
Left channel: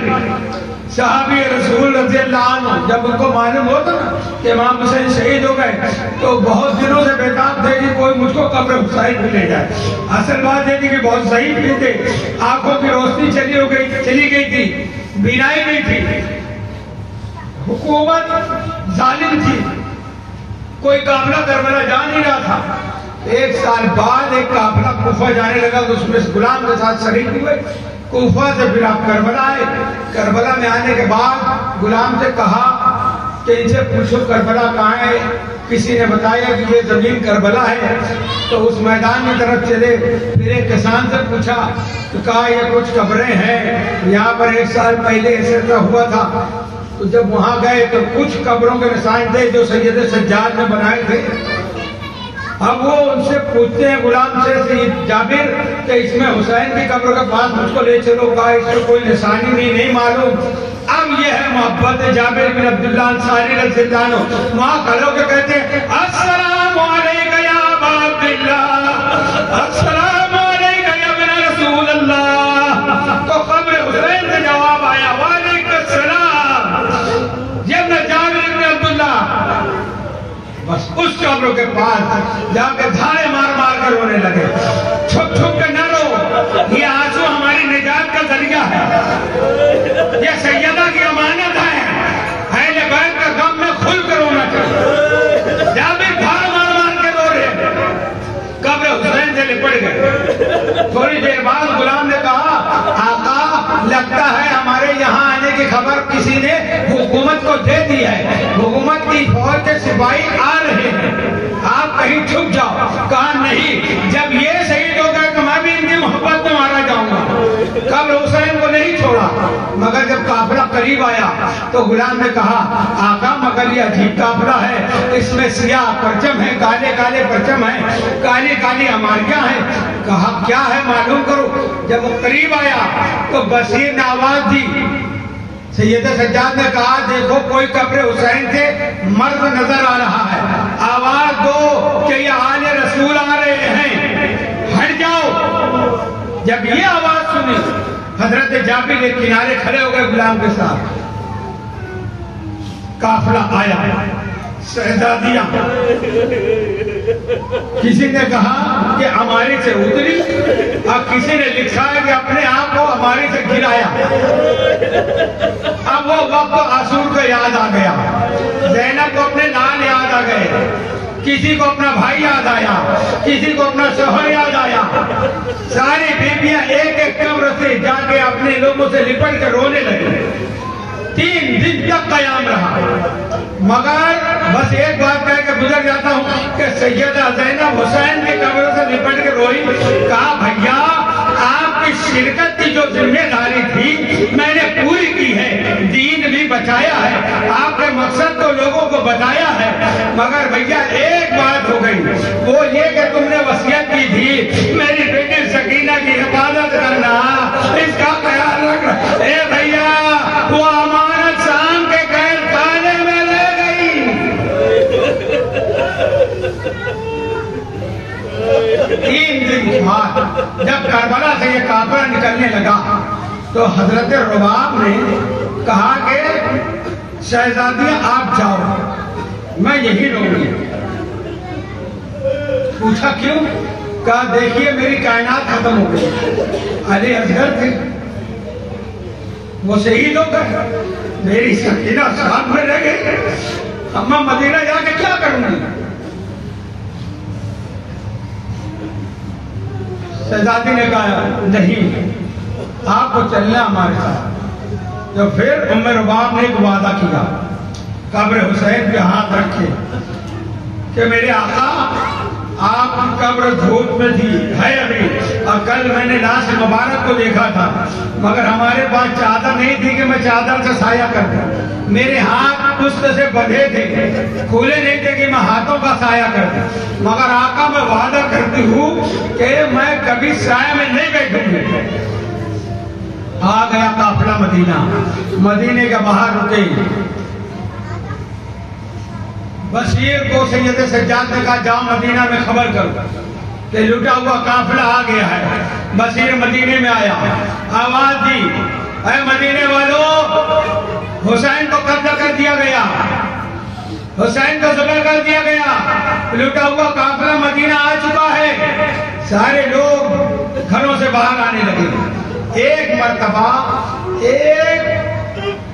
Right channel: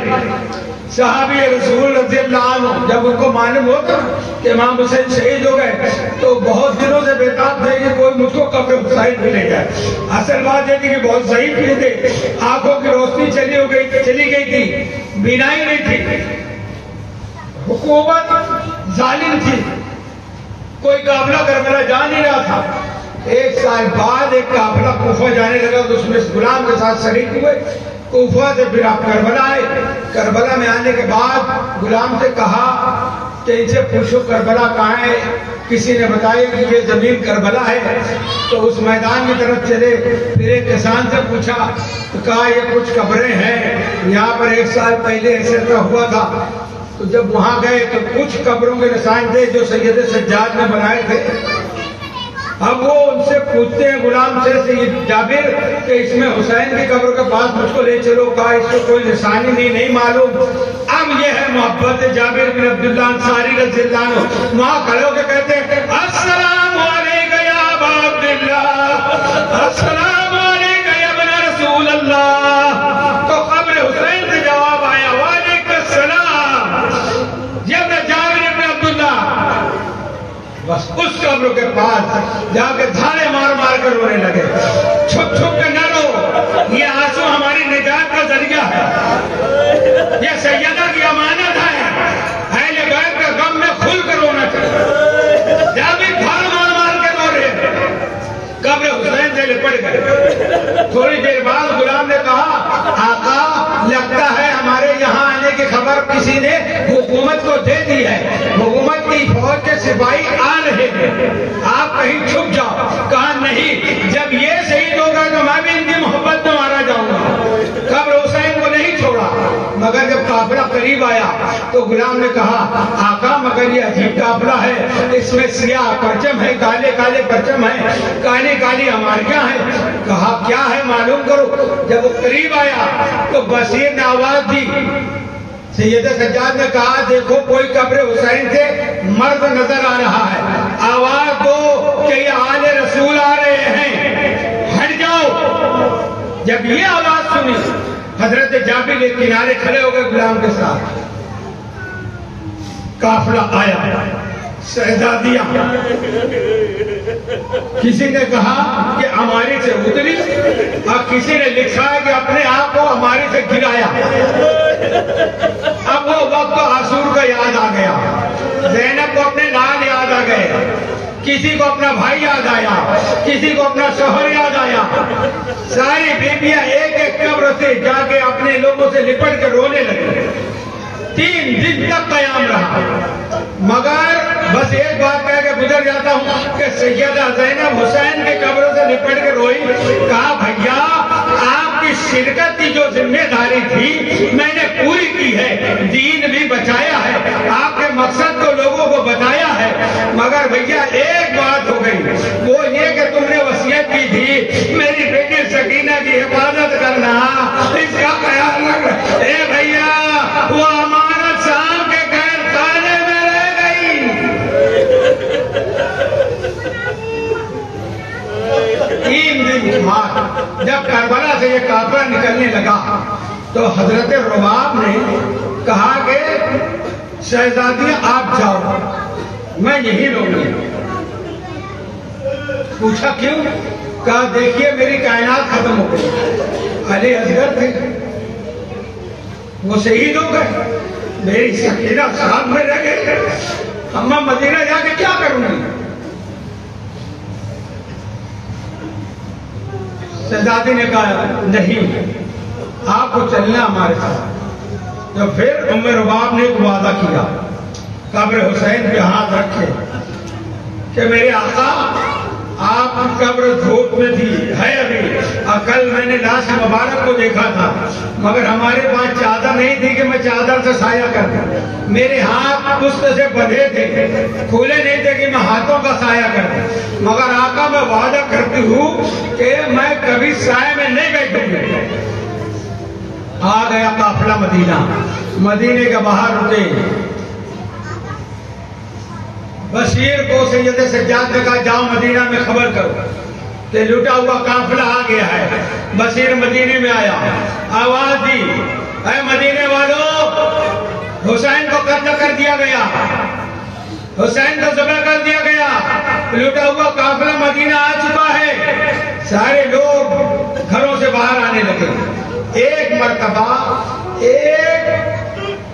صحابی رسول رضی اللہ عنہ, جب ان کو معلوم ہوتا کہ امام حسین شہید ہو گئے تو بہت دنوں سے بیکار تھے کہ کوئی مجھ کو قبر حسین بھی لے جائے. اصل بات یہ تھی کہ بہت ضعیف بھی تھے, آنکھوں کی روشنی چلی گئی تھی, بینائی نہیں تھی, حکومت ظالم تھی, کوئی قافلہ کربلا جا نہیں رہا تھا. 1 سال بعد ایک قافلہ کوفہ جانے لگا تو اس میں غلام کے ساتھ شریک ہوئے. کوفہ سے پھر آپ کربلا آئے. کربلا میں آنے کے بعد غلام سے کہا کہ ان سے پوچھو کربلا کہاں ہے. کسی نے بتایا کہ یہ زمین کربلا ہے. تو اس میدان کی طرف چلے, پھر ایک کسان سے پوچھا تو کہا یہ کچھ قبریں ہیں, یہاں پر 1 سال پہلے ایسے ہوا تھا. تو جب وہاں گئے تو کچھ قبروں کے نشان تھے جو سید سجاد نے بنائے تھے. اب وہ ان سے پوچھتے ہیں غلام سے, سید جابر کہ اس میں حسین کی قبر کے پاس مجھ کو لے چلو. کہا اس کو کوئی نشانی نہیں معلوم. اب یہ ہے محبت جابر بن عبداللہ انصاری رضی اللہ عنہ. وہاں کھڑے ہو کے کہتے ہیں السلام علیکم یا ابا عبداللہ, السلام علیکم یا ابن رسول اللہ. تو قبر حسین سے جواب آیا وعلیکم السلام. جب میں جابر بن عبداللہ بس اس قبر کے پاس جا کے دھاڑے مار مار کر رونے لگے. چھپ چھپ کے نہ رو, یہ آنسو ہماری نجات کا ذریعہ ہے, یہ سیدہ کی امانت ہے. اہل بیت کا غم میں کھل کر رونا چاہیے. جابر دھاڑے مار مار کے رو رہے, قبر حسین سے لپٹ گئے. تھوڑی دیر بعد غلام نے کہا آقا لگتا ہے ہمارے یہاں آنے کی خبر کسی نے حکومت کو دے دی ہے, حکومت کی فوج کے سپاہی آ رہے ہیں, آپ کہیں چھپ جاؤ. کہا نہیں, جب یہ شہید ہوگا تو میں بھی ان کی محبت میں مارا جاؤں گا. قبر حسین کو نہیں چھوڑا. مگر جب قافلہ قریب آیا تو غلام نے کہا آقا مگر یہ عجیب قافلہ ہے, اس میں سیاہ پرچم ہے, کالے کالے پرچم ہیں, کالی کالی ہماریاں ہیں. کہا کیا ہے معلوم کرو. جب وہ قریب آیا تو بصیر نے آواز دی. سیدہ سجاد نے کہا دیکھو کوئی قبر حسین کے مرد نظر آ رہا ہے, آواز دو کہ یہ آل رسول آ رہے ہیں, ہٹ جاؤ. جب یہ آواز سنی حضرت جابر کے کنارے کھڑے ہو گئے غلام کے ساتھ. قافلہ آیا, شہزادیاں, کسی نے کہا کہ ہمارے سے اتری اور کسی نے لکھا ہے کہ اپنے آپ کو ہمارے سے گرایا. اب وہ وقت عاشور کو یاد آ گیا, زینب کو اپنے لال یاد آ گئے, کسی کو اپنا بھائی یاد آیا, کسی کو اپنا شوہر یاد آیا. ساری بیویاں ایک ایک قبر سے جا کے اپنے لوگوں سے لپٹ کر رونے لگی. 3 دن تک قیام رہا، مگر بس ایک بات کہہ کے گزر جاتا ہوں کہ سیدہ زینب حسین کے قبر سے لپٹ کے روئی، کہا بھیا آپ کی شرکت کی جو ذمہ داری تھی میں نے پوری کی ہے، دین بھی بچایا ہے، آپ کے مقصد کو لوگوں کو بتایا ہے، مگر بھیا ایک بات ہو گئی، وہ یہ کہ تم نے وصیت کی تھی میری بیٹی سکینہ کی حفاظت کرنا، اس کا خیال رکھنا۔ اے بھیا وہ امانت شام کے قید خانے میں رہ گئی۔ 3 دن بعد جب کربلا سے یہ قافلہ نکلنے لگا تو حضرت رباب نے کہا کہ شہزادی آپ جاؤ، میں یہی رہوں گی۔ پوچھا کیوں؟ کہا دیکھیے میری کائنات ختم ہو گئی، علی اصغر تھے وہ شہید ہو گئے، میری سکینہ ساتھ میں رہ گئے، اب میں مدینہ جا کے کیا کروں گی؟ شہزادی نے کہا نہیں آپ کو چلنا ہمارے ساتھ۔ تو پھر ام رباب نے ایک وعدہ کیا، قبر حسین پہ ہاتھ رکھے کہ میرے آقا آپ کی قبر دھوپ میں تھی، ہے ابھی، اور کل میں نے لاش مبارک کو دیکھا تھا، مگر ہمارے پاس چادر نہیں تھی کہ میں چادر سے سایہ کرتا، میرے ہاتھ پشت سے بندھے تھے، کھلے نہیں تھے کہ میں ہاتھوں کا سایہ کرتا، مگر آقا میں وعدہ کرتی ہوں کہ میں کبھی سایہ میں نہیں بیٹھوں گی۔ آ گیا قافلہ مدینہ، مدینے کے باہر رکے، بشیر کو سید سجاد نے کہا جاؤ مدینہ میں خبر کرو کہ لٹا ہوا قافلہ آ گیا ہے۔ بشیر مدینے میں آیا، آواز دی اے مدینے والوں، حسین کو قتل کر دیا گیا، حسین کو ذبح کر دیا گیا، لٹا ہوا قافلہ مدینہ آ چکا ہے۔ سارے لوگ گھروں سے باہر آنے لگے۔ ایک مرتبہ ایک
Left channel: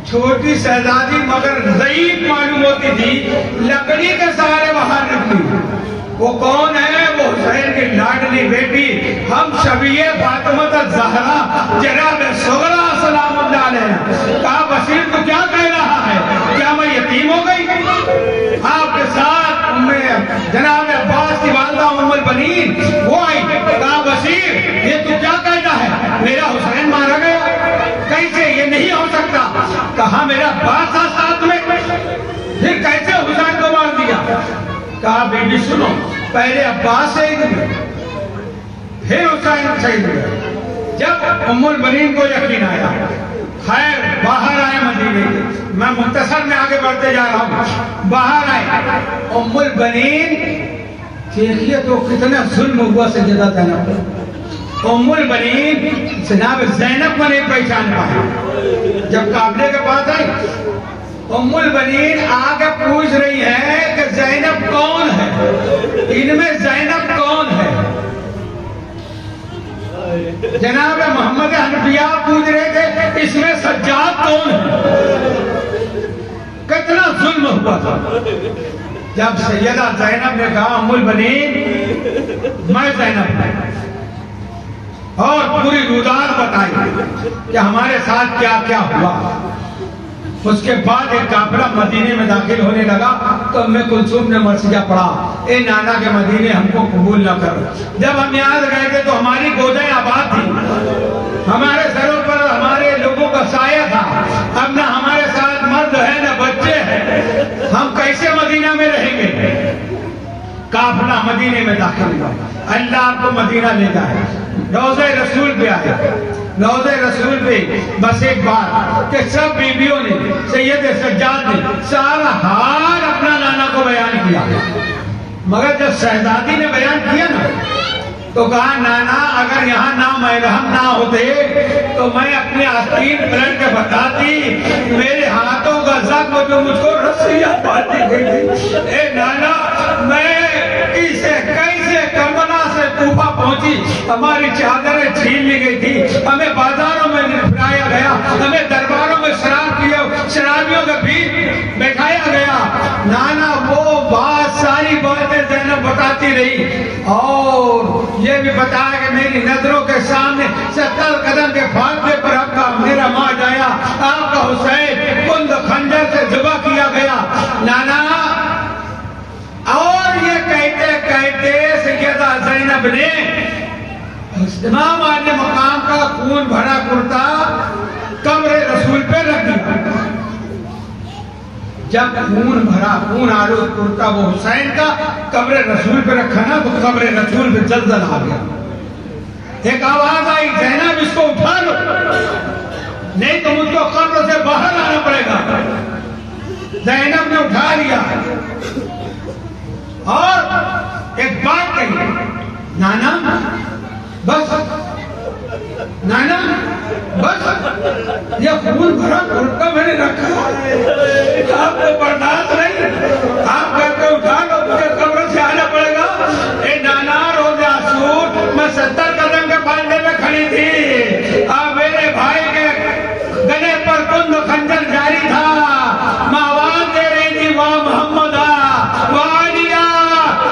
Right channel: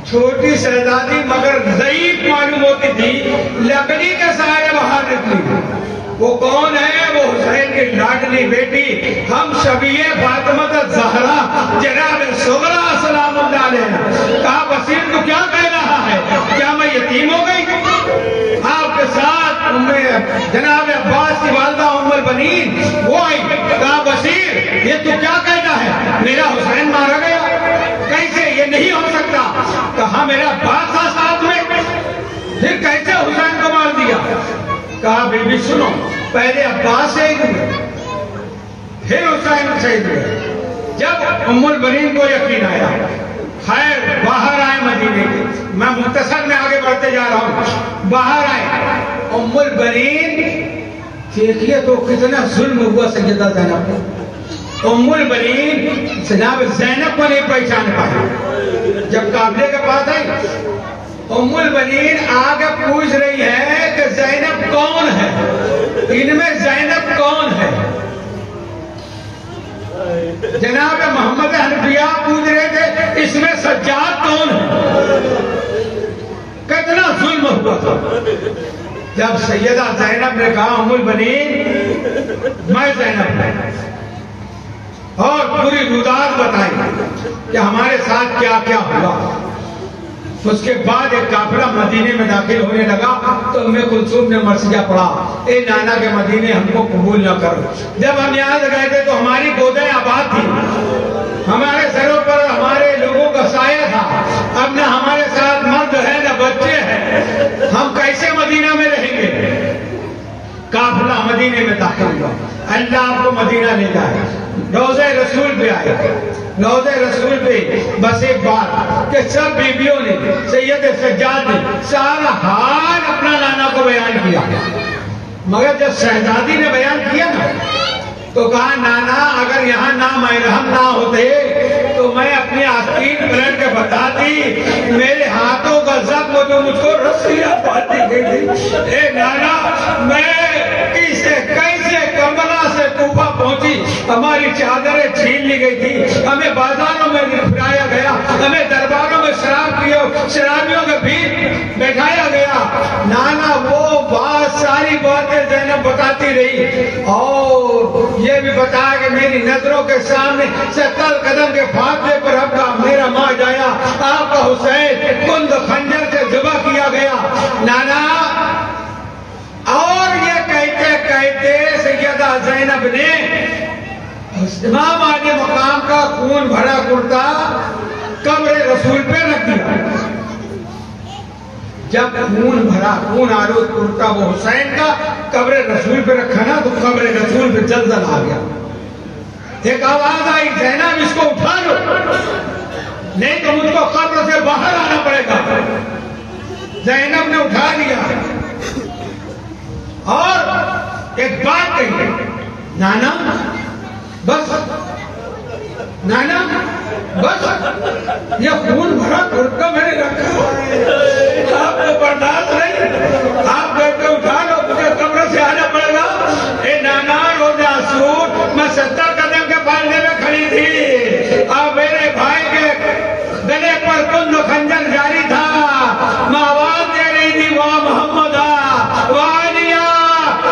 چھوٹی شہزادی مگر ضعیف معلوم ہوتی تھی، لکڑی کے سہارے باہر نکلی۔ وہ کون ہے؟ وہ حسین کی لاڈلی بیٹی ہم شبیہ فاطمہ الزہرا جناب صغرا سلام اللہ علیہ۔ کہا بشیر تو کیا کہہ رہا ہے؟ کیا میں یتیم ہو گئی؟ آپ کے ساتھ جناب عباس کی والدہ ام البنین وہ آئی۔ کہا بشیر یہ تو کیا کہنا ہے؟ میرا حسین مارا گیا، کیسے؟ یہ نہیں ہو سکتا۔ کہا میرا عباس تھا ساتھ میں، پھر کیسے حسین کو مار دیا؟ کہا بی بی سنو، پہلے عباس شہید ہوئے پھر حسین شہید ہوئے۔ جب ام البنین کو یقین آیا، خیر باہر آئے مدینے کے، میں مختصر میں آگے بڑھتے جا رہا ہوں، باہر آئے ام البنین، دیکھیے تو کتنا ظلم ہوا سیدہ زینب پر۔ ام البنین جناب زینب کو نہیں پہچان پائی۔ جب قافلے کے پاس آئی ام البنین آگے پوچھ رہی ہے کہ زینب کون ہے، ان میں زینب کون ہے؟ جناب محمد حنفیہ پوچھ رہے تھے اس میں سجاد کون ہے؟ کتنا ظلم ہوا تھا۔ جب سیدہ زینب نے کہا ام البنین میں زینب ہوں، اور پوری روداد بتائی کہ ہمارے ساتھ کیا کیا ہوا، اس کے بعد ایک قافلہ مدینے میں داخل ہونے لگا تو ام کلثوم نے مرثیہ پڑھا، اے نانا کے مدینے ہم کو قبول نہ کرو۔ جب ہم یہاں گئے تھے تو ہماری گودیں آباد تھی، ہمارے سروں پر ہمارے لوگوں کا سایہ تھا، اب نہ ہمارے ساتھ مرد ہے نہ بچے ہیں، ہم کیسے مدینہ میں رہیں گے؟ قافلہ مدینے میں داخل ہوا، اللہ آپ کو مدینہ لے جائے، روضہ رسول پہ آئے، روضہ رسول پہ بس ایک بار کہ سب بیویوں نے سید سجاد نے سارا حال اپنا نانا کو بیان کیا، مگر جب شہزادی نے بیان کیا نا تو کہا نانا اگر یہاں نامحرم نہ ہوتے تو میں اپنے آستین پلٹ کے بتاتی، میرے ہاتھوں کا زخم جو مجھ کو رسیاں باندھی گئی تھی، اے نانا میں کیسے کربلا سے کوفہ پہنچی، ہماری چادریں چھین لی گئی تھی، ہمیں بازاروں میں پھرایا گیا، ہمیں درباروں میں شرابیوں کے بیچ بیٹھایا گیا۔ نانا وہ بات ساری باتیں زینب بتاتی رہی، اور یہ بھی بتایا کہ میری نظروں کے سامنے 70 قدم کے فاصلے پر آپ کا میرا ماں جایا، آپ کا حسین کند خنجر سے ذبح کیا گیا نانا۔ اور یہ کہتے کہتے سیدہ زینب نے امام عالی مقام کا خون بھرا کرتا قبر رسول پہ رکھ دیا۔ جب خون بھرا خون آلود کرتا وہ حسین کا قبر رسول پہ رکھا نا تو قبر رسول پہ زلزلہ آ گیا۔ ایک آواز آئی زینب اس کو اٹھا لو، نہیں تو مجھ کو قبر سے باہر آنا پڑے گا۔ زینب نے اٹھا لیا اور ایک بات کہی، نانا بس، نانا بس، یہ خون بھرا کرتا میں نے رکھا، آپ کو برداشت نہیں، آپ گھر پہ اٹھا لو، مجھے قبر سے آنا پڑے گا۔ اے نانا روز آسور میں 70 قدم کے فاصلے میں کھڑی تھی، اب میرے بھائی کے گلے پر کند خنجر جاری تھا، میں آواز دے رہی تھی واہ محمد واہ علیہ،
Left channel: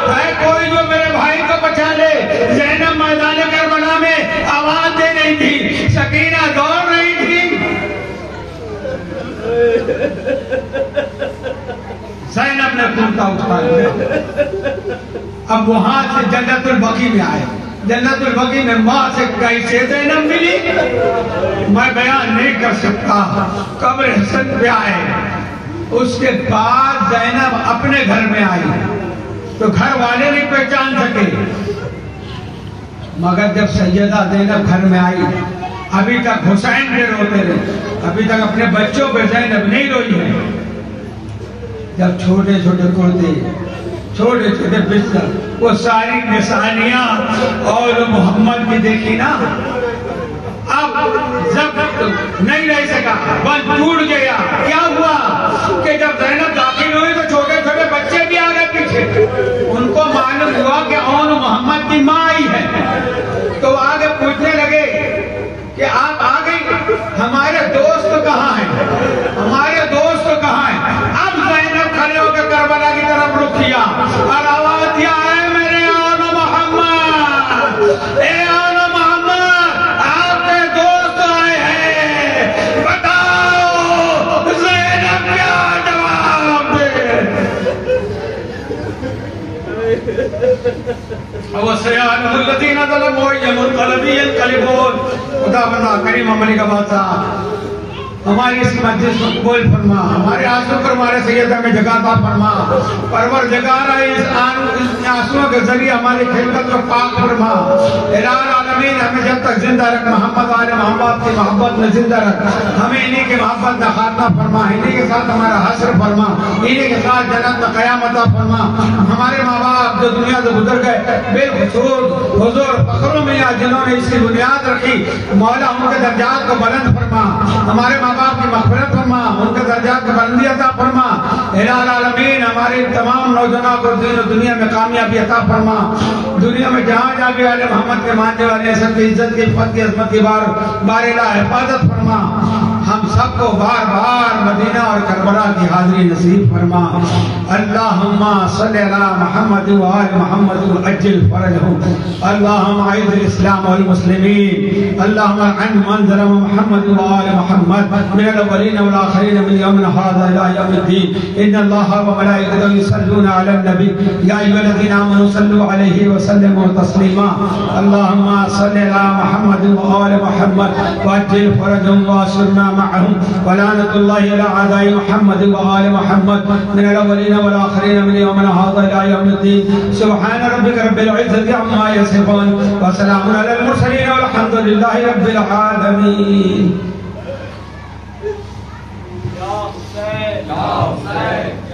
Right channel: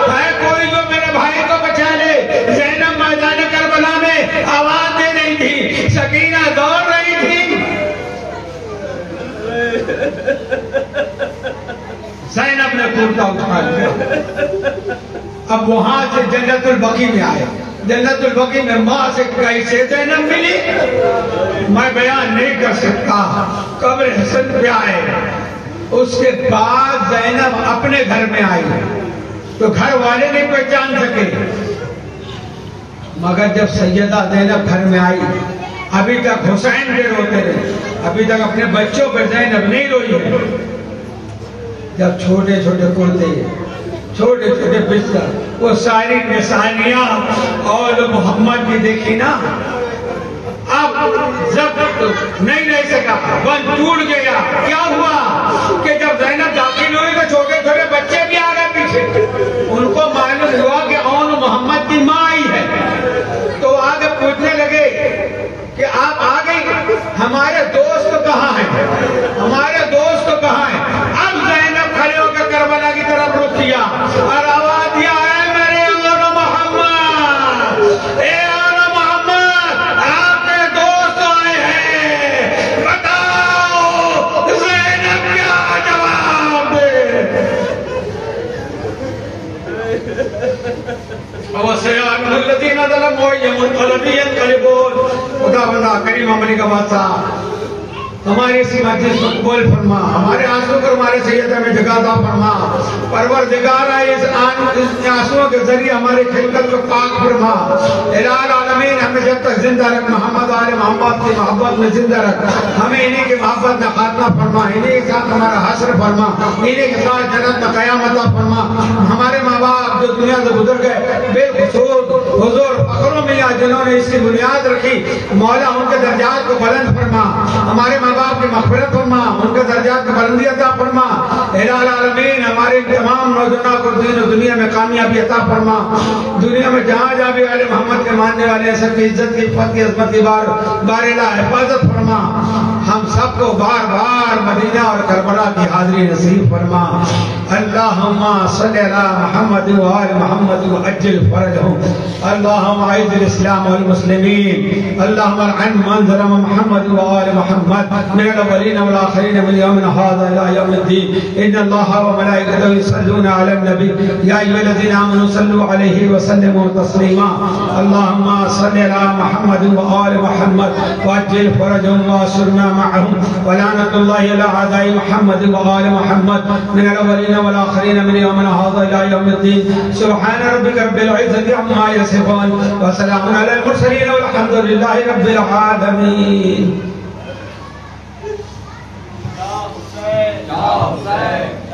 ہے کوئی جو میرے بھائی کو بچا لے۔ زینب میدان کربلا میں آواز دے رہی تھی، سکینہ دوڑ رہی تھی۔ زینب نے کرتا اٹھا لیا۔ اب وہاں سے جنت البقیع میں آئے، جنت البقیع میں ماں سے کیسے زینب ملی میں بیان نہیں کر سکتا۔ قبر حسن پہ آئے، اس کے بعد زینب اپنے گھر میں آئی تو گھر والے نہیں پہچان سکے، مگر جب سیدہ زینب گھر میں آئی ابھی تک حسین کے روتے رہے، ابھی تک اپنے بچوں پہ زینب نہیں روئی ہے۔ جب چھوٹے چھوٹے کرتے، چھوٹے چھوٹے بستر، وہ ساری نشانیاں اور جو محمد کی دیکھی نا، اب جب نہیں رہ سکا، بند ٹوٹ گیا۔ کیا ہوا کہ جب زینب داخل ہوئی تو چھوٹے چھوٹے بچے بھی آ گئے پیچھے، ان کو معلوم ہوا کہ اون محمد کی ماں آئی ہے، تو آگے پوچھنے لگے کہ آپ آ گئی، ہمارے دوست کہاں ہیں، ہمارے دوست کہاں ہیں۔ اب زینب کھڑے ہو کے کربلا کی طرف رخ کیا اور آواز دیا، اے میرے اون محمد، اے اون محمد، آپ کے دوست آئے ہیں، بتاؤ زینب کیا جواب دے۔ وَسَيَعْلَمُ الَّذِينَ ظَلَمُوا أَيَّ مُنقَلَبٍ يَنقَلِبُونَ۔ خدا بندہ کریم امریکہ بادشاہ ہماری اسی مجلس کو قبول فرما، ہمارے آنسو پر ہمارے سیدہ میں جگہ عطا فرما، پروردگار اس آنسو کے ذریعے ہمارے خلقت کو پاک فرما۔ الہ العالمین ہمیں جب تک زندہ رکھ، محمد آل محمد کی محبت میں زندہ رکھ، ہمیں انہی کی محبت میں خاتمہ فرما، انہی کے ساتھ ہمارا حشر فرما، انہی کے ساتھ جنت میں قیام عطا فرما۔ ہمارے ماں باپ جو دنیا سے گزر گئے، بالخصوص حضور فخروں میں جنہوں نے اس کی بنیاد رکھی، مولا ان کے درجات کو بلند فرما، ہمارے ماں باپ کی مغفرت فرما، ان کے درجات کو بلندی عطا فرما۔ الہ العالمین ہمارے تمام نوجوانوں کو دین و دنیا میں کامیابی عطا فرما، دنیا میں جہاں جہاں بھی آل محمد کے ماننے والے سب کی عزت کی عفت کی عظمت کی بار الہ حفاظت فرما۔ ہم سب کو بار بار مدینہ اور کربلا کی حاضری نصیب فرما۔ اللہم صلی علی محمد و آل محمد وعجل فرجهم، اللہم اعز الاسلام والمسلمین، اللہم العن من ظلم محمد و آل محمد من الاولین والآخرین من یومنا هذا الى یوم الدین۔ ان اللہ وملائکتہ یصلون علی النبی یا ایھا الذین آمنوا صلوا علیہ وسلموا تسلیما۔ اللہم صلی علی محمد و آل محمد وعجل فرجهم واسرنا معهم، ولعنۃ اللہ علی اعداء محمد و آل محمد من الاولین والآخرین من یومنا هذا الى یوم الدین۔ سبحان ربک رب العزة عما یصفون وسلام علی المرسلین والحمد للہ رب العالمین۔ یا حسین، یا حسین۔